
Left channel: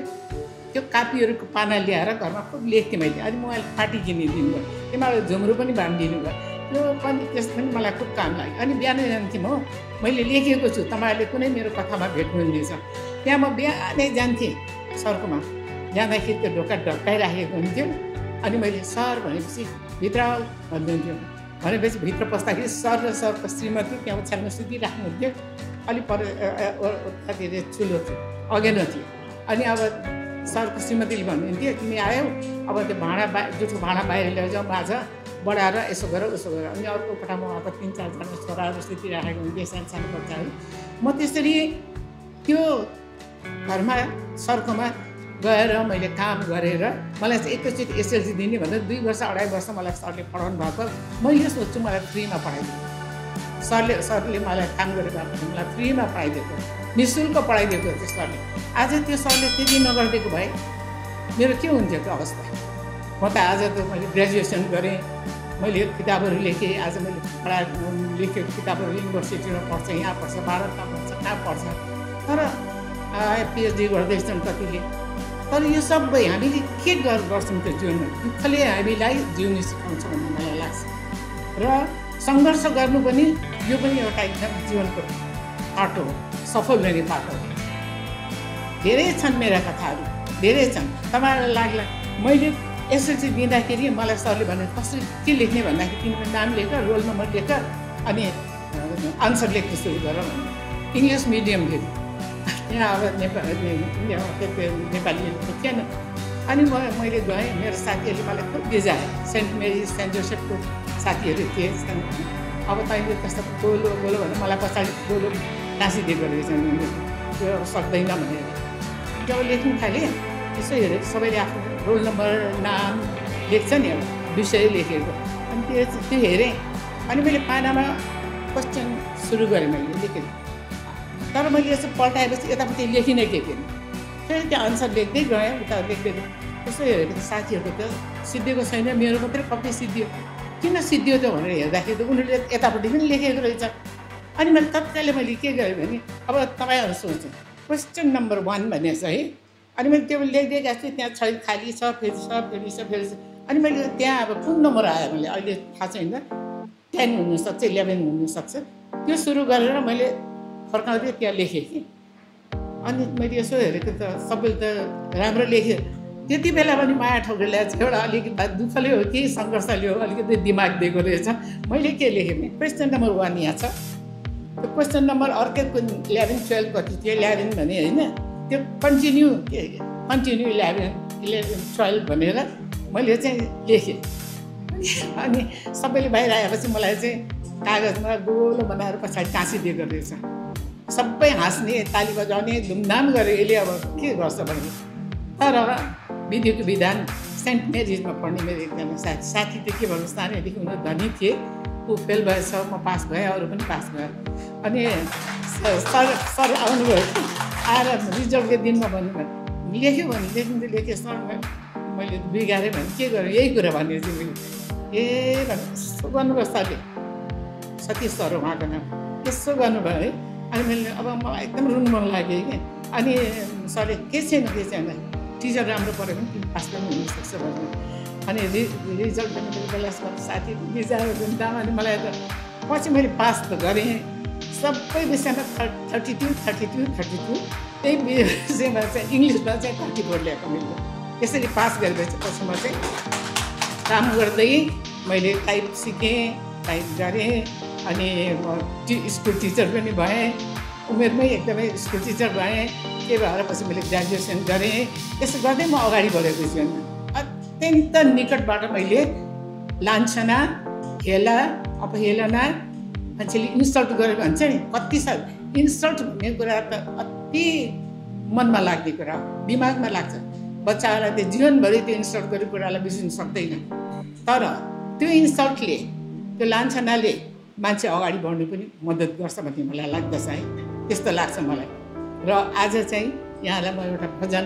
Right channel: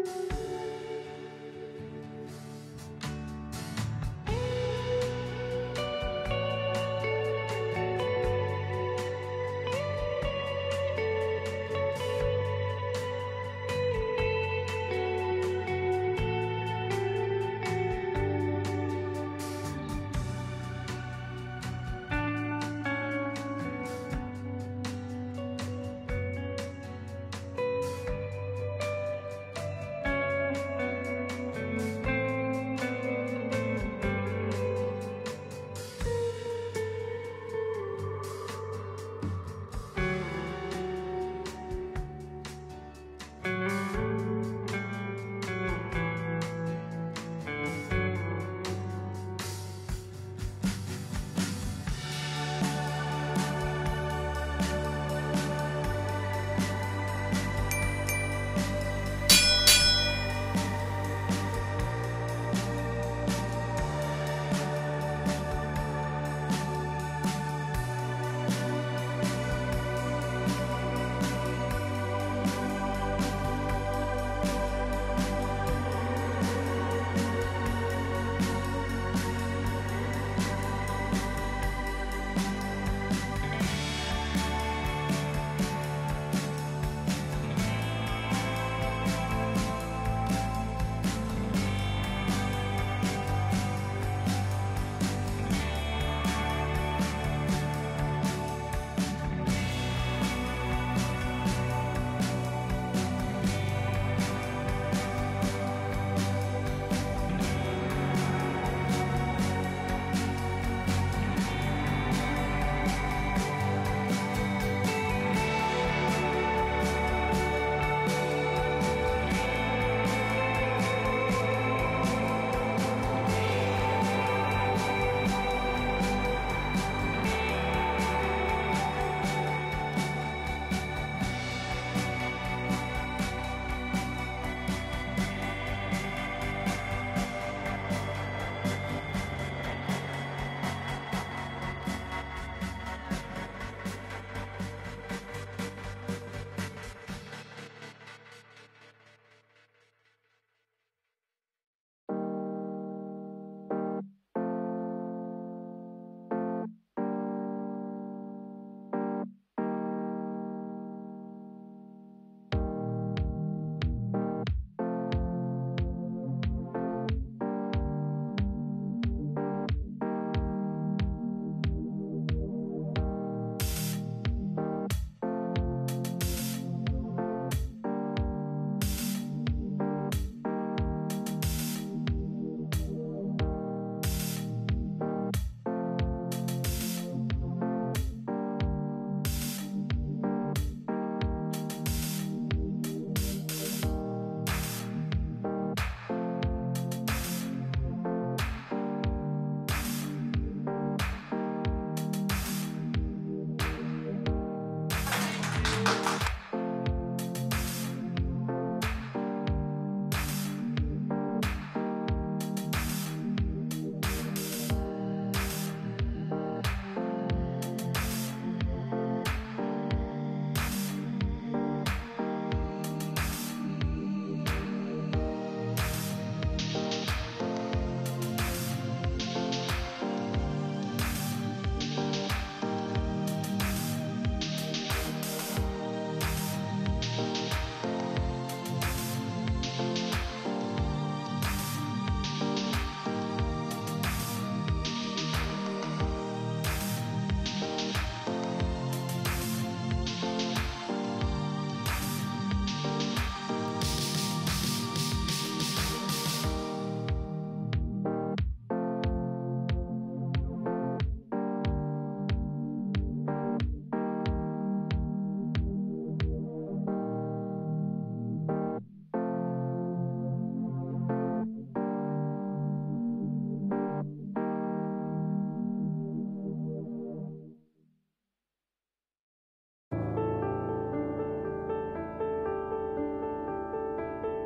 त्यो कापीहरूको पाना ल्याएर घरमा खुब लेख्थेँ मैले। अनि उहाँले फाटी किनिदिनु भयो। तिमीलाई झुम्रो पनि बाँधिदिनु भयो। त्यो पनि त्यस पनि मलाई खुब काम लाग्यो। अनि बिहान जान्थेँ म मैले लेखेको छु तपाईँहरूले कुनै मेरो कथामा भेट्नुहुनेछ। त्यहाँ म बिहानै जान्थेँ सरकोमा। जाँदाखेरि त्यो ढोका ढकाइराखेको हुन्थ्यो। अनि मैले सर भनेपछि भित्र भन्नुहुन्थ्यो। भनेपछि भित्र पस्दाखेरि सर र सरको श्रीमती त्यहाँ ओछ्यानमा सुतिराख्नुहुन्थ्यो। अलिक पर कति ठुलो थियो अगेनो थियो। अनि अब सरको श्रीमतीले भन्नुहुन्थ्यो तिमी आयौ अब त्यो जुठो भाँडा बाहिर ल्याउँछौ माझ बढाएर यसो गर उसो गर। अनि अर्को कोठामा अब 3-4 जना छोराहरू सुतिराखेको हुन्थ्यो सानो सानो बच्चाहरू। म त्यसरी त्यो घरमा सरकोमा गएर मैले काम गरेर मलाई चाहिँ एकैचोटि एसएलसी दिने भनेर 2 वर्ष 2.5 वर्ष मलाई सरले पढाउनु भएको। मैले सोध्छु मलाई फ्रीमा पढाइदिनु। सरले मलाई काम गरेर मलाई फ्रीमा पढाइदिएको निःशुल्क पढाइदिएको थियो सरले। आज त्यो सरले त्यति नगरिदिएको भए मेरो के हुन्थ्यो त्यो अवस्था। म त आज त मैले ग्रेजुएसन गरेँ मैले किताबहरू लेखेँ। आज मैले लेखेको किताबहरू युनिभर्सिटीमा पढ्छ यहाँ पढ्छ भारतमा पढ्छ यहाँ पढ्छ। तर पिएचडी गर्दैछन् कतिले। तर यो सबै हामीले के गर्छौँ त्यो जीवनमा दुःखले हामीलाई जिउनु सिकाउँछ भन्ने मलाई लाग्छ। र सङ्घर्ष गर्नु पनि यो पनि एउटा एकदम जीवनको बाटो सफल हुने बाटो। धेरै छन् मेरा कथाहरू धेरै छन्। तपाईँहरूलाई लाग्ला मैले एसएलसी दिँदाखेरि मलाई सरले भने कसरी के लेख्ने भन्दाखेरि तिम्रो नाम लेख रोल नम्बर लेख अनि आन्सर लेख्न सुरु गर भन्ने। इङ्ग्लिस मिडियम थियो यहाँ अब नेपाली थिएन। अनि मैले गएँ मेरो साथीहरूले मलाई खुब भिजाए। सेन्ट मेरी सेन्ट जोसेफको साथीहरू थिए। अब तैँले त्यस्तो बोलो बोलो भने मलाई पछाडि बोलो नासिदिएको रहेछ त्यो सक्दैन भनेर जब लेख्नु थालेँ त्यसो हेरेँ सबैले आफ्नो रोल नम्बर नाम लेख्छ नि विषय लेखेको। अनि त्यो हेरेँ अनि मैले पानामा क्वेसन सुरु गरेँ मैले लेखेँ। तर मैले यसो पल्टाएपछि यतापट्टि लेखिनै लेखेँ। फेरि त्यो आन्सर लेख्दै गएँ उता लेख्दै त्यसो हेरेको साथीहरूको त्यो सिद्धिएको छैन मेरो मात्रै कति सिद्धियो किन सिद्धियो त भनेर हेर्दाखेरि उनीहरूले यतापट्टि पनि लेखेको रहेछ। अनि मैले तत्कालै मैले के गरेँ भने अब तपाईँहरू सोच्छु क्वेसन नम्बर 1 भन्ने छ है। अनि मैले त्यो लेख्दै गएको छु त्यहाँ छैन खाली छ फेरि छ। अनि मैले त्यहाँ अब कुन नम्बर आयो मैले अहिले थाहा छैन 10 हुनसक्छ 11 हुनसक्छ। त्यो सुरु गरेर मैले फर्काउँदै त्यहाँ लेखेँ कि। अनि मैले यसो हेरेको त सबैले त राम्रो लेखेँ। त्यति बेला पनि माया ठोकेर एउटा अलिकति दुःखले हो कि सङ्घर्षले हो अलिकति दिमाग दिएको रहेछ। मैले के लेखेँ भने क्वेसन नम्बर 1 यहाँ छ। त्यो क्वेसन नम्बर अर्कै 11-12 कति थियो 11 भने होइन त्यो कन्टिन्यू 11-12 भनेर मैले चाहिँ लेखेँ। अनि सबैले बाहिर आएपछि मलाई चाहिँ कागजमा गोलो बनाएर पछाडि टाँसिदिएको रहेछ। सबै हाँस्ने, ताली बजाउने, धुमधाम गरे। यसले अब के गर्छ भने, तर विधिको विधान सेन्ट मेरिजमा पढ्ने मेरो एकजना साथी थियो। के भन्नु, सानैदेखि उनीहरू धनी थिए। ऊ फेल भएछ, म पास भएँ, अरू पनि पास भयो। अनि सर आउनुभयो, आएर रिजल्टको दिनमा भन्नुभयो, लेख्यो भने लेखेँ सर मैले बिगारेँ भने के गरेँ, यही कुरा भने चाहिँ ए यसो गर्नुभयो सरले, सतीश सर उहाँको नाम। यसो गर्नुभयो है। अनि मैले अब मलाई एकदम रुनु मन लाग्यो कि। अनि सरले के छैन टिचर राम्रो पढ्यो भने पास पनि हुनसक्छ भन्यो। अनि रिजल्ट बेला साथी बिजाएर घुम्दा। अनि मलाई त पछि मैले पास त गरेँ सबै विषयमा 32 त्यही विषयमा चाहिँ इङ्ग्लिसमा चाहिँ 34 ल्याएको मैले। त्यसरी पास गरेपछि पछि म चाहिँ काम गर्दै मैले टाइप सिकेँ, टाइप गरेँ। अनि स्कुल टिचर पनि भएँ, उमेरमै एकदमै स्कुल टिचर भएँ। के भएर पछि मैले ग्रेजुएसन गरेँ। त्यसो गर्दै म अगाडि बढेको जीवनमा अत्यन्त निकटबाट मैले लान्छना, हेला, अपहेलना, मान्छेले इन्सल्ट गरेर भन्छ नि, कति साल इन्सल्ट भन्ने कुरा त अति मनमा लाग्ने कुरा हो, दिमागमा लाग्छ। बच्चाहरूलाई त्यो जीवनभरि त्यो इन्सल्ट गरेको कुरालाई बिर्सिनु सक्दैन। तर त्यो इन्सल्टले, त्यो लान्छनाले मान्छे अगाडि बढ्नु पनि मद्दत गर्छ भन्ने मलाई लाग्दछ है। त्यस्तो लाग्छ मलाई। र आज चाहिँ यहाँलाई म एउटा भजन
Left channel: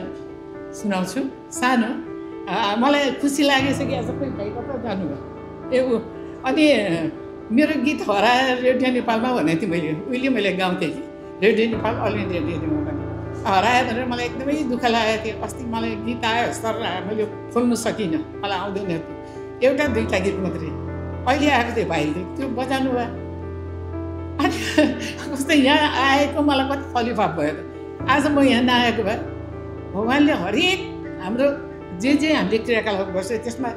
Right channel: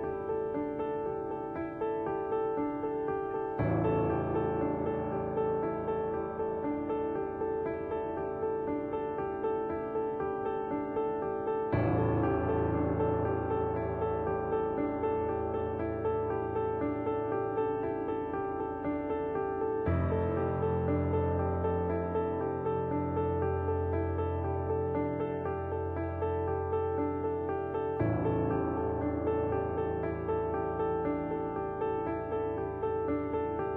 सुनाउँछु सानो। मलाई खुसी लागेछ कि सबै भाइ कता जानुभयो। अनि मेरो गीत हराएर रेडियो नेपालमा भनेको थिएँ मैले, उहिले मैले गाउँथेँ कि radio Nepal, all India radio Nepal हरायो भनेर मलाई एकदमै दुःख लागेको थियो। अस्ति मलाई गीत आयो, सर मैले खोल्नु सकिनँ, मलाई आउँदैन थियो। एउटा दुईवटा गीत मात्रै अहिले आएको थियो भाइले, त्यो बजाउनु भयो। अनि कस्तो यहाँ आएको मलाई कति फलिफाप भयो। आज म यहाँ नआएको भए भगवान्ले हरेक हाम्रो जे हामीले क्रियाकलाप गर्छ त्यसमा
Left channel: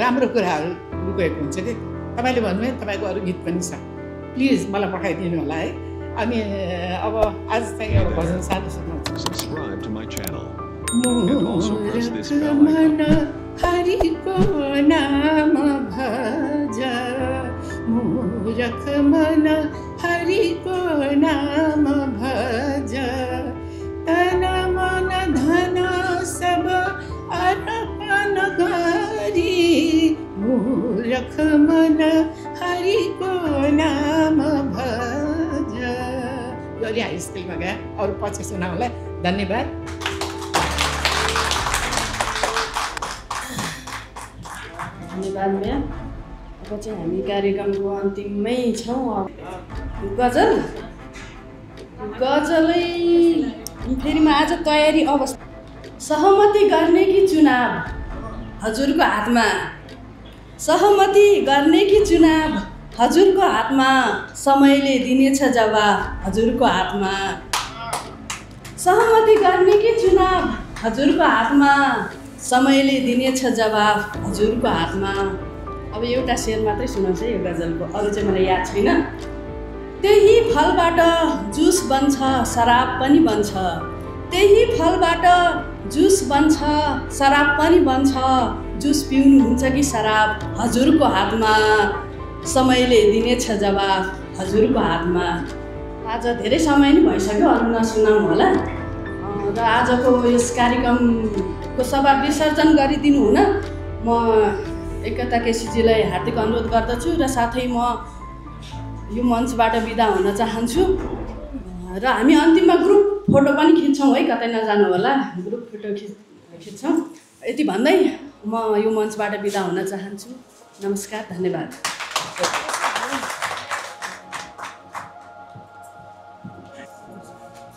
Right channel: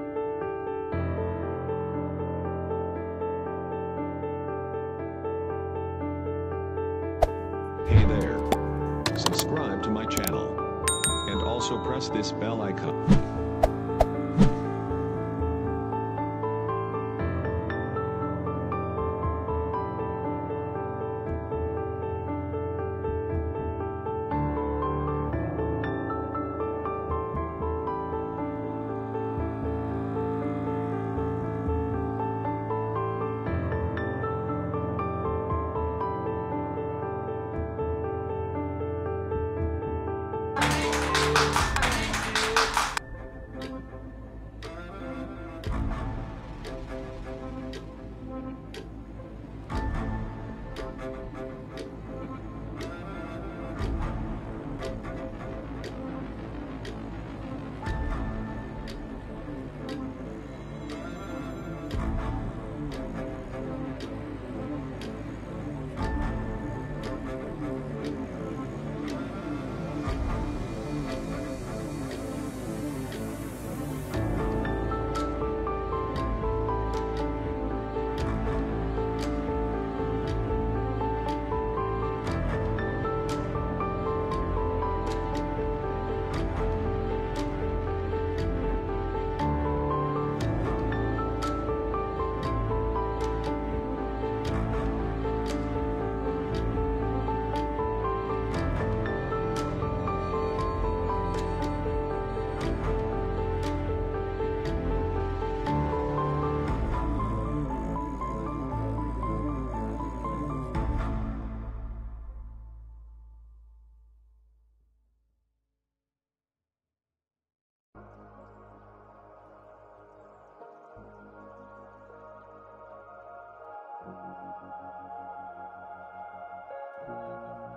राम्रो कुराहरू लुकेको हुन्छ कि। तपाईँले भन्नुभयो तपाईँको अरू गीत पनि छ, प्लिज मलाई पठाइदिनु होला है। अनि अब आज चाहिँ भजन सानो सुनाउँछु। Subscribe to my channel and also press this bell icon. Haricot नाम भज, मूरख मन हरिको नाम भज, तन मन धन सब अर्पण गरी, मूरख मन हरिको नाम भज। गरी हाई स्कुलमा गए, अरू पछि सुनाउला। धन्यवाद। धन्यवाद म्याम। अब चाहिँ हामी कार्यक्रमको अन्तिममै छौँ। गजलै फेरि म आज तयारी अवस्था। सहमति गर्ने कि चुनाव हजुरको हातमा, सहमति गर्ने कि चुनाव हजुरको हातमा, समयले दिनेछ जवाब हजुरको हातमा। सहमति गर्ने कि चुनाव हजुरको हातमा, समयले दिनेछ जवाब हजुरको हातमा। अब एउटा शेर मात्रै सुनाउँछु यो गजलको, अरू चाहिँ मलाई याद छैन। त्यही फलबाट जुस बन्छ शराब पनि बन्छ, त्यही फलबाट जुस बन्छ शराब पनि बन्छ, जुस पिउनुहुन्छ कि शराब हजुरको हातमा, समयले दिनेछ जवाब हजुरको हातमा। आज धेरै समय नै भइसक्यो, अरू नसुनाउँ होला। र आजको यस कार्यक्रमको सभा विसर्जन गरिदिनु हुन म एकता केसीजीलाई हार्दिक अनुरोध गर्दछु। र साथै म यो मञ्चबाट बिदा हुन चाहन्छु। र हामी अन्तिममा ग्रुप फोटो पनि खिच्छौँ है, कतै नजानु होला, ग्रुप फोटो खिच्छौँ। यति भन्दै म यो मञ्चबाट बिदा हुन चाहन्छु। नमस्कार, धन्यवाद।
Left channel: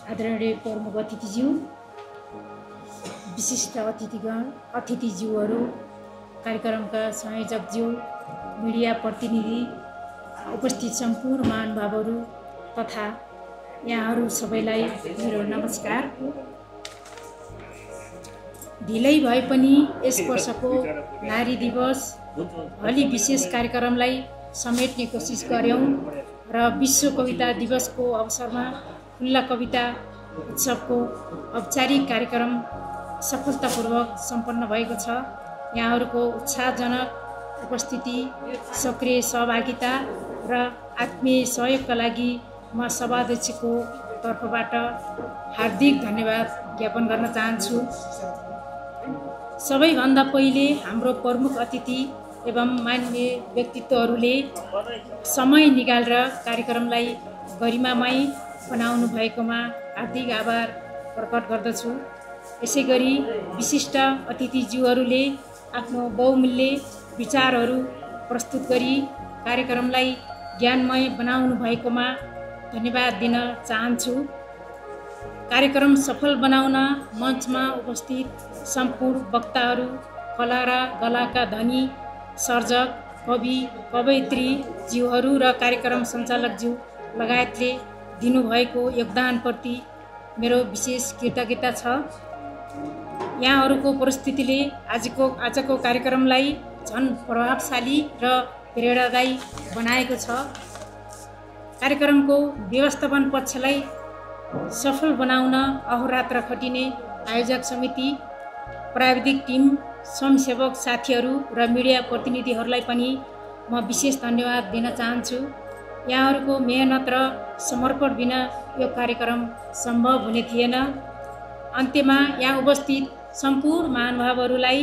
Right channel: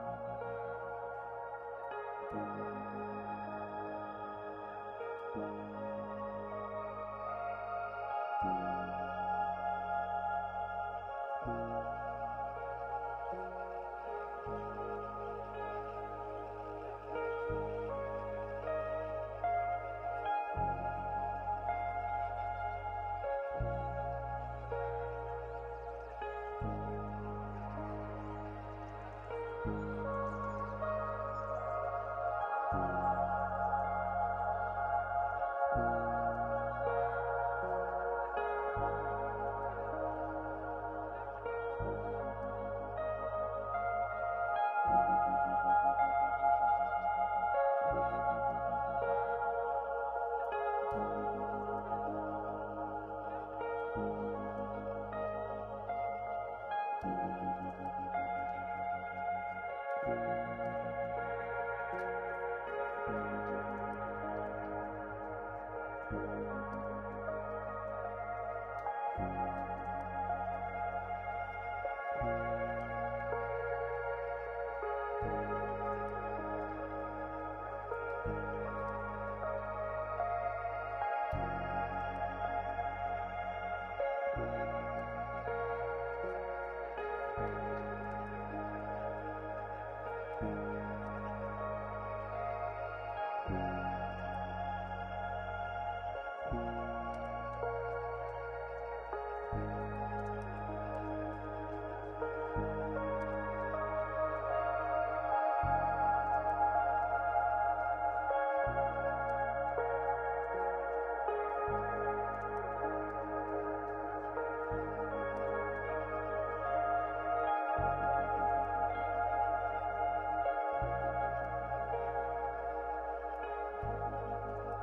आदरणीय प्रमुख अतिथिज्यू, विशिष्ट अतिथिगण, अतिथिज्यूहरू, कार्यक्रमका संयोजकज्यू, मिडिया प्रतिनिधि, उपस्थित सम्पूर्ण महानुभावहरू तथा यहाँहरू सबैलाई मेरो नमस्कार। ढिलै भए पनि यस वर्षको नारी दिवस अलि विशेष कार्यक्रमलाई समेट्ने कोसिस गऱ्यौँ र विश्व कविता दिवसको अवसरमा खुल्ला कविता उत्सवको औपचारिक कार्यक्रम सफलतापूर्वक सम्पन्न भएको छ। यहाँहरूको उत्साहजनक उपस्थिति, सक्रिय सहभागिता र आत्मीय सहयोगका लागि म सभाध्यक्षको तर्फबाट हार्दिक धन्यवाद ज्ञापन गर्न चाहन्छु। सबैभन्दा पहिले हाम्रो प्रमुख अतिथि एवं मान्य व्यक्तित्वहरूले समय निकालेर कार्यक्रमलाई गरिमामय बनाउनु भएकोमा हार्दिक आभार प्रकट गर्दछु। यसै गरी विशिष्ट अतिथिज्यूहरूले आफ्नो बहुमूल्य विचारहरू प्रस्तुत गरी कार्यक्रमलाई ज्ञानमय बनाउनु भएकोमा धन्यवाद दिन चाहन्छु। कार्यक्रम सफल बनाउन मञ्चमा उपस्थित सम्पूर्ण वक्ताहरू, कला र कलाका धनी सर्जक, कवि, कवयित्री ज्यूहरू र कार्यक्रम सञ्चालकज्यू लगायतले दिनुभएको योगदानप्रति मेरो विशेष कृतज्ञता छ। यहाँहरूको उपस्थितिले आजको कार्यक्रमलाई झन् प्रभावशाली र प्रेरणादायी बनाएको छ। कार्यक्रमको व्यवस्थापन पक्षलाई सफल बनाउन अहोरात्र खटिने आयोजक समिति, प्राविधिक टिम, स्वयंसेवक साथीहरू र मिडिया प्रतिनिधिहरूलाई पनि म विशेष धन्यवाद दिन चाहन्छु। यहाँहरूको मेहनत र समर्पण बिना यो कार्यक्रम सम्भव हुने थिएन। अन्त्यमा यहाँ उपस्थित सम्पूर्ण महानुभावहरूलाई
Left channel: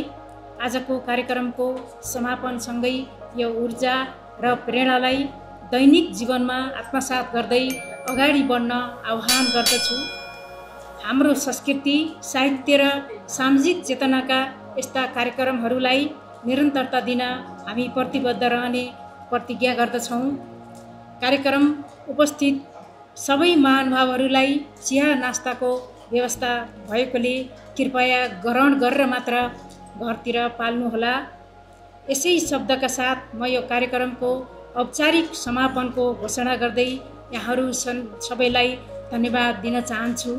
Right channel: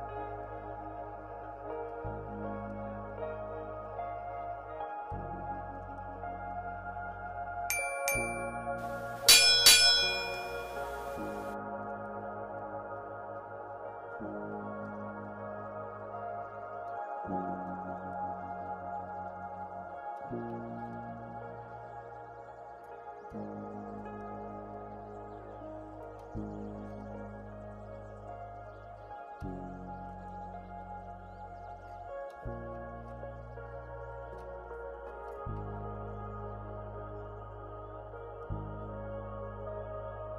आजको कार्यक्रमको समापनसँगै यो ऊर्जा र प्रेरणालाई दैनिक जीवनमा आत्मसात गर्दै अगाडि बढ्न आह्वान गर्दछु। हाम्रो संस्कृति, साहित्य र सामाजिक चेतनाका यस्ता कार्यक्रमहरूलाई निरन्तरता दिन हामी प्रतिबद्ध रहने प्रतिज्ञा गर्दछौँ। कार्यक्रम उपस्थित सबै महानुभावहरूलाई चिया नास्ताको व्यवस्था भएकोले कृपया ग्रहण गरेर मात्र घरतिर पाल्नुहोला। यसै शब्दका साथ म यो कार्यक्रमको औपचारिक समापनको घोषणा गर्दै यहाँहरू सबैलाई धन्यवाद दिन चाहन्छु।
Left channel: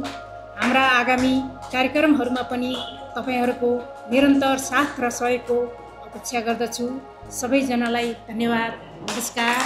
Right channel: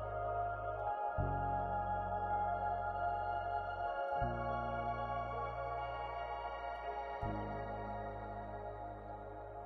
हाम्रा आगामी कार्यक्रमहरूमा पनि तपाईँहरूको निरन्तर साथ र सहयोगको अपेक्षा गर्दछु। सबैजनालाई धन्यवाद। नमस्कार।